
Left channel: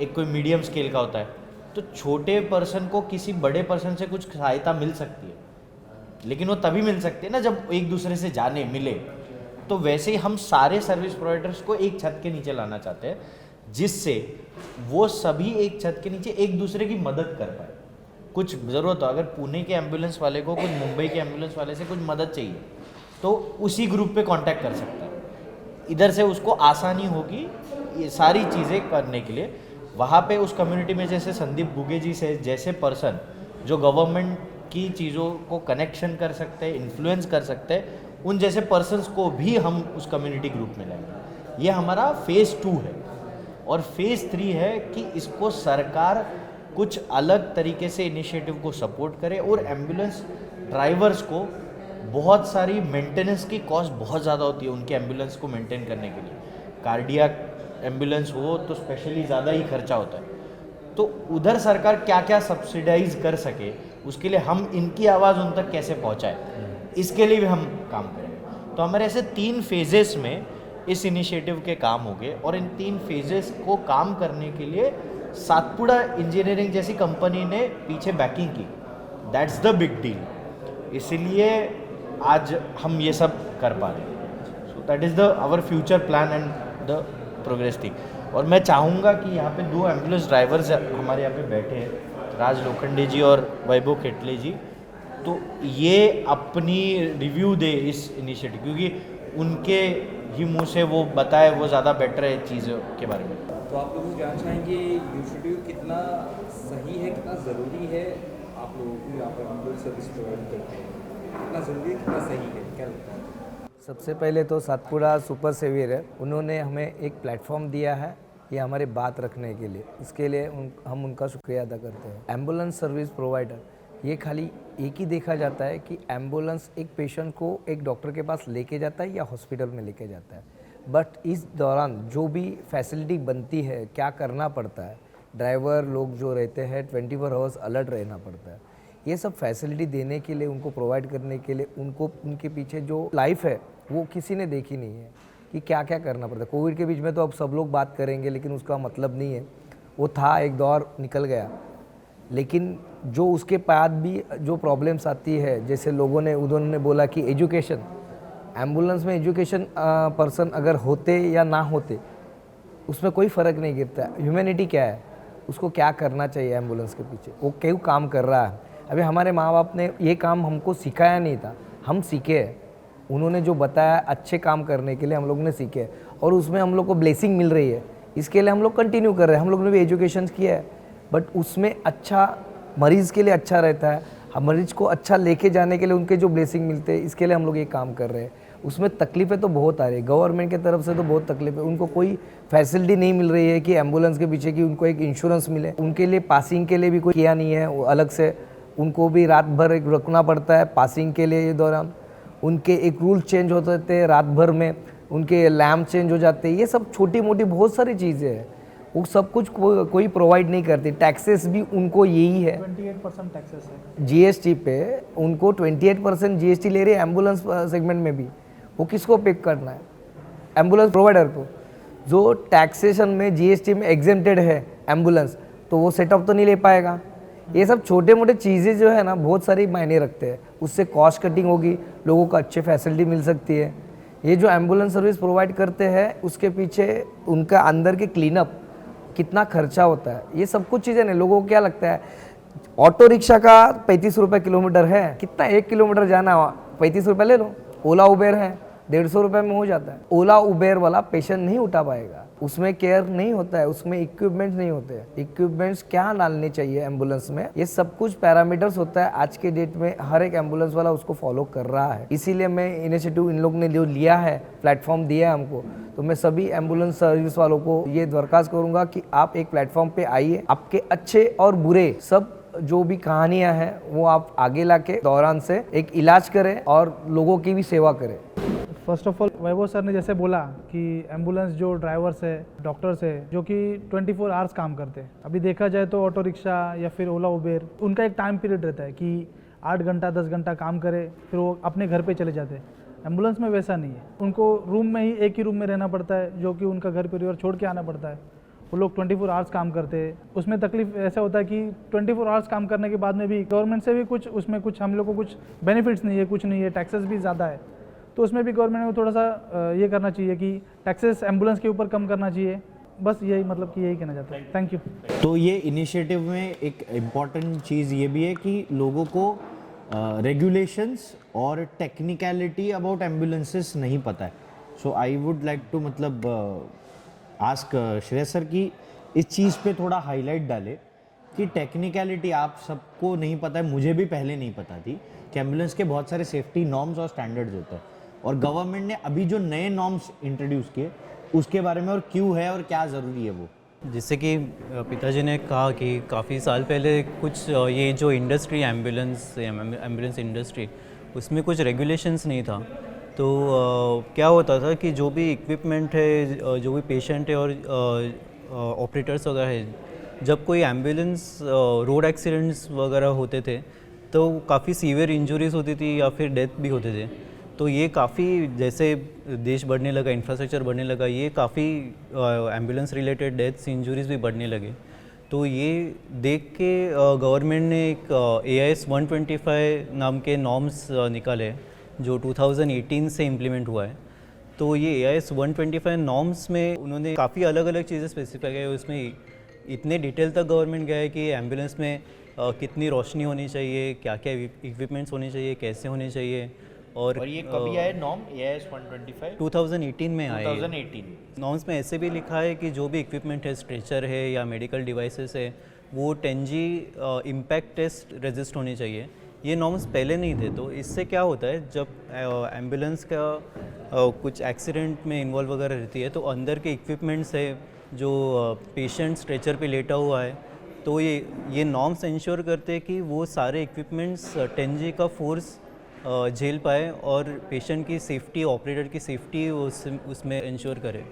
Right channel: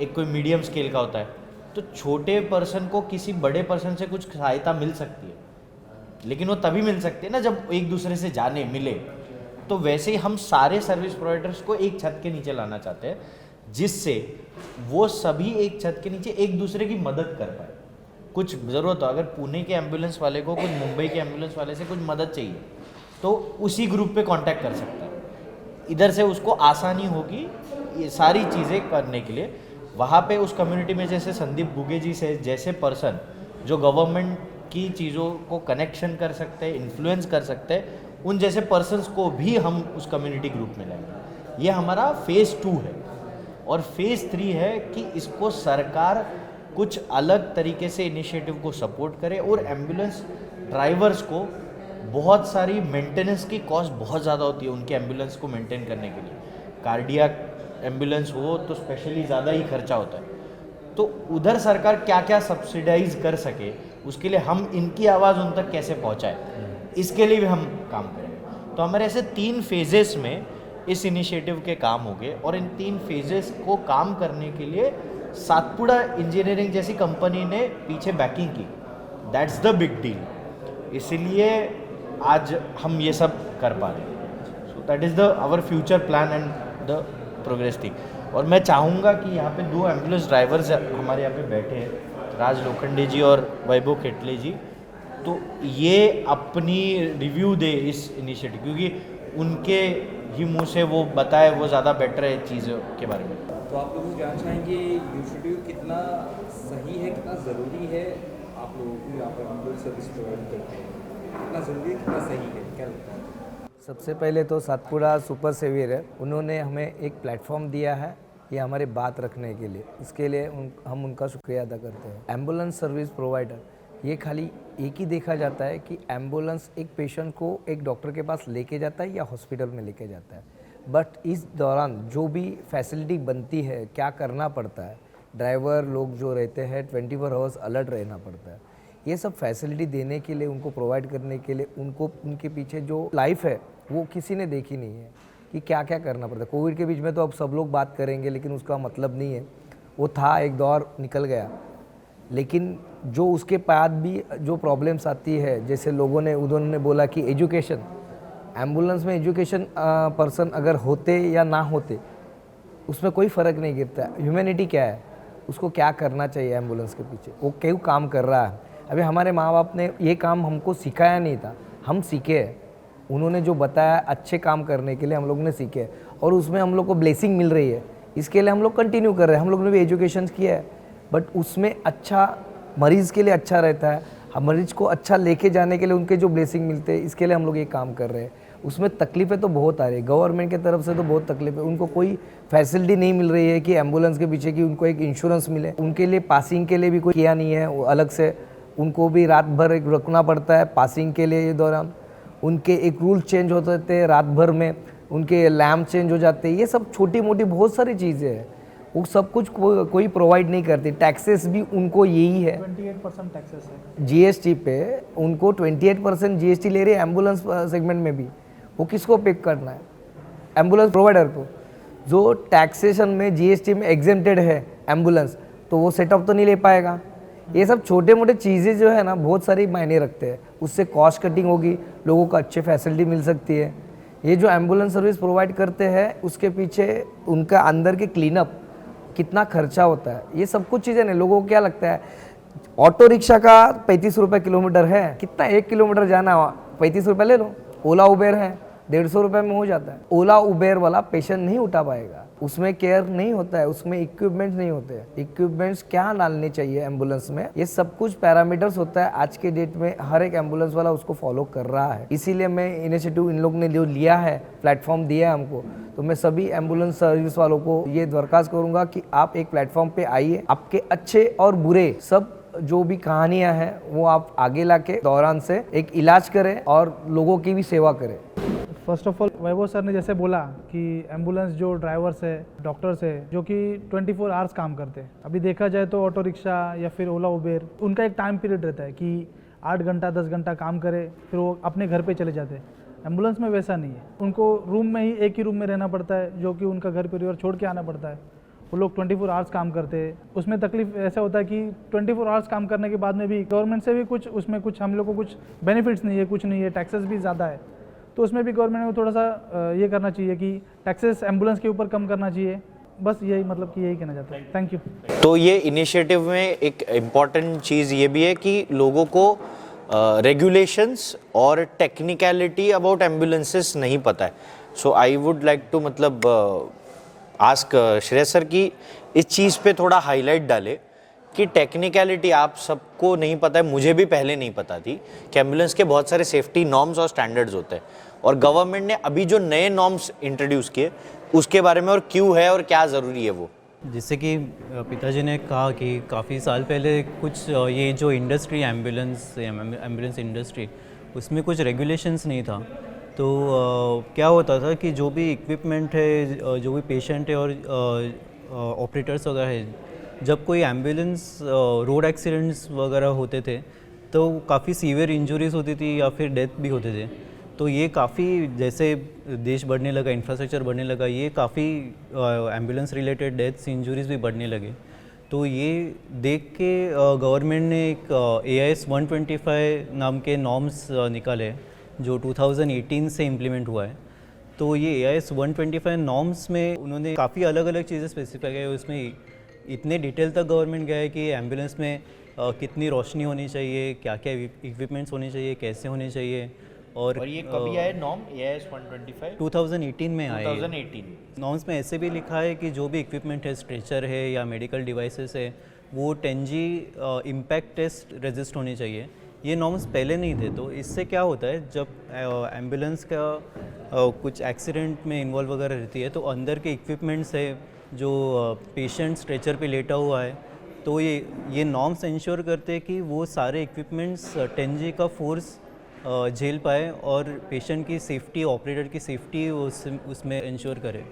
एक कोई मीडियम स्केल का होता है। तो छोटे पर्सन को किसी बड़े पर्सन से कुछ सहायता मिल सकती है, लेकिन वो तभी मिल सकती है ना जब एक दूसरे से जाने मिले। तो वैसे ही हम सारे सर्विस प्रोवाइडर्स को एक छत के नीचे लाना चाहते हैं, जिससे वो सभी एक छत के नीचे एक दूसरे की मदद कर पाए। कुछ ज़रूरत हो, अगर पुणे के एम्बुलेंस वाले को कुछ मुंबई के एम्बुलेंस वाले से कुछ मदद चाहिए, तो उसी ग्रुप पे कांटेक्ट कर सकता है। इधर से उसको आसानी होगी ये सारी चीज़ें करने के लिए। वहाँ पे उस कम्युनिटी में जैसे संदीप गुगे जी से जैसे पर्सन जो गवर्नमेंट की चीज़ों को कनेक्शन कर सकते हैं, इन्फ्लुएंस कर सकते हैं, उन जैसे पर्सन्स को भी हम उस कम्युनिटी ग्रुप में लाएंगे। ये हमारा फेज़ 2 है। और फेज़ 3 है कि इसको सरकार कुछ अलग तरीके से इनिशिएटिव को सपोर्ट करे और एम्बुलेंस ड्राइवर्स को बहुत सारी मेंटेनेंस की कॉस्ट बहुत ज़्यादा होती है उनके एम्बुलेंस को मेंटेन करने के लिए। कार्डियक एम्बुलेंस हो तो स्पेशली ज़्यादा ही खर्चा होता है, तो उधर सरकार क्या क्या सब्सिडाइज कर सके उसके लिए हम इनकी आवाज़ उन तक कैसे पहुंचाए, इसके लिए भी हम काम करेंगे। तो हमारे ऐसे 3 फेजेस में इस इनिशिएटिव के काम हो गए और इन 3 फेजेस को काम करने के लिए सातपुड़ा इंजीनियरिंग जैसी कंपनी ने पीछे बैकिंग की। दैट्स द बिग डील, इसीलिए आज हम ये सब कर पा रहे हैं। So that is the our future plan and the progress थी। और मैं चाहूँगा कि यहाँ पे 2 एम्बुलेंस ड्राइवर्स हमारे यहाँ पे बैठे हैं, राज लोखंडे जी और वैभव खेटले जी, तो ये अपनी रिव्यू दे इस इनिशिएटिव, क्योंकि उनके ही मुंह से वो बताए वो ज़्यादा बेटर है चीज़ों के बारे में। तो आप लोग जानना चाहेंगे इनिशिएटिव कितना सही है, कितना ज़रूरी है, आप लोगों को यहाँ पर एम्बुलेंस सर्विस प्रोवाइड करते हैं, कितना ज़रूरी है, कितना सही है, क्या लगता है? सबसे पहले तो सातपुड़ा सुपर सेवियर है, उन्होंने हमें एक प्लेटफॉर्म दिया है ये हमारी बात रखने के लिए, इसके लिए हम उनका शुक्रिया अदा करते हैं। एम्बुलेंस सर्विस प्रोवाइडर ये खाली एक ही देखा जाता है कि एम्बुलेंस एक पेशेंट को एक डॉक्टर के पास लेके जाता है या हॉस्पिटल में लेके जाता है, बट इस दौरान जो भी फैसिलिटी बनती है, क्या करना पड़ता है, ड्राइवर लोग जो रहते हैं 24 आवर्स अलर्ट रहना पड़ता है, ये सब फैसिलिटी देने के लिए, उनको प्रोवाइड करने के लिए, उनको उनके पीछे जो लाइफ है वो किसी ने देखी नहीं है कि क्या क्या करना पड़ता है। कोविड के बीच में तो अब सब लोग बात करेंगे, लेकिन उसका मतलब नहीं है, वो था एक दौर निकल गया, लेकिन जो उसके बाद भी जो प्रॉब्लम्स आती है, जैसे लोगों ने उन्होंने बोला कि एजुकेशन, एम्बुलेंस में एजुकेशन पर्सन अगर होते या ना होते उसमें कोई फ़र्क नहीं गिरता। ह्यूमैनिटी क्या है, उसको क्या करना चाहिए एम्बुलेंस के पीछे, वो क्यों काम कर रहा है। अभी हमारे माँ बाप ने ये काम हमको सिखाया नहीं था, हम सीखे हैं, उन्होंने जो बताया अच्छे काम करने के लिए हम लोग ने सीखे और उसमें हम लोग को ब्लेसिंग मिल रही है, इसके लिए हम लोग कंटिन्यू कर रहे हैं। हम लोग ने भी एजुकेशन किया है, बट उसमें अच्छा मरीज़ के लिए अच्छा रहता है, हम मरीज़ को अच्छा लेके जाने के लिए उनके जो ब्लेसिंग मिलते हैं, इसके लिए हम लोग ये काम कर रहे हैं। उसमें तकलीफ़ें तो बहुत आ रही है, गवर्नमेंट की तरफ से तो बहुत तकलीफ है, उनको कोई फैसिलिटी नहीं मिल रही है कि एम्बुलेंस के पीछे कि उनको एक इंश्योरेंस मिले, उनके लिए पासिंग के लिए भी कोई किया नहीं है, वो अलग से उनको भी रात भर एक रुकना पड़ता है पासिंग के लिए। ये दौरान उनके एक रूल चेंज होते थे, रात भर में उनके लैम्प चेंज हो जाते हैं, ये सब छोटी मोटी बहुत सारी चीज़ें हैं, वो सब कुछ कोई प्रोवाइड नहीं करती। टैक्सेस भी उनको यही है, 28% टैक्सेस है जीएसटी पे उनको 28% जीएसटी ले रही है एम्बुलेंस सेगमेंट में भी। वो किसको पे करना है, एम्बुलेंस प्रोवाइडर को, जो टैक्सेशन में जीएसटी में एग्जेम्प्टेड है एम्बुलेंस, तो वो सेटअप तो नहीं ले पाएगा। ये सब छोटे मोटे चीज़ें जो है ना बहुत सारी मायने रखते हैं, उससे कॉस्ट कटिंग होगी, लोगों को अच्छे फैसिलिटी मिल सकती है। ये जो एम्बुलेंस सर्विस प्रोवाइड करते हैं उसके पीछे उनका अंदर के क्लीनअप कितना खर्चा होता है, ये सब कुछ चीज़ें नहीं। लोगों को क्या लगता है ऑटो रिक्शा का 35 रुपये किलोमीटर है, कितना 1 किलोमीटर जाना 35 रुपये ले लो। ओला उबेर है 150 रुपये में हो जाता है। ओला उबेर वाला पेशेंट नहीं उठा पाएगा, उसमें केयर नहीं होता है, उसमें इक्विपमेंट्स नहीं होते हैं। इक्विपमेंट्स क्या डालने चाहिए एम्बुलेंस में, ये सब कुछ पैरामीटर्स होता है। आज के डेट में हर एक एम्बुलेंस वाला उसको फॉलो कर रहा है, इसीलिए मैं इनिशिएटिव इन लोग ने जो लिया है, प्लेटफॉर्म दिया है हमको, तो मैं सभी एम्बुलेंस सर्विस वालों को ये दरख्वास्त करूंगा कि आप एक प्लेटफॉर्म पे आइए, आपके अच्छे और बुरे सब जो भी कहानियां हैं वो आप आगे लाके दौरान से एक इलाज करें और लोगों की भी सेवा करें। First of all Vaibhav sir ने जैसे बोला कि एम्बुलेंस जो ड्राइवर्स है, डॉक्टर्स है, जो कि 24 आवर्स काम करते हैं। अभी देखा जाए तो ऑटो रिक्शा या फिर ओला उबेर, उनका एक टाइम पीरियड रहता है कि 8 घंटा 10 घंटा काम करे फिर वो अपने घर पे चले जाते हैं। एम्बुलेंस में वैसा नहीं है, उनको रूम में ही एक ही रूम में रहना पड़ता है, जो कि उनका घर परिवार छोड़ के आना पड़ता है। वो लोग 24 आवर्स काम करते हैं। उसमें तकलीफ ऐसा होता है कि 24 आवर्स काम करने के बाद में भी गवर्नमेंट से भी कुछ उसमें कुछ हम लोग को कुछ बेनिफिट्स नहीं है, कुछ नहीं है, टैक्सेस भी ज़्यादा है। तो उसमें भी गवर्नमेंट को थोड़ा सा ये करना चाहिए कि टैक्सेस एम्बुलेंस के ऊपर कम करना चाहिए। बस यही मतलब कि यही कहना चाहता है। Thank you. तो ये इनिशिएटिव में एक इम्पॉर्टेंट चीज़ ये भी है कि लोगों को रेगुलेशंस और टेक्निकलिटी अबाउट एम्बुलेंसेस नहीं पता है। So I would like to मतलब आस्क श्रेयस सर कि इस चीज़ पे थोड़ा हाईलाइट डाले कि टेक्निकलिटी आप सबको नहीं पता है, मुझे भी पहले नहीं पता थी कि एम्बुलेंस के बहुत सारे सेफ्टी नॉर्म्स और स्टैंडर्ड्स होते हैं, और गवर्नमेंट ने अभी जो नए नॉर्म्स इंट्रोड्यूस किए उसके बारे में और क्यों है और क्या ज़रूरी है वो जैसे कि पिताजी ने कहा कि काफ़ी साल पहले कुछ ये जो इंडस्ट्री एम्बुलेंस इंडस्ट्री, उसमें कुछ रेगुलेशंस नहीं था। तो क्या होता था कि जो भी इक्विपमेंट है, जो भी पेशेंट है और ऑपरेटर्स वगैरह है, जब कोई एम्बुलेंस रोड एक्सीडेंट्स वगैरह होते थे तो काफ़ी सीवियर इंजरीज होती थी या फिर डेथ भी होते थे। तो ये काफ़ी, जैसे देश बढ़ने लगा, इंफ्रास्ट्रक्चर बढ़ने लगा, ये काफ़ी एम्बुलेंस रिलेटेड डेथ्स इंजरीज भी बढ़ने लगे। तो ये देख के गवर्नमेंट ने एक AIS 125 नाम के नॉर्म्स निकाले जो 2018 से इम्प्लीमेंट हुआ है। तो ये AIS 125 नॉर्म्स में उन्होंने काफ़ी अलग अलग चीज़ें स्पेसिफाई की है। उसमें इतने डिटेल तक गवर्नमेंट गया है कि एम्बुलेंस में कितनी रोशनी होनी चाहिए, क्या क्या इक्विपमेंट्स होने चाहिए, कैसे होने चाहिए। और ये कभी आए नॉर्म AIS 125? 2018 में आए। 2018 नॉर्म्स में ऐसे भी लिखा है कि जो भी इक्विपमेंट है, स्ट्रेचर है या मेडिकल डिवाइसेस है, वो 10G इम्पैक्ट टेस्ट रेजिस्ट होनी चाहिए। ये नॉर्म्स पहले नहीं थे। तो इससे क्या होता है, जब एम्बुलेंस का कुछ एक्सीडेंट में इन्वॉल्व वगैरह रहती है तो अंदर के इक्विपमेंट्स है, जो पेशेंट स्ट्रेचर पे लेटा हुआ है, तो ये नॉर्म्स इंश्योर करते हैं कि वो सारे इक्विपमेंट्स 10G का फोर्स झेल पाए और पेशेंट की सेफ्टी, ऑपरेटर की सेफ्टी उसमें इंश्योर करे।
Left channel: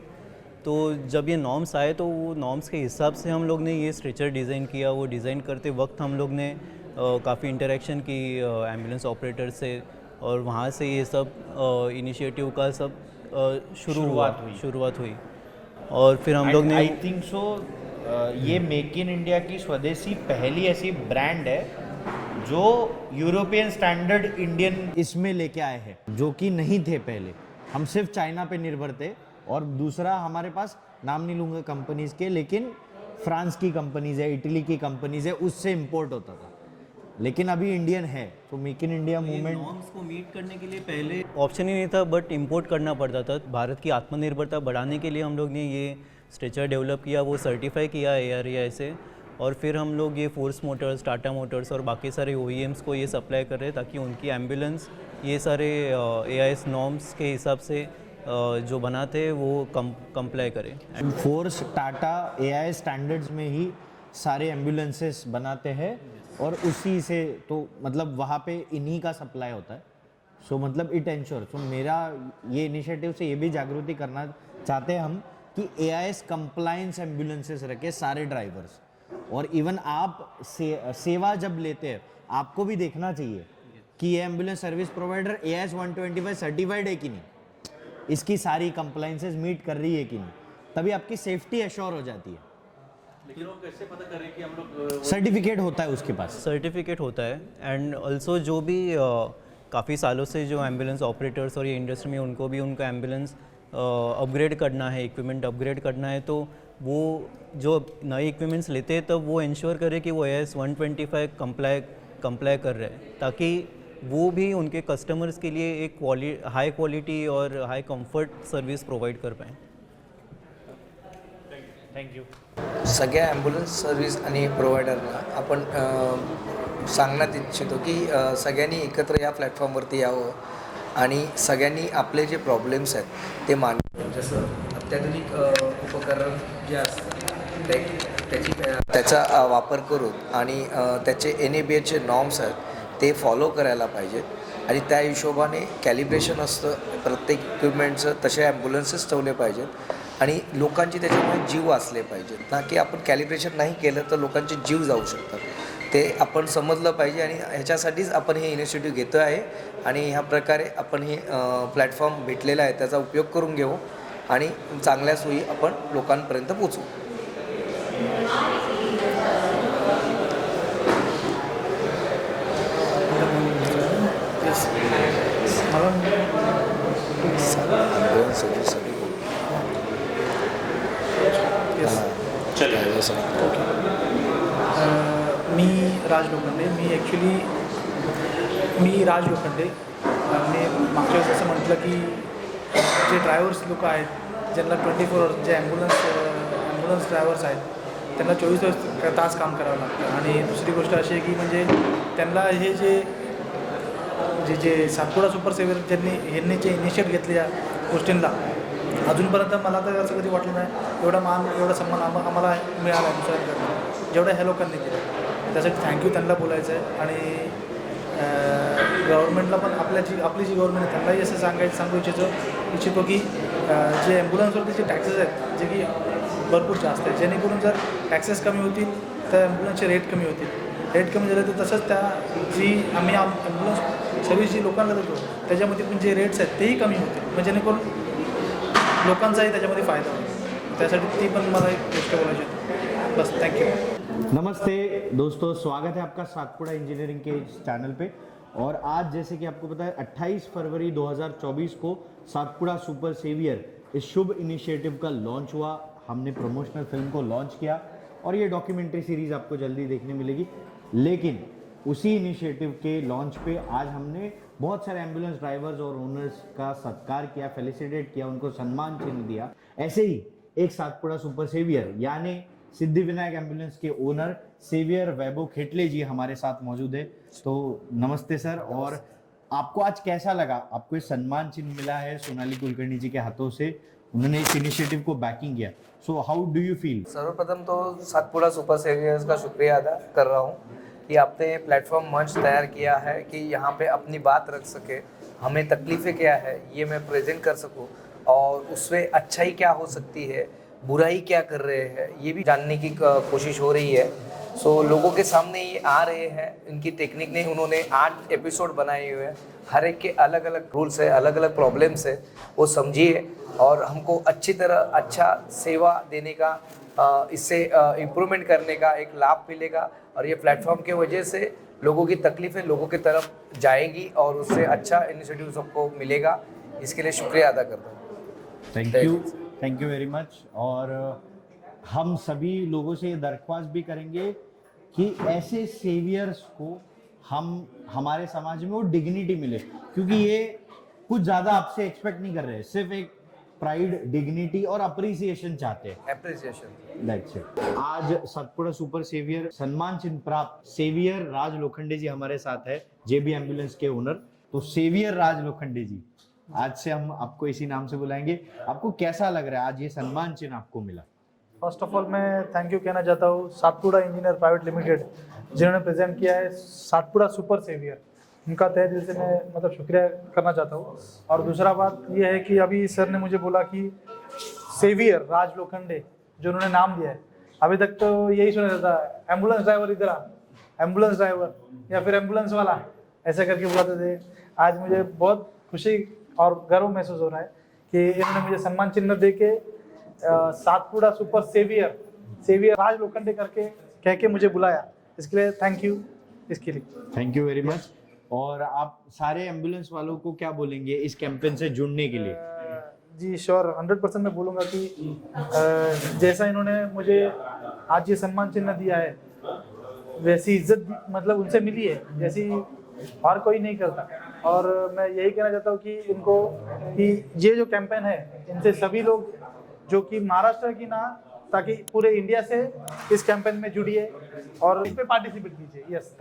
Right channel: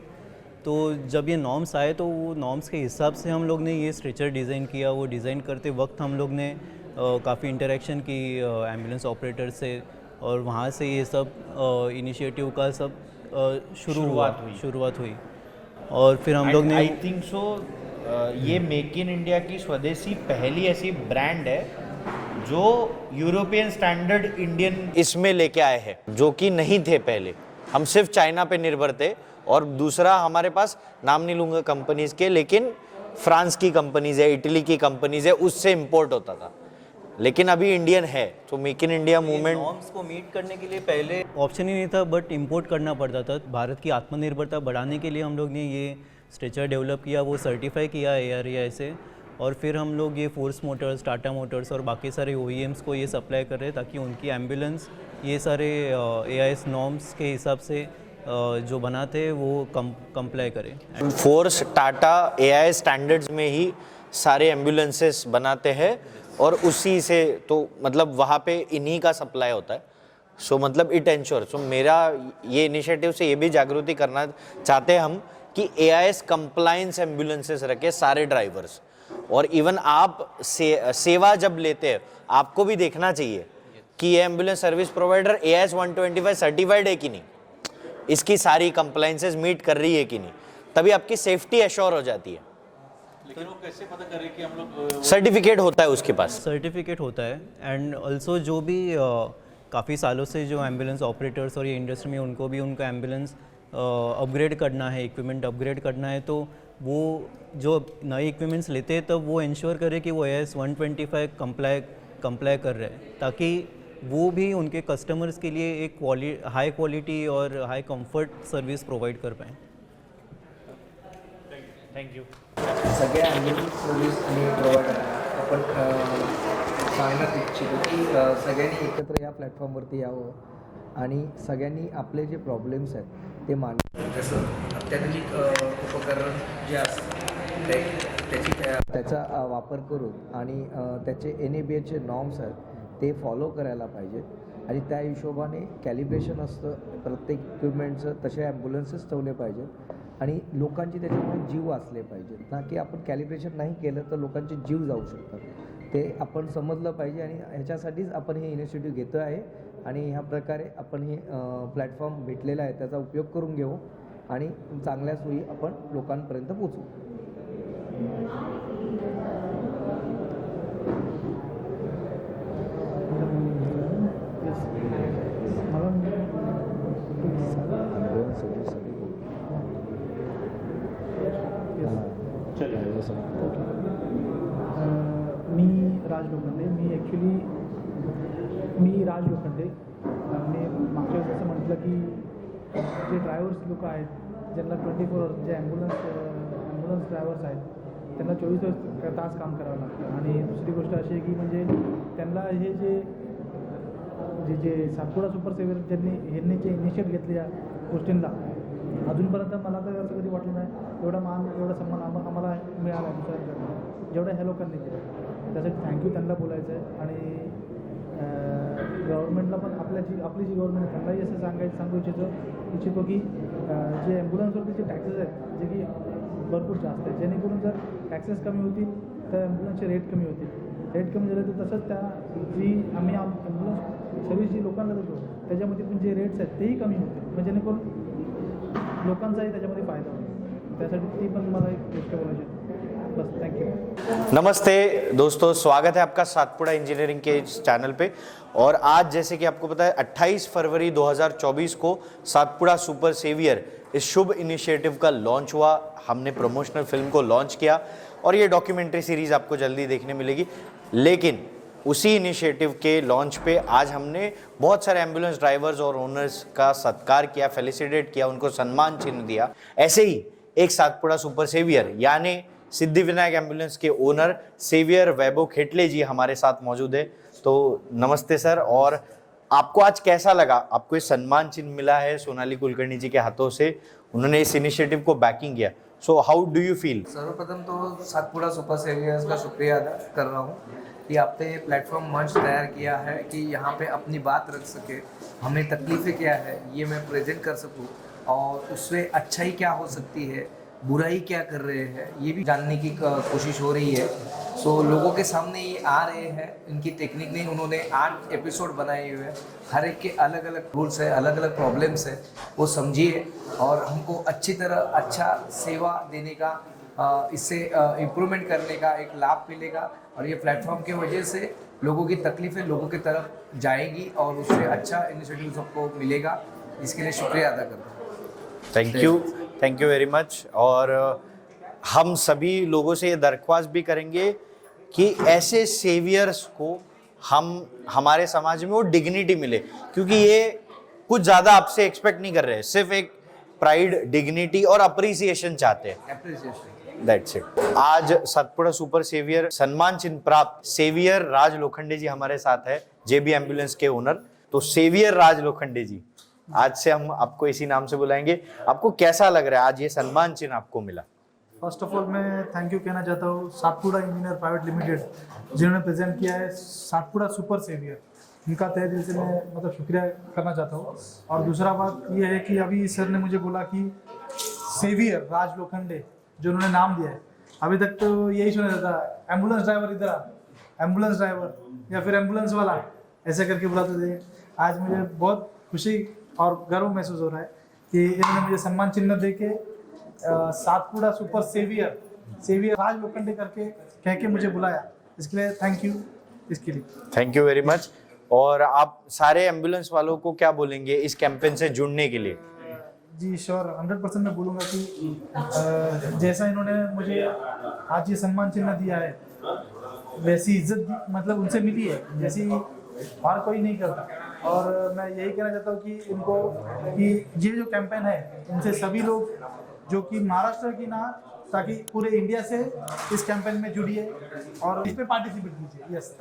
तो जब ये नॉर्म्स आए तो वो नॉर्म्स के हिसाब से हम लोग ने ये स्ट्रेचर डिज़ाइन किया। वो डिज़ाइन करते वक्त हम लोग ने काफ़ी इंटरेक्शन की एम्बुलेंस ऑपरेटर से, और वहाँ से ये सब इनिशिएटिव का सब शुरुआत हुई। और फिर हम लोग ने, आई थिंक सो ये मेक इन इंडिया की स्वदेशी पहली ऐसी ब्रांड है जो यूरोपियन स्टैंडर्ड इंडियन इसमें लेके आए हैं, जो कि नहीं थे पहले। हम सिर्फ चाइना पे निर्भर थे, और दूसरा हमारे पास, नाम नहीं लूँगा कंपनीज के, लेकिन फ्रांस की कंपनीज है, इटली की कंपनीज है, उससे इंपोर्ट होता था। लेकिन अभी इंडियन है, तो make in India movement norms को मीट करने के लिए पहले ऑप्शन ही नहीं था, बट इंपोर्ट करना पड़ता था। भारत की आत्मनिर्भरता बढ़ाने के लिए हम लोग ने ये स्ट्रेचर डेवलप किया, वो सर्टिफाई किया ARAI से, और फिर हम लोग ये फोर्स मोटर्स, टाटा मोटर्स और बाकी सारे OEMs को ये सप्लाई कर रहे हैं ताकि उनकी एम्बुलेंस ये सारे AIS नॉर्म्स के हिसाब से जो बनाते हैं वो कंप्लाई करें। फोर्स, टाटा, AIS स्टैंडर्ड्स में ही सारे एम्बुलेंसेस बनाते हैं, और उसी से तो मतलब वहाँ पे इन्हीं का सप्लाई होता है। सो मतलब इट एंश्योर। सो मेरा ये इनिशिएटिव से ये भी जागृति करना चाहते हैं हम कि AIS कंप्लायंस एम्बुलेंसेस रखे सारे ड्राइवर्स। और इवन आप सेवा जब लेते हैं, आपको भी देखना चाहिए कि ये ambulance service provider AIS 125 certified है कि नहीं, इसकी सारी कंप्लायंसेस मीट कर रही है कि नहीं, तभी आपकी सेफ्टी एश्योर हो जाती है। लेकिन वो कैसे पता करें कि हम लोग सर्टिफिकेट होता है उसके पास, सर्टिफिकेट होता है। एंड ऑल्सो जो भी काफ़ी सालों से जो एम्बुलेंस ऑपरेटर्स और ये इंडस्ट्री में, उनको भी उनका एम्बुलेंस अपग्रेड करना है, इक्विपमेंट अपग्रेड करना है, तो वो जो नए इक्विपमेंट्स लेते हैं तब वो इंश्योर करे कि वो AIS 125 कंप्लाई कर रहे हैं, ताकि वो भी उनके कस्टमर्स के लिए एक हाई क्वालिटी और हाई कंफर्ट सर्विस प्रोवाइड कर पाएँ। थँक्यू। सगळ्या ॲम्ब्युलन्स सर्व्हिस आणि प्रोव्हायडरना आपण सांगण्यात इच्छितो की सगळ्यांनी एकत्र या प्लॅटफॉर्मवरती यावं आणि सगळ्यांनी आपले जे प्रॉब्लेम्स आहेत ते मांडावे। जसं अत्याधुनिक उपकरण जे असतात त्याचा वापर करून आणि त्याचे NABHचे नॉर्म्स आहेत ते फॉलो करायला पाहिजेत, आणि त्या हिशोबाने कॅलिब्रेशन असतं प्रत्येक इक्विपमेंटचं, तसे ॲम्ब्युलन्सेस ठेवले पाहिजेत, आणि लोकांची त्याच्यामुळे जीव वाचले पाहिजेत ना, की आपण कॅलिब्रेशन नाही केलं तर लोकांचे जीव जाऊ शकतात, ते आपण समजलं पाहिजे। आणि ह्याच्यासाठीच आपण हे इनिशिएटिव्ह घेतो आहे, आणि ह्या प्रकारे आपण हे प्लॅटफॉर्म भेटलेला आहे त्याचा उपयोग करून घेऊ आणि चांगल्या सोयी आपण लोकांपर्यंत पोचवू। मी राज लोखंडे, मी राज लोखंडे। मी मागच्या वेळेस असं म्हटलं की जे ड्रायव्हर्स लोक आहेत, ज्यांना 24 आवर्स, जे ॲम्ब्युलन्स ड्रायव्हर्स आहेत, त्यांना 24 तास काम करावं लागतं। आणि दुसरी गोष्ट अशी आहे की म्हणजे त्यांना हे जे सातपुडा सुपर सेव्हर ह्यांनी जे इनिशिएट घेतले या गोष्टींना, अजूनपर्यंत मला तर असं कधी वाटलं नाही एवढा मान एवढा सन्मान आम्हाला मिळाला आहे दुसऱ्यांकडनं जेवढ्या ह्या लोकांनी केलं त्यासाठी थँक्यू त्यांना बोलायचं आहे. आणि गव्हर्नमेंटला पण आपली जी गव्हर्नमेंट आहे त्यांनाही असं सांगू इच्छितो की जे ॲम्ब्युलन्सवरती जे टॅक्सेस आहेत जे की भरपूर जास्त आहेत जेणेकरून जर टॅक्सेस कमी होतील तर ॲम्ब्युलन्सचे रेट कमी होतील. रेट कमी झाले तर तसंच त्या जी आम्ही ॲम्ब्युलन्स सर्व्हिस जी लोकांना देतो त्याच्यामध्ये पण जे रेट्स आहेत तेही कमी होतील म्हणजे जेणेकरून लोकांचाही त्याच्यामध्ये फायदा होईल. त्यासाठी ती पण मला एक गोष्ट बोलायची होती. बस थँक्यू. नमस्ते दोस्तों, स्वागत है आपका सातपुड़ा इंजीनियरिंग के इस चैनल पे। और आज जैसे कि आपको पता है 28 फरवरी 2024 को सातपुड़ा सुपर सेवियर इस शुभ इनिशिएटिव का लॉन्च हुआ। हमने प्रमोशनल फिल्म को लॉन्च किया और ये डॉक्यूमेंट्री सीरीज़ आपको जल्दी देखने मिलेगी। लेकिन उसी इनिशिएटिव के लॉन्च पे आज हमने बहुत सारे एम्बुलेंस ड्राइवर्स और ओनर्स का सत्कार किया, फेलिसिटेट किया, उनको सम्मान चिन्ह दिया। ऐसे ही एक सातपुड़ा सुपर सेवियर यानी सिद्धिविनायक एम्बुलेंस के ओनर सेवियर वैभव खेटले जी हमारे साथ मौजूद है। तो नमस्ते सर, और आपको आज कैसा लगा? आपको ये सम्मान चिन्ह मिला है सोनाली कुलकर्णी जी के हाथों से, उन्होंने इस इनिशिएटिव को बैकिंग किया। So how do you feel? सर्वप्रथम तो सातपुड़ा सुपर सेवियर्स का शुक्रिया अदा कर रहा हूँ कि आपने प्लेटफॉर्म मंच तैयार किया है कि यहाँ पे अपनी बात रख सके, हमें तकलीफ़ें क्या है ये मैं प्रेजेंट कर सकूँ और उससे अच्छाई क्या हो सकती है, बुराई क्या कर रहे हैं ये भी जानने की कोशिश हो रही है। सो लोगों के सामने ये आ रहे हैं, इनकी टेक्निक ने उन्होंने 8 एपिसोड बनाए हुए हैं, हर एक के अलग अलग रूल्स है, अलग अलग प्रॉब्लम्स है, वो समझिए और हमको अच्छी तरह अच्छा सेवा देने का इससे इम्प्रूवमेंट करने का एक लाभ मिलेगा। और ये प्लेटफॉर्म के वजह से लोगों की तकलीफ़ें लोगों की तरफ जाएगी और उससे अच्छा इनिशिएटिव सबको मिलेगा। इसके लिए शुक्रिया अदा करता हूँ। Thank you very much. और हम सभी लोगों से ये दरख्वास्त भी करेंगे कि ऐसे सेवियर्स को हमारे समाज में वो डिग्निटी मिले, क्योंकि ये कुछ ज़्यादा आपसे एक्सपेक्ट नहीं कर रहे हैं, सिर्फ एक प्राइड, डिग्निटी और अप्रिसिएशन चाहते हैं। That's it. आज सातपुड़ा सुपर सेवियर सम्मान चिन्ह प्राप्त सेवियर राज लोखंडे जी हमारे साथ है, जेबी एम्बुलेंस के ओनर। तो सेवियर राज लोखंडे जी, आज से हम आपको इसी नाम से बुलाएंगे। आपको कैसा लग रहा है आज ये सम्मान चिन्ह आपको मिला? फर्स्ट ऑफ ऑल मैं थैंक यू कहना चाहता हूँ सातपुड़ा इंजीनियर प्राइवेट लिमिटेड जिन्होंने प्रेजेंट किया है सातपुड़ा सुपर सेवियर, इनका तहे दिल से मैं मतलब शुक्रिया करना चाहता हूँ। और दूसरा बात यह है कि अभी सर ने मुझे बोला कि सेवियर राज लोखंडे जो उन्होंने नाम दिया है, अभी तक तो यही सुना जाता है एम्बुलेंस ड्राइवर इधर आ, एम्बुलेंस ड्राइवर या फिर एम्बुलेंस वाला ऐसा करके बुलाते थे। आज मुझे बहुत खुशी और गर्व महसूस हो रहा है कि इन्होंने मुझे सम्मान चिन्ह दे के सातपुड़ा सुपर सेवियर राज लोखंडे करके कह के मुझे बुलाया, इसके लिए थैंक यू। इसके लिए थैंक यू वेरी मच। और आप सारे एम्बुलेंस वालों को क्या बोलेंगे इस कैंपेन से जुड़ने के लिए? जी श्योर 100% मैं बोलूँगा कि जैसा इन्होंने मुझे आज ये सम्मान चिन्ह दिया है वैसी इज्जत मतलब उनसे मिली है जैसी हर कोई नहीं करता। और मैं यही कहना चाहता हूँ कि उनको कि ये जो कैंपेन है इनसे सभी लोग जो कि महाराष्ट्र की ना ताकि पूरे इंडिया से इस कैंपेन में जुड़िए और इस पे पार्टिसिपेट कीजिए। Yes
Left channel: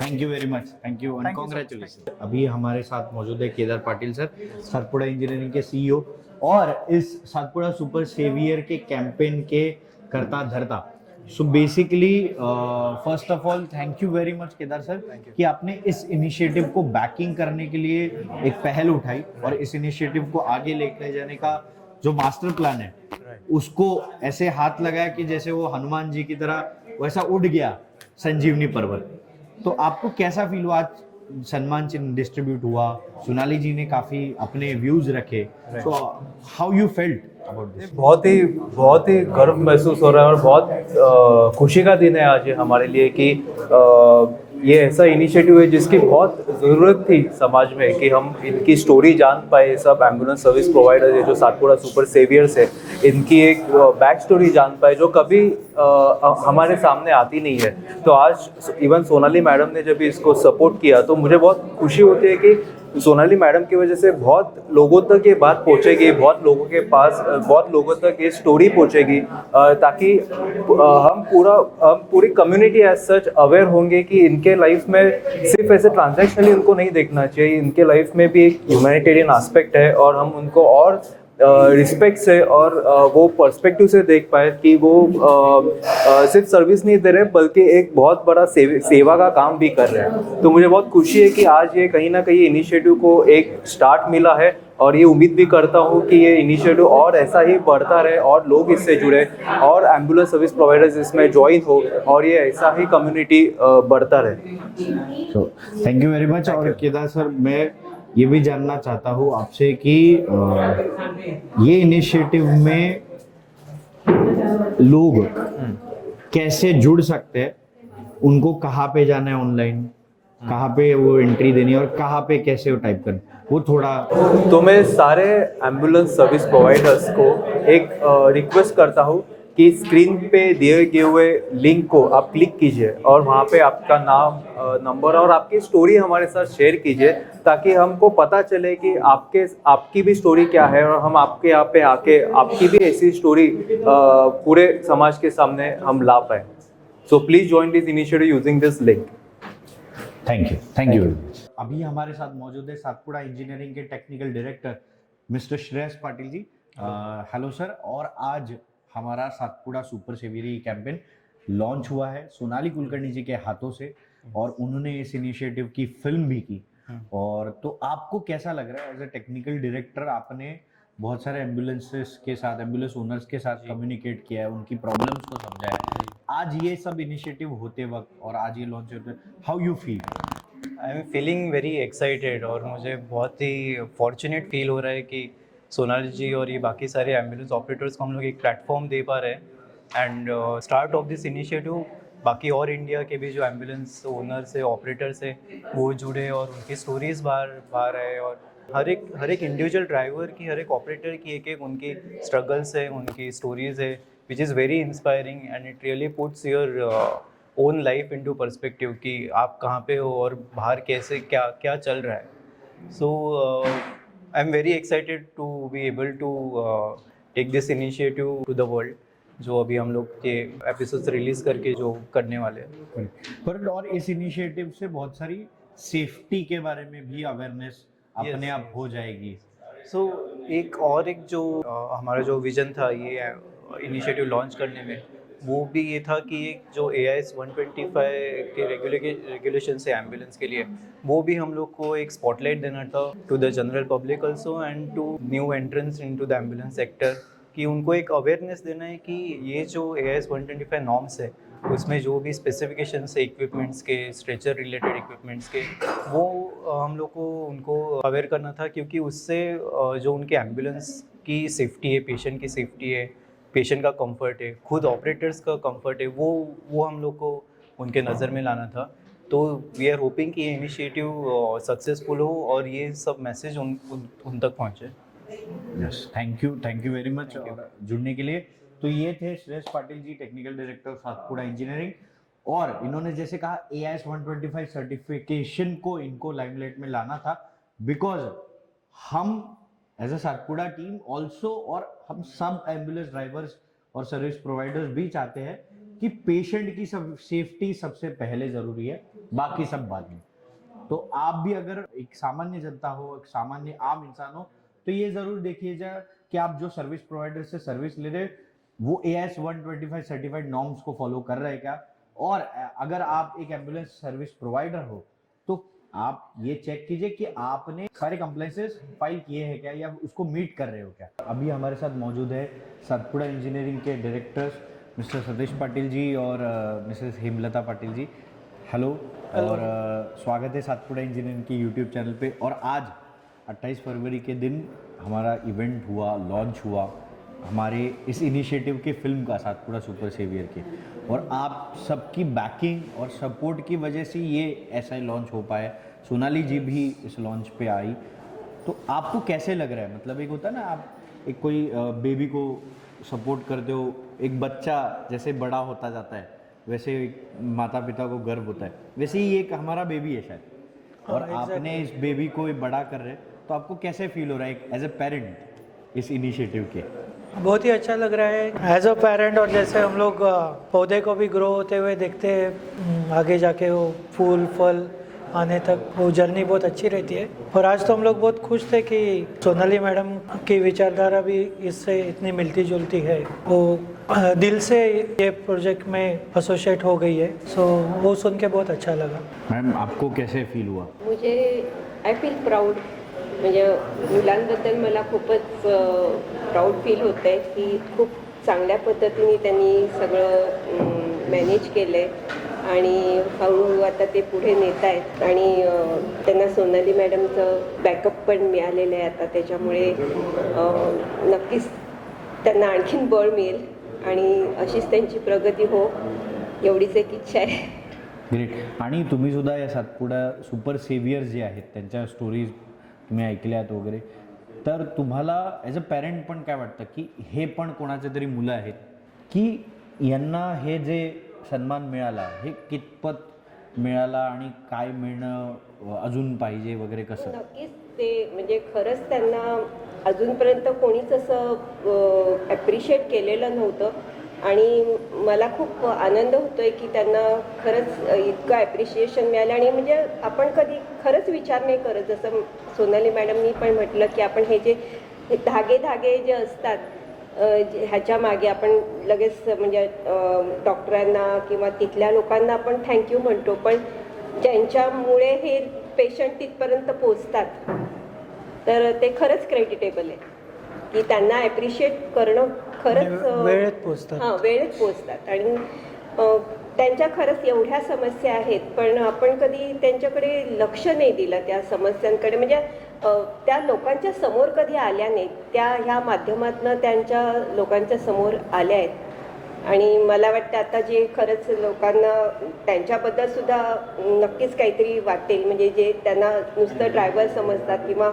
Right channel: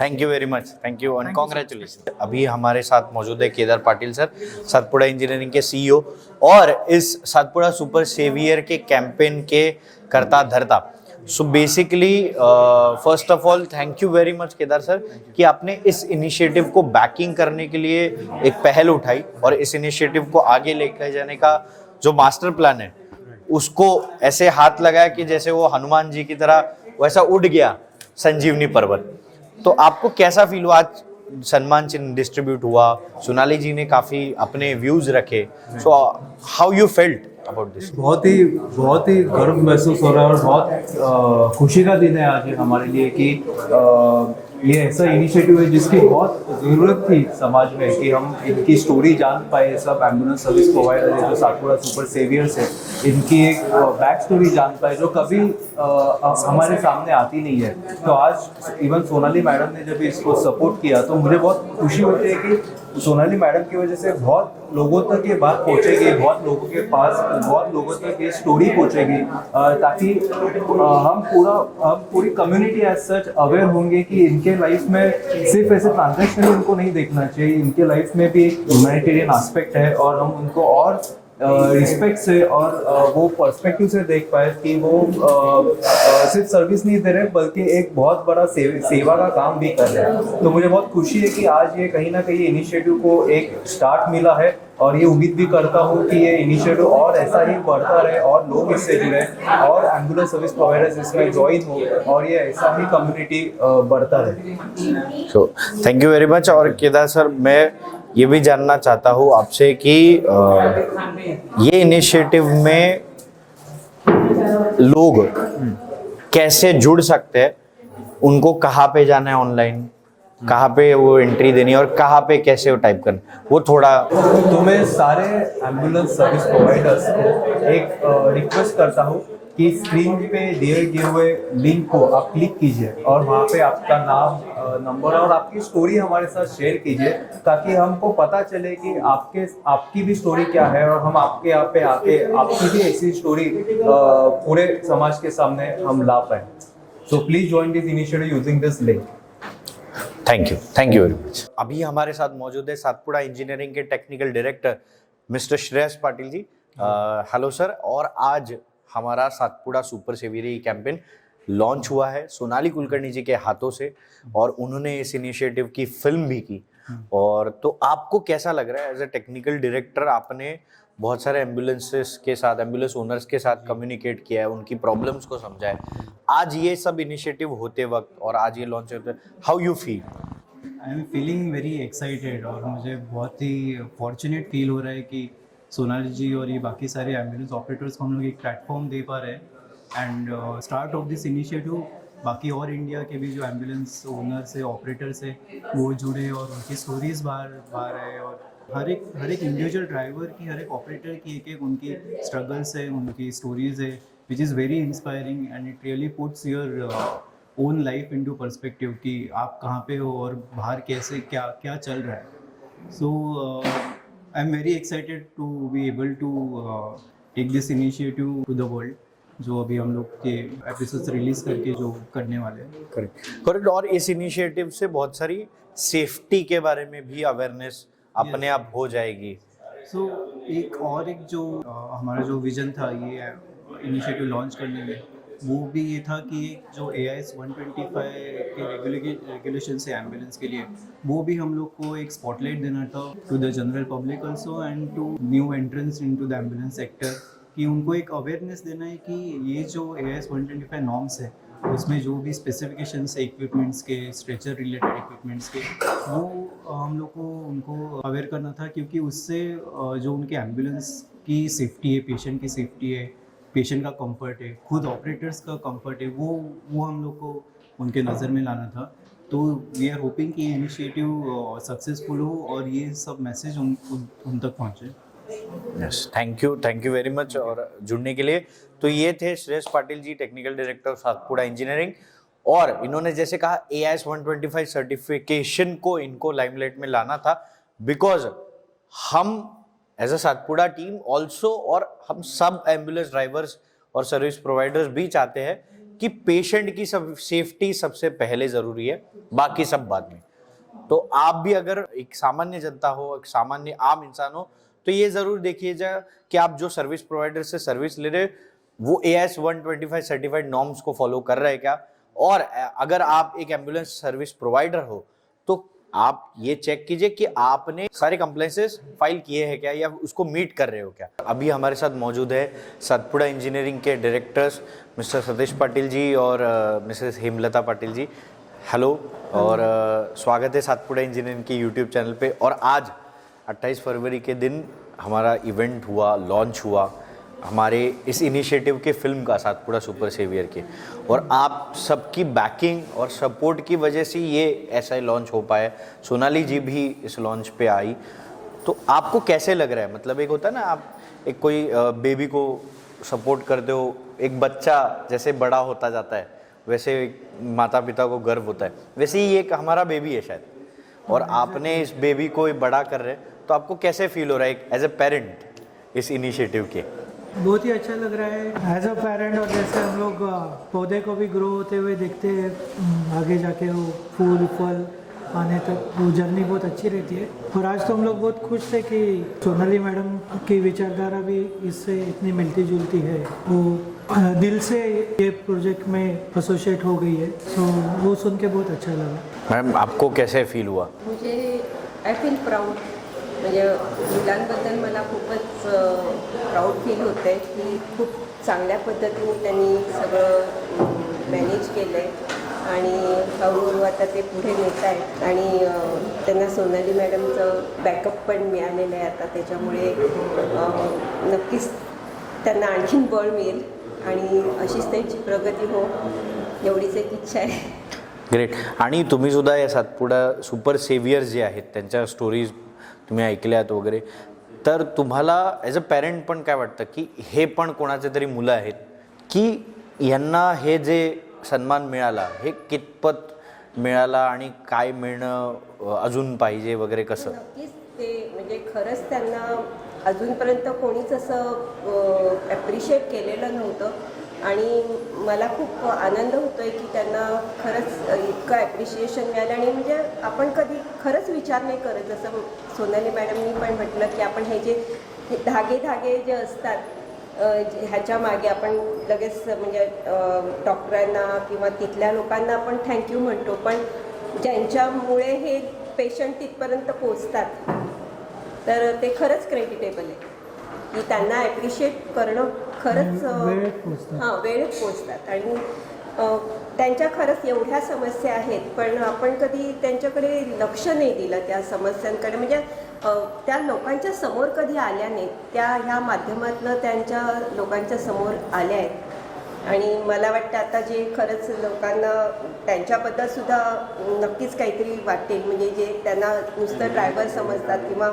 thank you very much. Thank you and congratulation. अभी हमारे साथ मौजूद है केदार पाटिल सर, सातपुड़ा इंजीनियरिंग के CEO और इस सातपुड़ा सुपर सेवियर के कैंपेन के करता धरता। So basically first of all thank you very much Kedar sir कि आपने इस इनिशिएटिव को बैकिंग करने के लिए एक पहल उठाई और इस इनिशिएटिव को आगे लेकर जाने का जो मास्टर प्लान है उसको ऐसे हाथ लगाया कि जैसे वो हनुमान जी की तरह वैसा उड़ गया संजीवनी पर्वत। तो आपको कैसा फील हुआ? आज सम्मान चिन्ह डिस्ट्रीब्यूट हुआ, सोनाली जी ने काफ़ी अपने व्यूज़ रखे, so how you felt about this? बहुत ही गर्व महसूस हो रहा है और बहुत खुशी का दिन है आज ये हमारे लिए कि ये ऐसा इनिशिएटिव है जिसकी बहुत ज़रूरत थी समाज में कि हम इनकी स्टोरी जान पाए। सब एम्बुलेंस सर्विस प्रोवाइडर है जो सातपुड़ा सुपर सेवियर्स है, इनकी एक बैक स्टोरी जान पाए जो कभी हमारे सामने आती नहीं है। तो आज इवन सोनाली मैडम ने जब इसको सपोर्ट किया तो मुझे बहुत खुशी होती है कि सोनाली मैडम की वजह से बहुत लोगों तक ये बात पहुंचेगी, बहुत लोगों के पास बहुत लोगों तक ये स्टोरी पहुंचेगी, ताकि हम पूरी कम्युनिटी एज सच अवेयर होंगे कि इनके लाइफ में सिर्फ ऐसे ट्रांजैक्शनली उनको नहीं देखना चाहिए, इनके लाइफ में भी एक ह्यूमैनिटेरियन एस्पेक्ट है और हम उनको और रिस्पेक्ट से और वो पर्सपेक्टिव से देख पाए कि वो सिर्फ सर्विस नहीं दे रहे बल्कि एक बहुत बड़ा सेवा का काम भी कर रहे हैं। तो मुझे बहुत खुशी है कि आज ये कहीं ना कहीं इनिशिएटिव को एक स्टार्ट मिला है और ये उम्मीद भी करता हूँ कि ये इनिशिएटिव और ऐसा ही बढ़ता रहे और लोग इससे जुड़े और एम्बुलेंस सर्विस प्रोवाइडर्स इसमें ज्वाइन हो और ये ऐसा ही कम्युनिटी बढ़ता रहे। So thank you very much. और केदार सर, मैं ये भी जानना चाहता हूँ आपसे कि ये इनिशिएटिव में लोग कैसे जुड़ सकते हैं, उनको कहाँ पे जाना है ऑनलाइन, कहाँ पे वो एंट्री देनी है और कहाँ पे कैसे वो टाइप करना, वो थोड़ा। तो मैं सारे एम्बुलेंस सर्विस प्रोवाइडर्स को एक रिक्वेस्ट करता हूँ कि स्क्रीन पे दिए गए हुए लिंक को आप क्लिक कीजिए और वहाँ पे आपका नाम, नंबर और आपकी स्टोरी हमारे साथ शेयर कीजिए ताकि हमको पता चले कि आपकी भी स्टोरी क्या है और हम आपके यहाँ पे आके आपकी भी ऐसी स्टोरी पूरे समाज के सामने हम ला पाए। So please join this initiative using this link. Thank you very much. अभी हमारे साथ मौजूद है सातपुड़ा इंजीनियरिंग के technical director mister Shreyas Patil ji. Hello sir. और आज हमारा Satpuda super saviour campaign launch हुआ है सोनाली कुलकर्णी जी के हाथों से और उन्होंने इस इनिशिएटिव की फिल्म भी की। और तो आपको कैसा लग रहा है एज ए टेक्निकल डायरेक्टर, आपने बहुत सारे एम्बुलेंसेस के साथ, एम्बुलेंस ओनर्स के साथ कम्युनिकेट किया है, उनकी प्रॉब्लम्स को समझा है, आज ये सब इनिशिएटिव होते वक्त और आज ये लॉन्च होते, how you feel? I am feeling very excited और मुझे बहुत ही फॉर्चुनेट फील हो रहा है कि सोनाली जी और ये बाकी सारे एम्बुलेंस ऑपरेटर्स को हम लोग एक प्लेटफॉर्म दे पा रहे हैं and start of this initiative बाकी और इंडिया के भी जो एम्बुलेंस ओनर्स है, ऑपरेटर्स है, वो जुड़े और उनकी स्टोरीज बाहर आए और हर एक इंडिविजुअल ड्राइवर की, हर एक ऑपरेटर की एक उनकी स्ट्रगल्स है, उनकी स्टोरीज है, which is very inspiring and it really puts your own life into perspective कि आप कहाँ पे हो और बाहर कैसे क्या चल रहा है। So I am very excited to be able to take this initiative to the world, जो अभी हम लोग के एपिसोड्स रिलीज करके जो करने वाले हैं। करेक्ट। और इस इनिशिएटिव से बहुत सारी सेफ्टी के बारे में भी अवेयरनेस अपने आप हो जाएगी। सो एक जो हमारा जो विजन था ये इनिशिएटिव लॉन्च करने में, वो भी ये था कि एक जो AIS 125 के रेगुलेशन से एम्बुलेंस के लिए, वो भी हम लोग को एक स्पॉटलाइट देना था to the general public also and to new entrants into the ambulance sector, कि उनको एक अवेयरनेस देना है कि ये जो AIS 125 नॉर्म्स है उसमें जो भी स्पेसिफिकेशंस है इक्विपमेंट्स के, स्ट्रेचर रिलेटेड इक्विपमेंट्स के, वो हम लोग को उनको अवेयर करना था, क्योंकि उससे जो उनके एम्बुलेंस की सेफ्टी है, पेशेंट की सेफ्टी है, पेशेंट का कंफर्ट है, खुद ऑपरेटर्स का कंफर्ट है, वो हम लोग को उनके नज़र में लाना था। तो वी आर होपिंग कि ये इनिशिएटिव सक्सेसफुल हो और ये सब मैसेज उन तक पहुँचे। Yes, thank you very much और जुड़ने के लिए। तो ये थे श्रेयस पाटिल जी, टेक्निकल डायरेक्टर सातपुड़ा इंजीनियरिंग, और इन्होंने जैसे कहा AIS 125 सर्टिफिकेशन को इनको लाइमलाइट में लाना था, बिकॉज हम as a Satpura team also और हम सब एम्बुलेंस ड्राइवर्स और सर्विस प्रोवाइडर्स भी चाहते हैं कि पेशेंट की सब सेफ्टी सबसे पहले ज़रूरी है, बाकी सब बाद में। तो आप भी अगर एक सामान्य जनता हो, एक सामान्य आम इंसान हो, तो ये ज़रूर देखिएगा कि आप जो सर्विस प्रोवाइडर से सर्विस ले रहे वो AIS 125 सर्टिफाइड नॉर्म्स को फॉलो कर रहे हैं क्या, और अगर आप एक एम्बुलेंस सर्विस प्रोवाइडर हो तो आप ये चेक कीजिए कि आपने सारे कंप्लेंसेस फाइल किए हैं क्या या उसको मीट कर रहे हो क्या। अभी हमारे साथ मौजूद है सातपुड़ा इंजीनियरिंग के डायरेक्टर्स मिस्टर सतीश पाटिल जी और मिसेस हेमलता पाटिल जी। हेलो और स्वागत है सातपुड़ा इंजीनियरिंग के यूट्यूब चैनल पे। और आज 28 फरवरी के दिन हमारा इवेंट हुआ, लॉन्च हुआ हमारे इस इनिशिएटिव के फिल्म का, सातपुड़ा सुपर सेवियर के, और आप सबकी बैकिंग और सपोर्ट की वजह से ये ऐसा लॉन्च हो पाया। सोनाली जी भी इस लॉन्च पे आई, तो आपको कैसे लग रहा है? मतलब एक होता है ना, आप एक कोई बेबी को सपोर्ट करते हो, एक बच्चा जैसे बड़ा होता जाता है वैसे माता पिता को गर्व होता है, वैसे ही एक हमारा बेबी है शायद, और आपने इस बेबी को बड़ा कर रहे, तो आपको कैसे फील हो रहा है एज ए पेरेंट इस इनिशिएटिव के? बहुत ही अच्छा लग रहा है एज अ पेरेंट, और जैसे हम लोग पौधे को भी ग्रो होते हुए देखते हैं, आगे जाके वो फूल फल आने तक वो जर्नी बहुत अच्छी रहती है। और आज तो हम लोग बहुत खुश थे कि सोनाली मैडम की विचारधारा भी इससे इतनी मिलती जुलती है। वो दिल से ये प्रोजेक्ट में एसोसिएट हो गई है, सो वो सुन के बहुत अच्छा लगा। मैम आपको कैसे फील हुआ? मुझे आय फील प्राऊड, म्हणजे मुलांबद्दल मला खूपच प्राऊड फील होतं आहे की खूप चांगल्या पद्धतीने त्यांनी सगळं मॅनेज केलं आहे आणि हळूहळू आता ते पुढे नेत आहेत आणि त्यांना सोनाली मॅडमचं बॅकअप पण मिळालेलं आहे आता, त्याच्यामुळे नक्कीच त्यांना आणखीन बळ मिळेल आणि अशीच त्यांची प्रगती हो, एवढीच एक इच्छा आहे। ग्रेट. आणि तुम्ही सुद्धा या सातपुडा सुपर सेव्हियर्स जे आहेत त्यांच्या स्टोरीज तुम्ही ऐकल्यात वगैरे, तर तुम्हाला ॲज अ पॅरेंट पण काय वाटतं की हे पण कोणाचे तरी मुलं आहेत की यांना हे जे सन्मान मिळाला हे कितपत मिळाला आणि काय मिळणं अजून पाहिजे वगैरे कसं? नक्कीच ते म्हणजे खरंच त्यांना अजूनपर्यंत कोणीच असं ॲप्रिशिएट केलेलं नव्हतं आणि मला खूप आनंद होतो आहे की त्यांना खरंच इतकं ॲप्रिशिएशन मिळालं आणि म्हणजे आपण कधी खरंच विचार नाही करत, जसं सोनाली मॅडमनी पण म्हटलं की आपण हे जे धागे जे असतात ह्याच्या मागे आपण लगेच म्हणजे डॉक्टरांना किंवा तिथल्या लोकांना आपण थँक्यू म्हणतो, पण ज्यांच्यामुळे हे पेशंट तिथपर्यंत पोचतात तर ते खरंच क्रेडिटेबल आहे की त्यांना ॲप्रिशिएट करणं खरंच वेळेत पोचतात. हां, वेळेत पोचतात आणि त्यांच्या खरंच एवढ्या समस्या आहेत पण आपण कधी त्यांच्याकडे लक्ष नाही दिलं त्या समस्यांकडे, म्हणजे त्या लोकांच्या समोर कधी आल्या नाहीत, त्या ह्या माध्यमातून त्यांच्या लोकांच्या समोर आल्या आहेत आणि मला वाटतं आता जे खरंच लोकांना त्यांच्याबद्दल सुद्धा नक्कीच काहीतरी वाटेल, म्हणजे जे त्यांना नुसतं ड्रायव्हर समजतात किंवा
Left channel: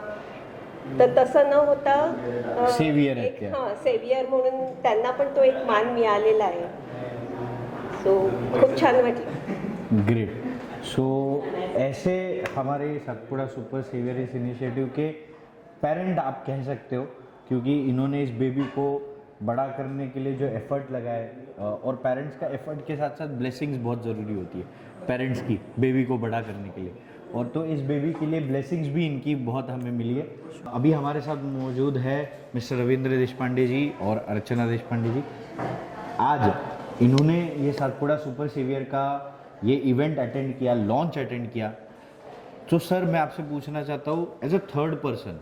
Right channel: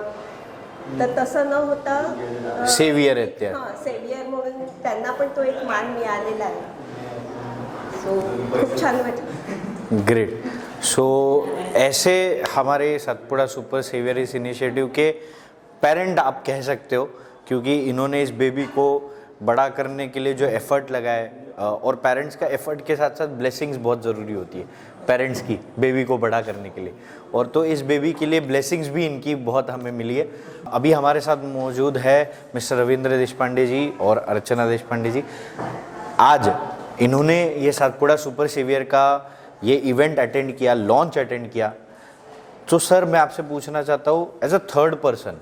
तर तसं न होता सेव्हियर आहेत त्या. हां, सेव्हियर म्हणून त्यांना पण तो एक मान मिळालेला आहे, सो खूप छान वाटलं। ग्रेट. सो ऐसे हमारे सातपुड़ा सुपर सेवियर इस इनिशिएटिव के पेरेंट आप कह सकते हो, क्योंकि इन्होंने इस बेबी को बड़ा करने के लिए जो एफर्ट लगाए, और पेरेंट्स का एफर्ट के साथ साथ ब्लेसिंग्स बहुत ज़रूरी होती है पेरेंट्स की बेबी को बड़ा करने के लिए, और तो इस बेबी के लिए ब्लेसिंग्स भी इनकी बहुत हमें मिली है। अभी हमारे साथ मौजूद है मिस्टर रविंद्र देशपांडे जी और अर्चना देशपांडे जी। आज इन्होंने ये सातपुड़ा सुपर सेवियर का ये इवेंट अटेंड किया, लॉन्च अटेंड किया। तो सर मैं आपसे पूछना चाहता हूँ एज अ थर्ड पर्सन,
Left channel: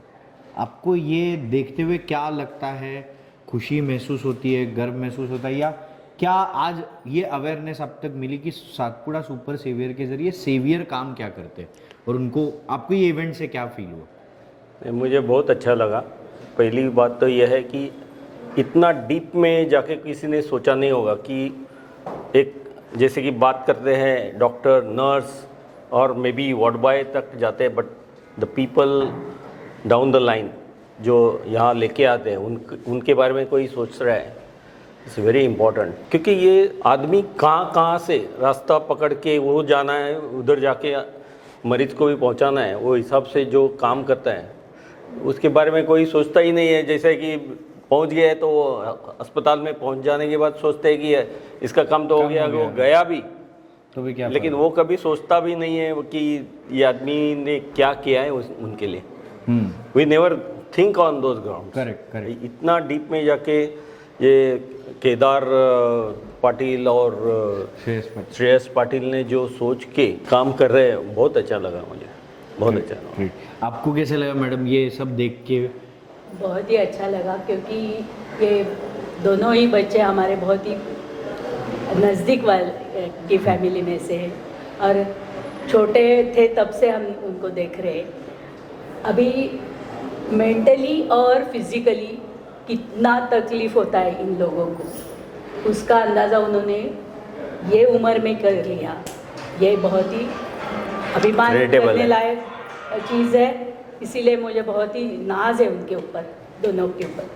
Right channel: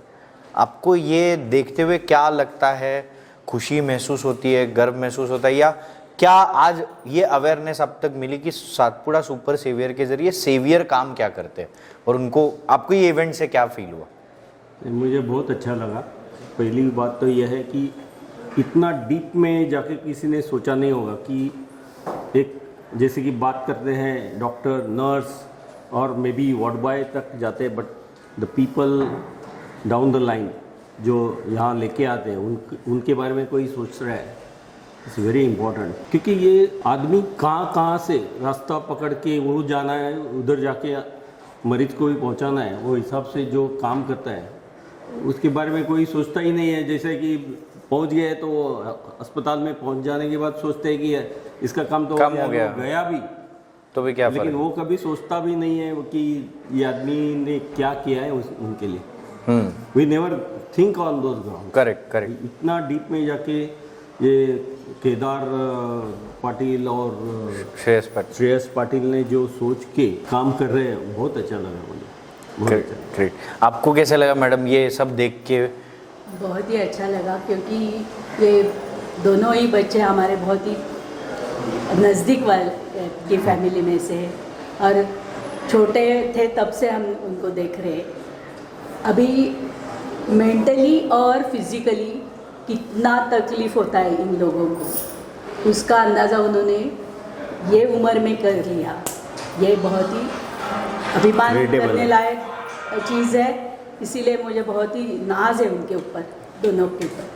आपको ये देखते हुए क्या लगता है? खुशी महसूस होती है, गर्व महसूस होता है, या क्या आज ये अवेयरनेस अब तक मिली कि सातपुड़ा सुपर सेवियर के ज़रिए सेवियर काम क्या करते हैं, और उनको आपको ये इवेंट से क्या फील हुआ? मुझे बहुत अच्छा लगा। पहली बात तो यह है कि इतना डीप में जाके किसी ने सोचा नहीं होगा कि एक जैसे कि बात करते हैं डॉक्टर, नर्स और मे बी वार्ड बॉय तक जाते हैं, but the people down the line जो यहाँ लेके आते हैं उनके बारे में कोई सोच रहा है, इट्स वेरी इम्पॉर्टेंट। क्योंकि ये आदमी कहाँ से रास्ता पकड़ के वो जाना है, उधर जाके मरीज को भी पहुँचाना है, वो हिसाब से जो काम करता है उसके बारे में कोई सोचता ही नहीं है। जैसे कि पहुंच गए तो वो अस्पताल में पहुंच जाने के बाद सोचते हैं कि इसका काम तो हो गया भी तो भी क्या, लेकिन वो कभी सोचता भी नहीं है कि ये आदमी ने क्या किया है उनके लिए। We never think on those ground. Correct. इतना डीप में जाके ये केदार पाटिल और श्रेयस पाटिल ने जो सोच के काम कर रहे हैं, बहुत अच्छा लगा मुझे, बहुत अच्छा। ग्रेट। आपको कैसा लगा मैडम ये सब देख के? बहुत ही अच्छा लगा, क्योंकि ये दोनों ही बच्चे हमारे बहुत ही नज़दीक वाले की फैमिली में से, और छोटे थे तब से हम उनको देख रहे हैं। अभी मेंटली और फिज़िकली कितना तकलीफ़ होता है इन लोगों को, उसका अंदाज़ा उन्होंने ये उम्र में कर लिया। ये बहुत ही अभिमान करने लायक चीज़ है, इसीलिए मुझे बहुत ही नाज है उनके ऊपर, दोनों के ऊपर,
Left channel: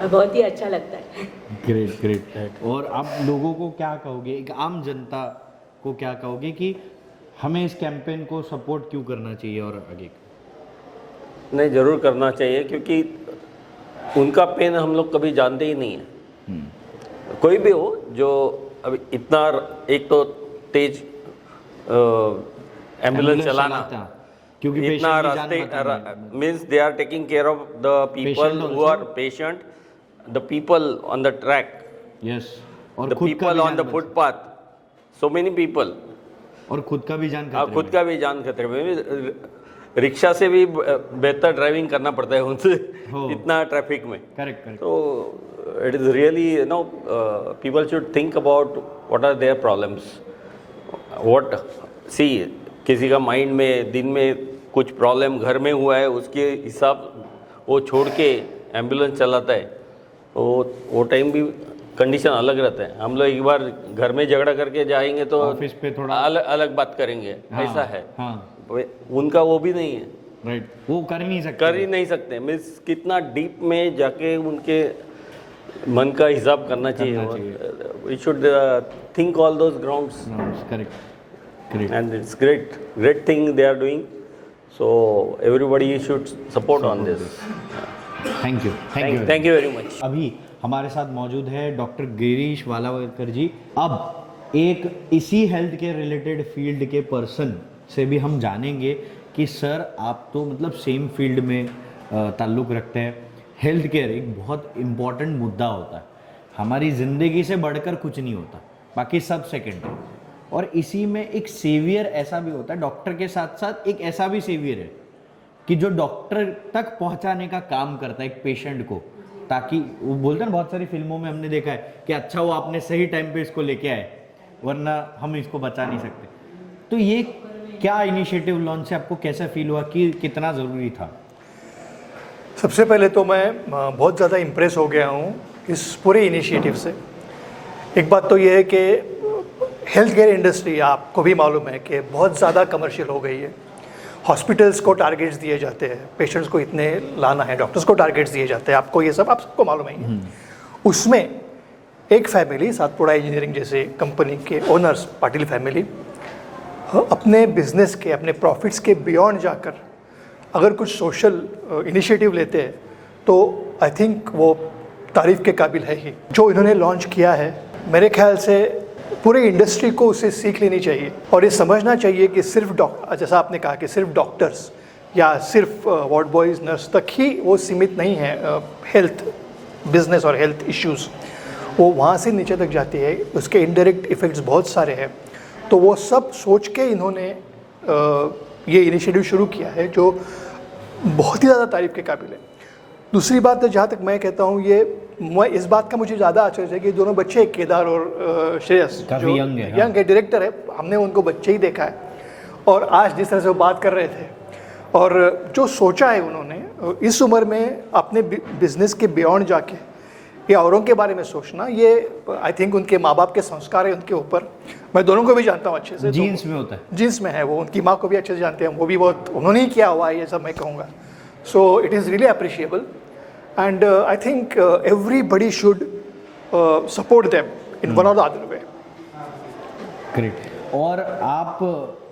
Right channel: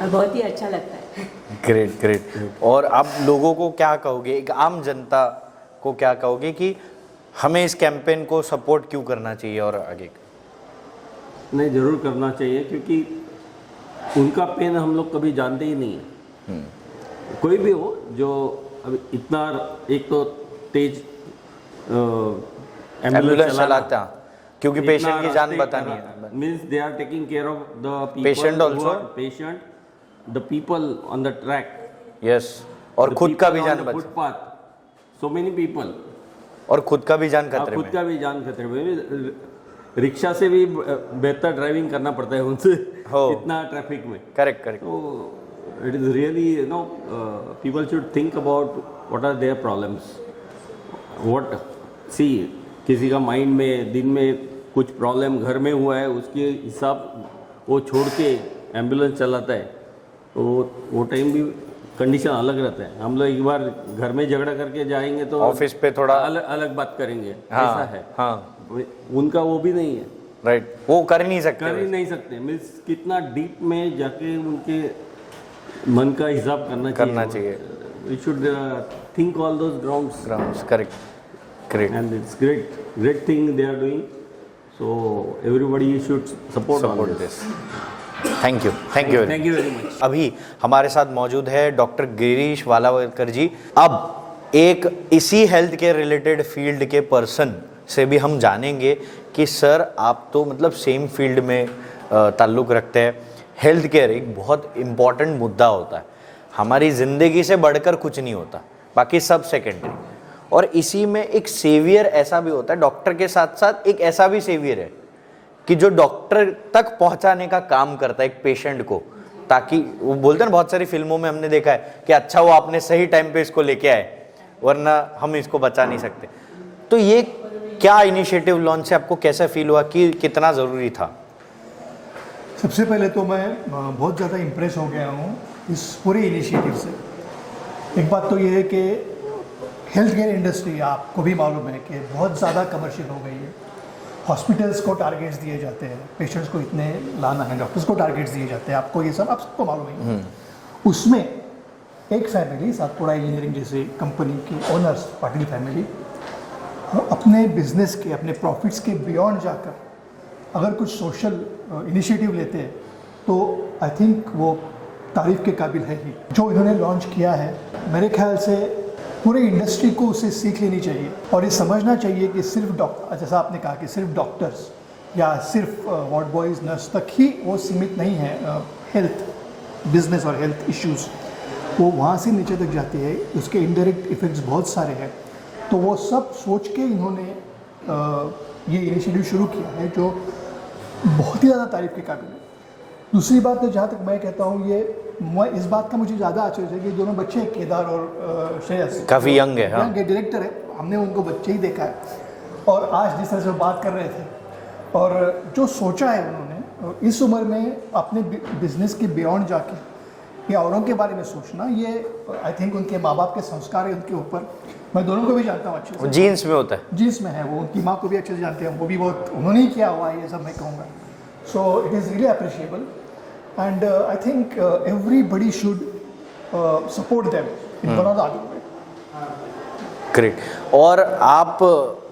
और बहुत ही अच्छा लगता है। ग्रेट। और आप लोगों को क्या कहोगे, एक आम जनता को क्या कहोगे कि हमें इस कैंपेन को सपोर्ट क्यों करना चाहिए और आगे? नहीं, ज़रूर करना चाहिए, क्योंकि उनका पेन हम लोग कभी जानते ही नहीं है। कोई भी हो जो अभी इतना, एक तो तेज एम्बुलेंस चलाता, क्योंकि पेशेंट की जान बचानी है। Means they are taking care of the Patient people who also? Are patient, the people on the track, yes, और खुद का भी ऑन जान the footpath, so many people, और खुद का भी जान खतरे खुद में। का भी जान खतरे में। रिक्शा से भी बेहतर ड्राइविंग करना पड़ता है उनसे इतना ट्रैफिक में। Correct correct. तो it is really you know people should think about what are their problems, what see किसी का माइंड में दिन में कुछ प्रॉब्लम घर में हुआ है, उसके हिसाब वो छोड़ के एम्बुलेंस चलाता है, तो वो टाइम भी कंडीशन अलग रहता है। हम लोग एक बार घर में झगड़ा करके जाएंगे तो ऑफिस पे थोड़ा अलग बात करेंगे, हाँ, ऐसा है। हाँ, उनका वो भी नहीं है, राइट, वो कर ही नहीं सकते। मीन्स कितना डीप में जाके उनके मन का हिसाब करना चाहिए। We should think all those grounds. Correct, great, and it's great thing they are doing, so everybody should support on this. Thank you very much. अभी हमारे साथ मौजूद है डॉक्टर गिरीश वालावलकर जी। अब एक इसी हेल्थ केयर रिलेटेड फील्ड के पर्सन से भी हम जानेंगे कि सर आप तो मतलब सेम फील्ड में ताल्लुक़ रखते हैं। हेल्थ केयर एक बहुत इम्पॉर्टेंट मुद्दा होता है, हमारी ज़िंदगी से बढ़कर कुछ नहीं होता, बाकी सब सेकेंडरी। और इसी में एक सेवियर ऐसा भी होता है, डॉक्टर के साथ साथ एक ऐसा भी सेवियर है कि जो डॉक्टर तक पहुंचाने का काम करता है एक पेशेंट को, ताकि वो बोलते हैं ना, बहुत सारी फिल्मों में हमने देखा है कि अच्छा वो आपने सही टाइम पे इसको लेके आए, वरना हम इसको बचा नहीं सकते। तो ये क्या इनिशिएटिव लॉन्च से आपको कैसा फील हुआ कि कितना ज़रूरी था? सबसे पहले तो मैं बहुत ज़्यादा इम्प्रेस हो गया हूँ इस पूरे इनिशिएटिव से। एक बात तो ये है कि हेल्थ केयर इंडस्ट्री, आपको भी मालूम है कि बहुत ज़्यादा कमर्शियल हो गई है। हॉस्पिटल्स को टारगेट्स दिए जाते हैं, पेशेंट्स को इतने लाना है, डॉक्टर्स को टारगेट्स दिए जाते हैं, आपको ये सब आप सबको मालूम है। उसमें एक फैमिली, सातपुड़ा इंजीनियरिंग जैसी कंपनी के ओनर्स, पाटिल फैमिली, अपने बिजनेस के, अपने प्रॉफिट्स के बियॉन्ड जाकर अगर कुछ सोशल इनिशिएटिव लेते हैं तो आई थिंक वो तारीफ़ के काबिल है ही। जो इन्होंने लॉन्च किया है, मेरे ख्याल से पूरे इंडस्ट्री को उससे सीख लेनी चाहिए और ये समझना चाहिए कि सिर्फ जैसा आपने कहा कि सिर्फ डॉक्टर्स या सिर्फ वार्ड बॉयज़, नर्स तक ही वो सीमित नहीं है। हेल्थ बिजनेस और हेल्थ इश्यूज़ वो वहाँ से नीचे तक जाती है, उसके इनडायरेक्ट इफ़ेक्ट्स बहुत सारे हैं। तो वो सब सोच के इन्होंने ये इनिशिएटिव शुरू किया है, जो बहुत ही ज़्यादा तारीफ़ के काबिल है। दूसरी बात, जहाँ तक मैं कहता हूँ, मैं इस बात का मुझे ज़्यादा आश्चर्य है कि दोनों बच्चे, केदार और श्रेयस, काफ़ी यंग है, यंग है, डायरेक्टर है, हमने उनको बच्चे ही देखा है। और आज जिस तरह से वो बात कर रहे थे और जो सोचा है उन्होंने इस उम्र में अपने बिजनेस के बियॉन्ड जाके ये औरों के बारे में सोचना, ये आई थिंक उनके माँ बाप के संस्कार है उनके ऊपर। मैं दोनों को भी जानता हूँ अच्छे से, जीन्स में होता है, जीन्स में है वो, उनकी माँ को भी अच्छे से जानते हैं, वो भी बहुत उन्होंने ही किया हुआ है ये सब, मैं कहूँगा। So it is really appreciable and I think everybody should support them in one और द अदर वे। ग्रेट। और आप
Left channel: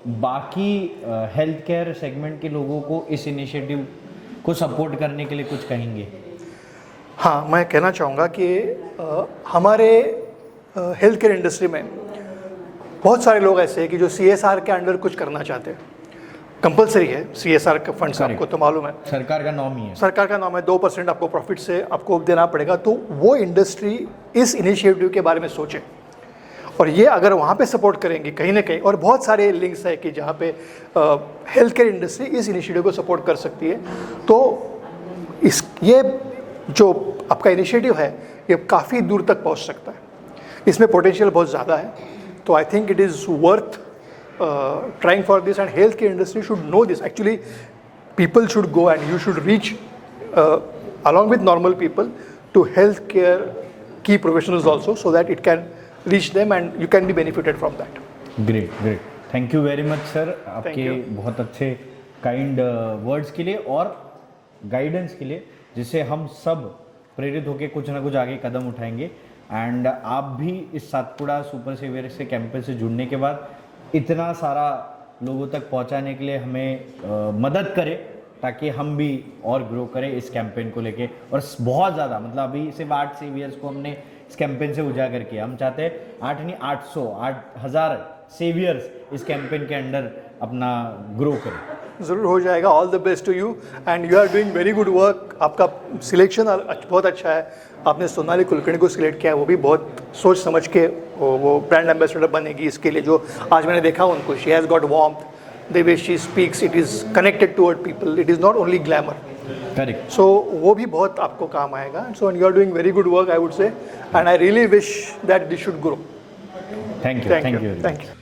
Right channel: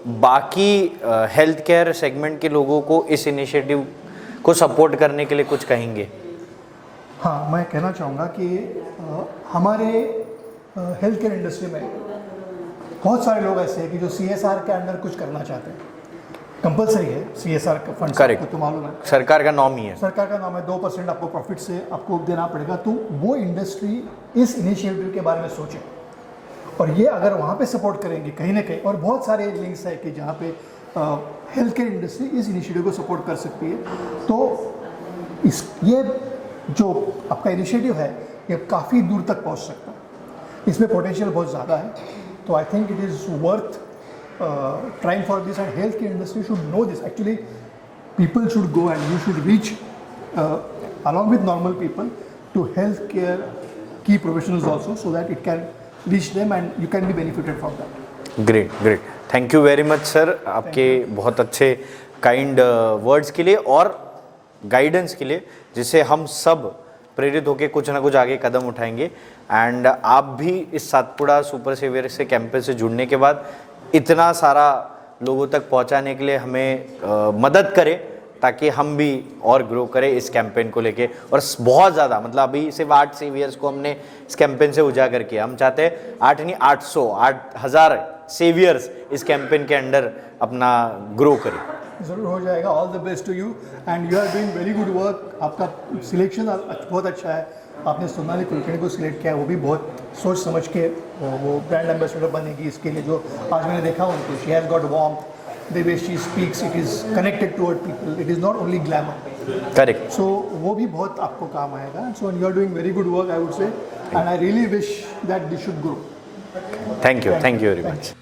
बाकी हेल्थ केयर सेगमेंट के लोगों को इस इनिशिएटिव को सपोर्ट करने के लिए कुछ कहेंगे? हाँ, मैं कहना चाहूँगा कि हमारे हेल्थ केयर इंडस्ट्री में बहुत सारे लोग ऐसे हैं कि जो CSR के अंडर कुछ करना चाहते हैं। कंपलसरी है CSR का फंड, आपको तो मालूम है, सरकार का नाम ही है, सरकार का नाम है। 2% आपको प्रॉफिट से आपको देना पड़ेगा। तो वो इंडस्ट्री इस इनिशिएटिव के बारे में सोचे और ये अगर वहाँ पे सपोर्ट करेंगे कहीं ना कहीं, और बहुत सारे लिंक्स है कि जहाँ पे हेल्थ केयर इंडस्ट्री इस इनिशिएटिव को सपोर्ट कर सकती है। तो ये जो आपका इनिशिएटिव है ये काफ़ी दूर तक पहुँच सकता है, इसमें पोटेंशियल बहुत ज़्यादा है। तो I think it is worth trying for this, and healthcare industry should know this. Actually, people should go and you should reach along with normal people to healthcare key professionals also, so that it can reach them and you can be benefited from that. Great, great. Thank you very much, sir. आपके बहुत अच्छे kind words के लिए और guidance के लिए, जिससे हम सब प्रेरित होकर कुछ ना कुछ आगे कदम उठाएंगे। एंड आप भी इस सातपुड़ा सुपर सेवियर से कैंपेन से जुड़ने के बाद इतना सारा लोगों तक पहुंचाने के लिए हमें मदद करें, ताकि हम भी और ग्रो करें इस कैंपेन को लेके। और बहुत ज़्यादा, मतलब अभी सिर्फ 8 सेवियर्स को हमने इस कैंपेन से उजागर किया, हम चाहते हैं 8 नहीं 800 8000 सेवियर्स इस कैंपेन के अंडर अपना ग्रो करें। ज़रूर हो जाएगा। All the best to you and you are doing very good work. आपका सिलेक्शन बहुत अच्छा है। आपने सोनाली कुलकर्णी को सिलेक्ट किया है, वो भी बहुत सोच समझ के वो ब्रांड एम्बेसडर बनेगी इसके लिए। जो आज मैंने देखा उनको, she has got warmth, the way she speaks, it is connected toward people, it is not only glamour. Correct. So वो भी बहुत आपको काम आएगा। So you are doing very good work I would say, and I really wish that this should grow. Thank you very much.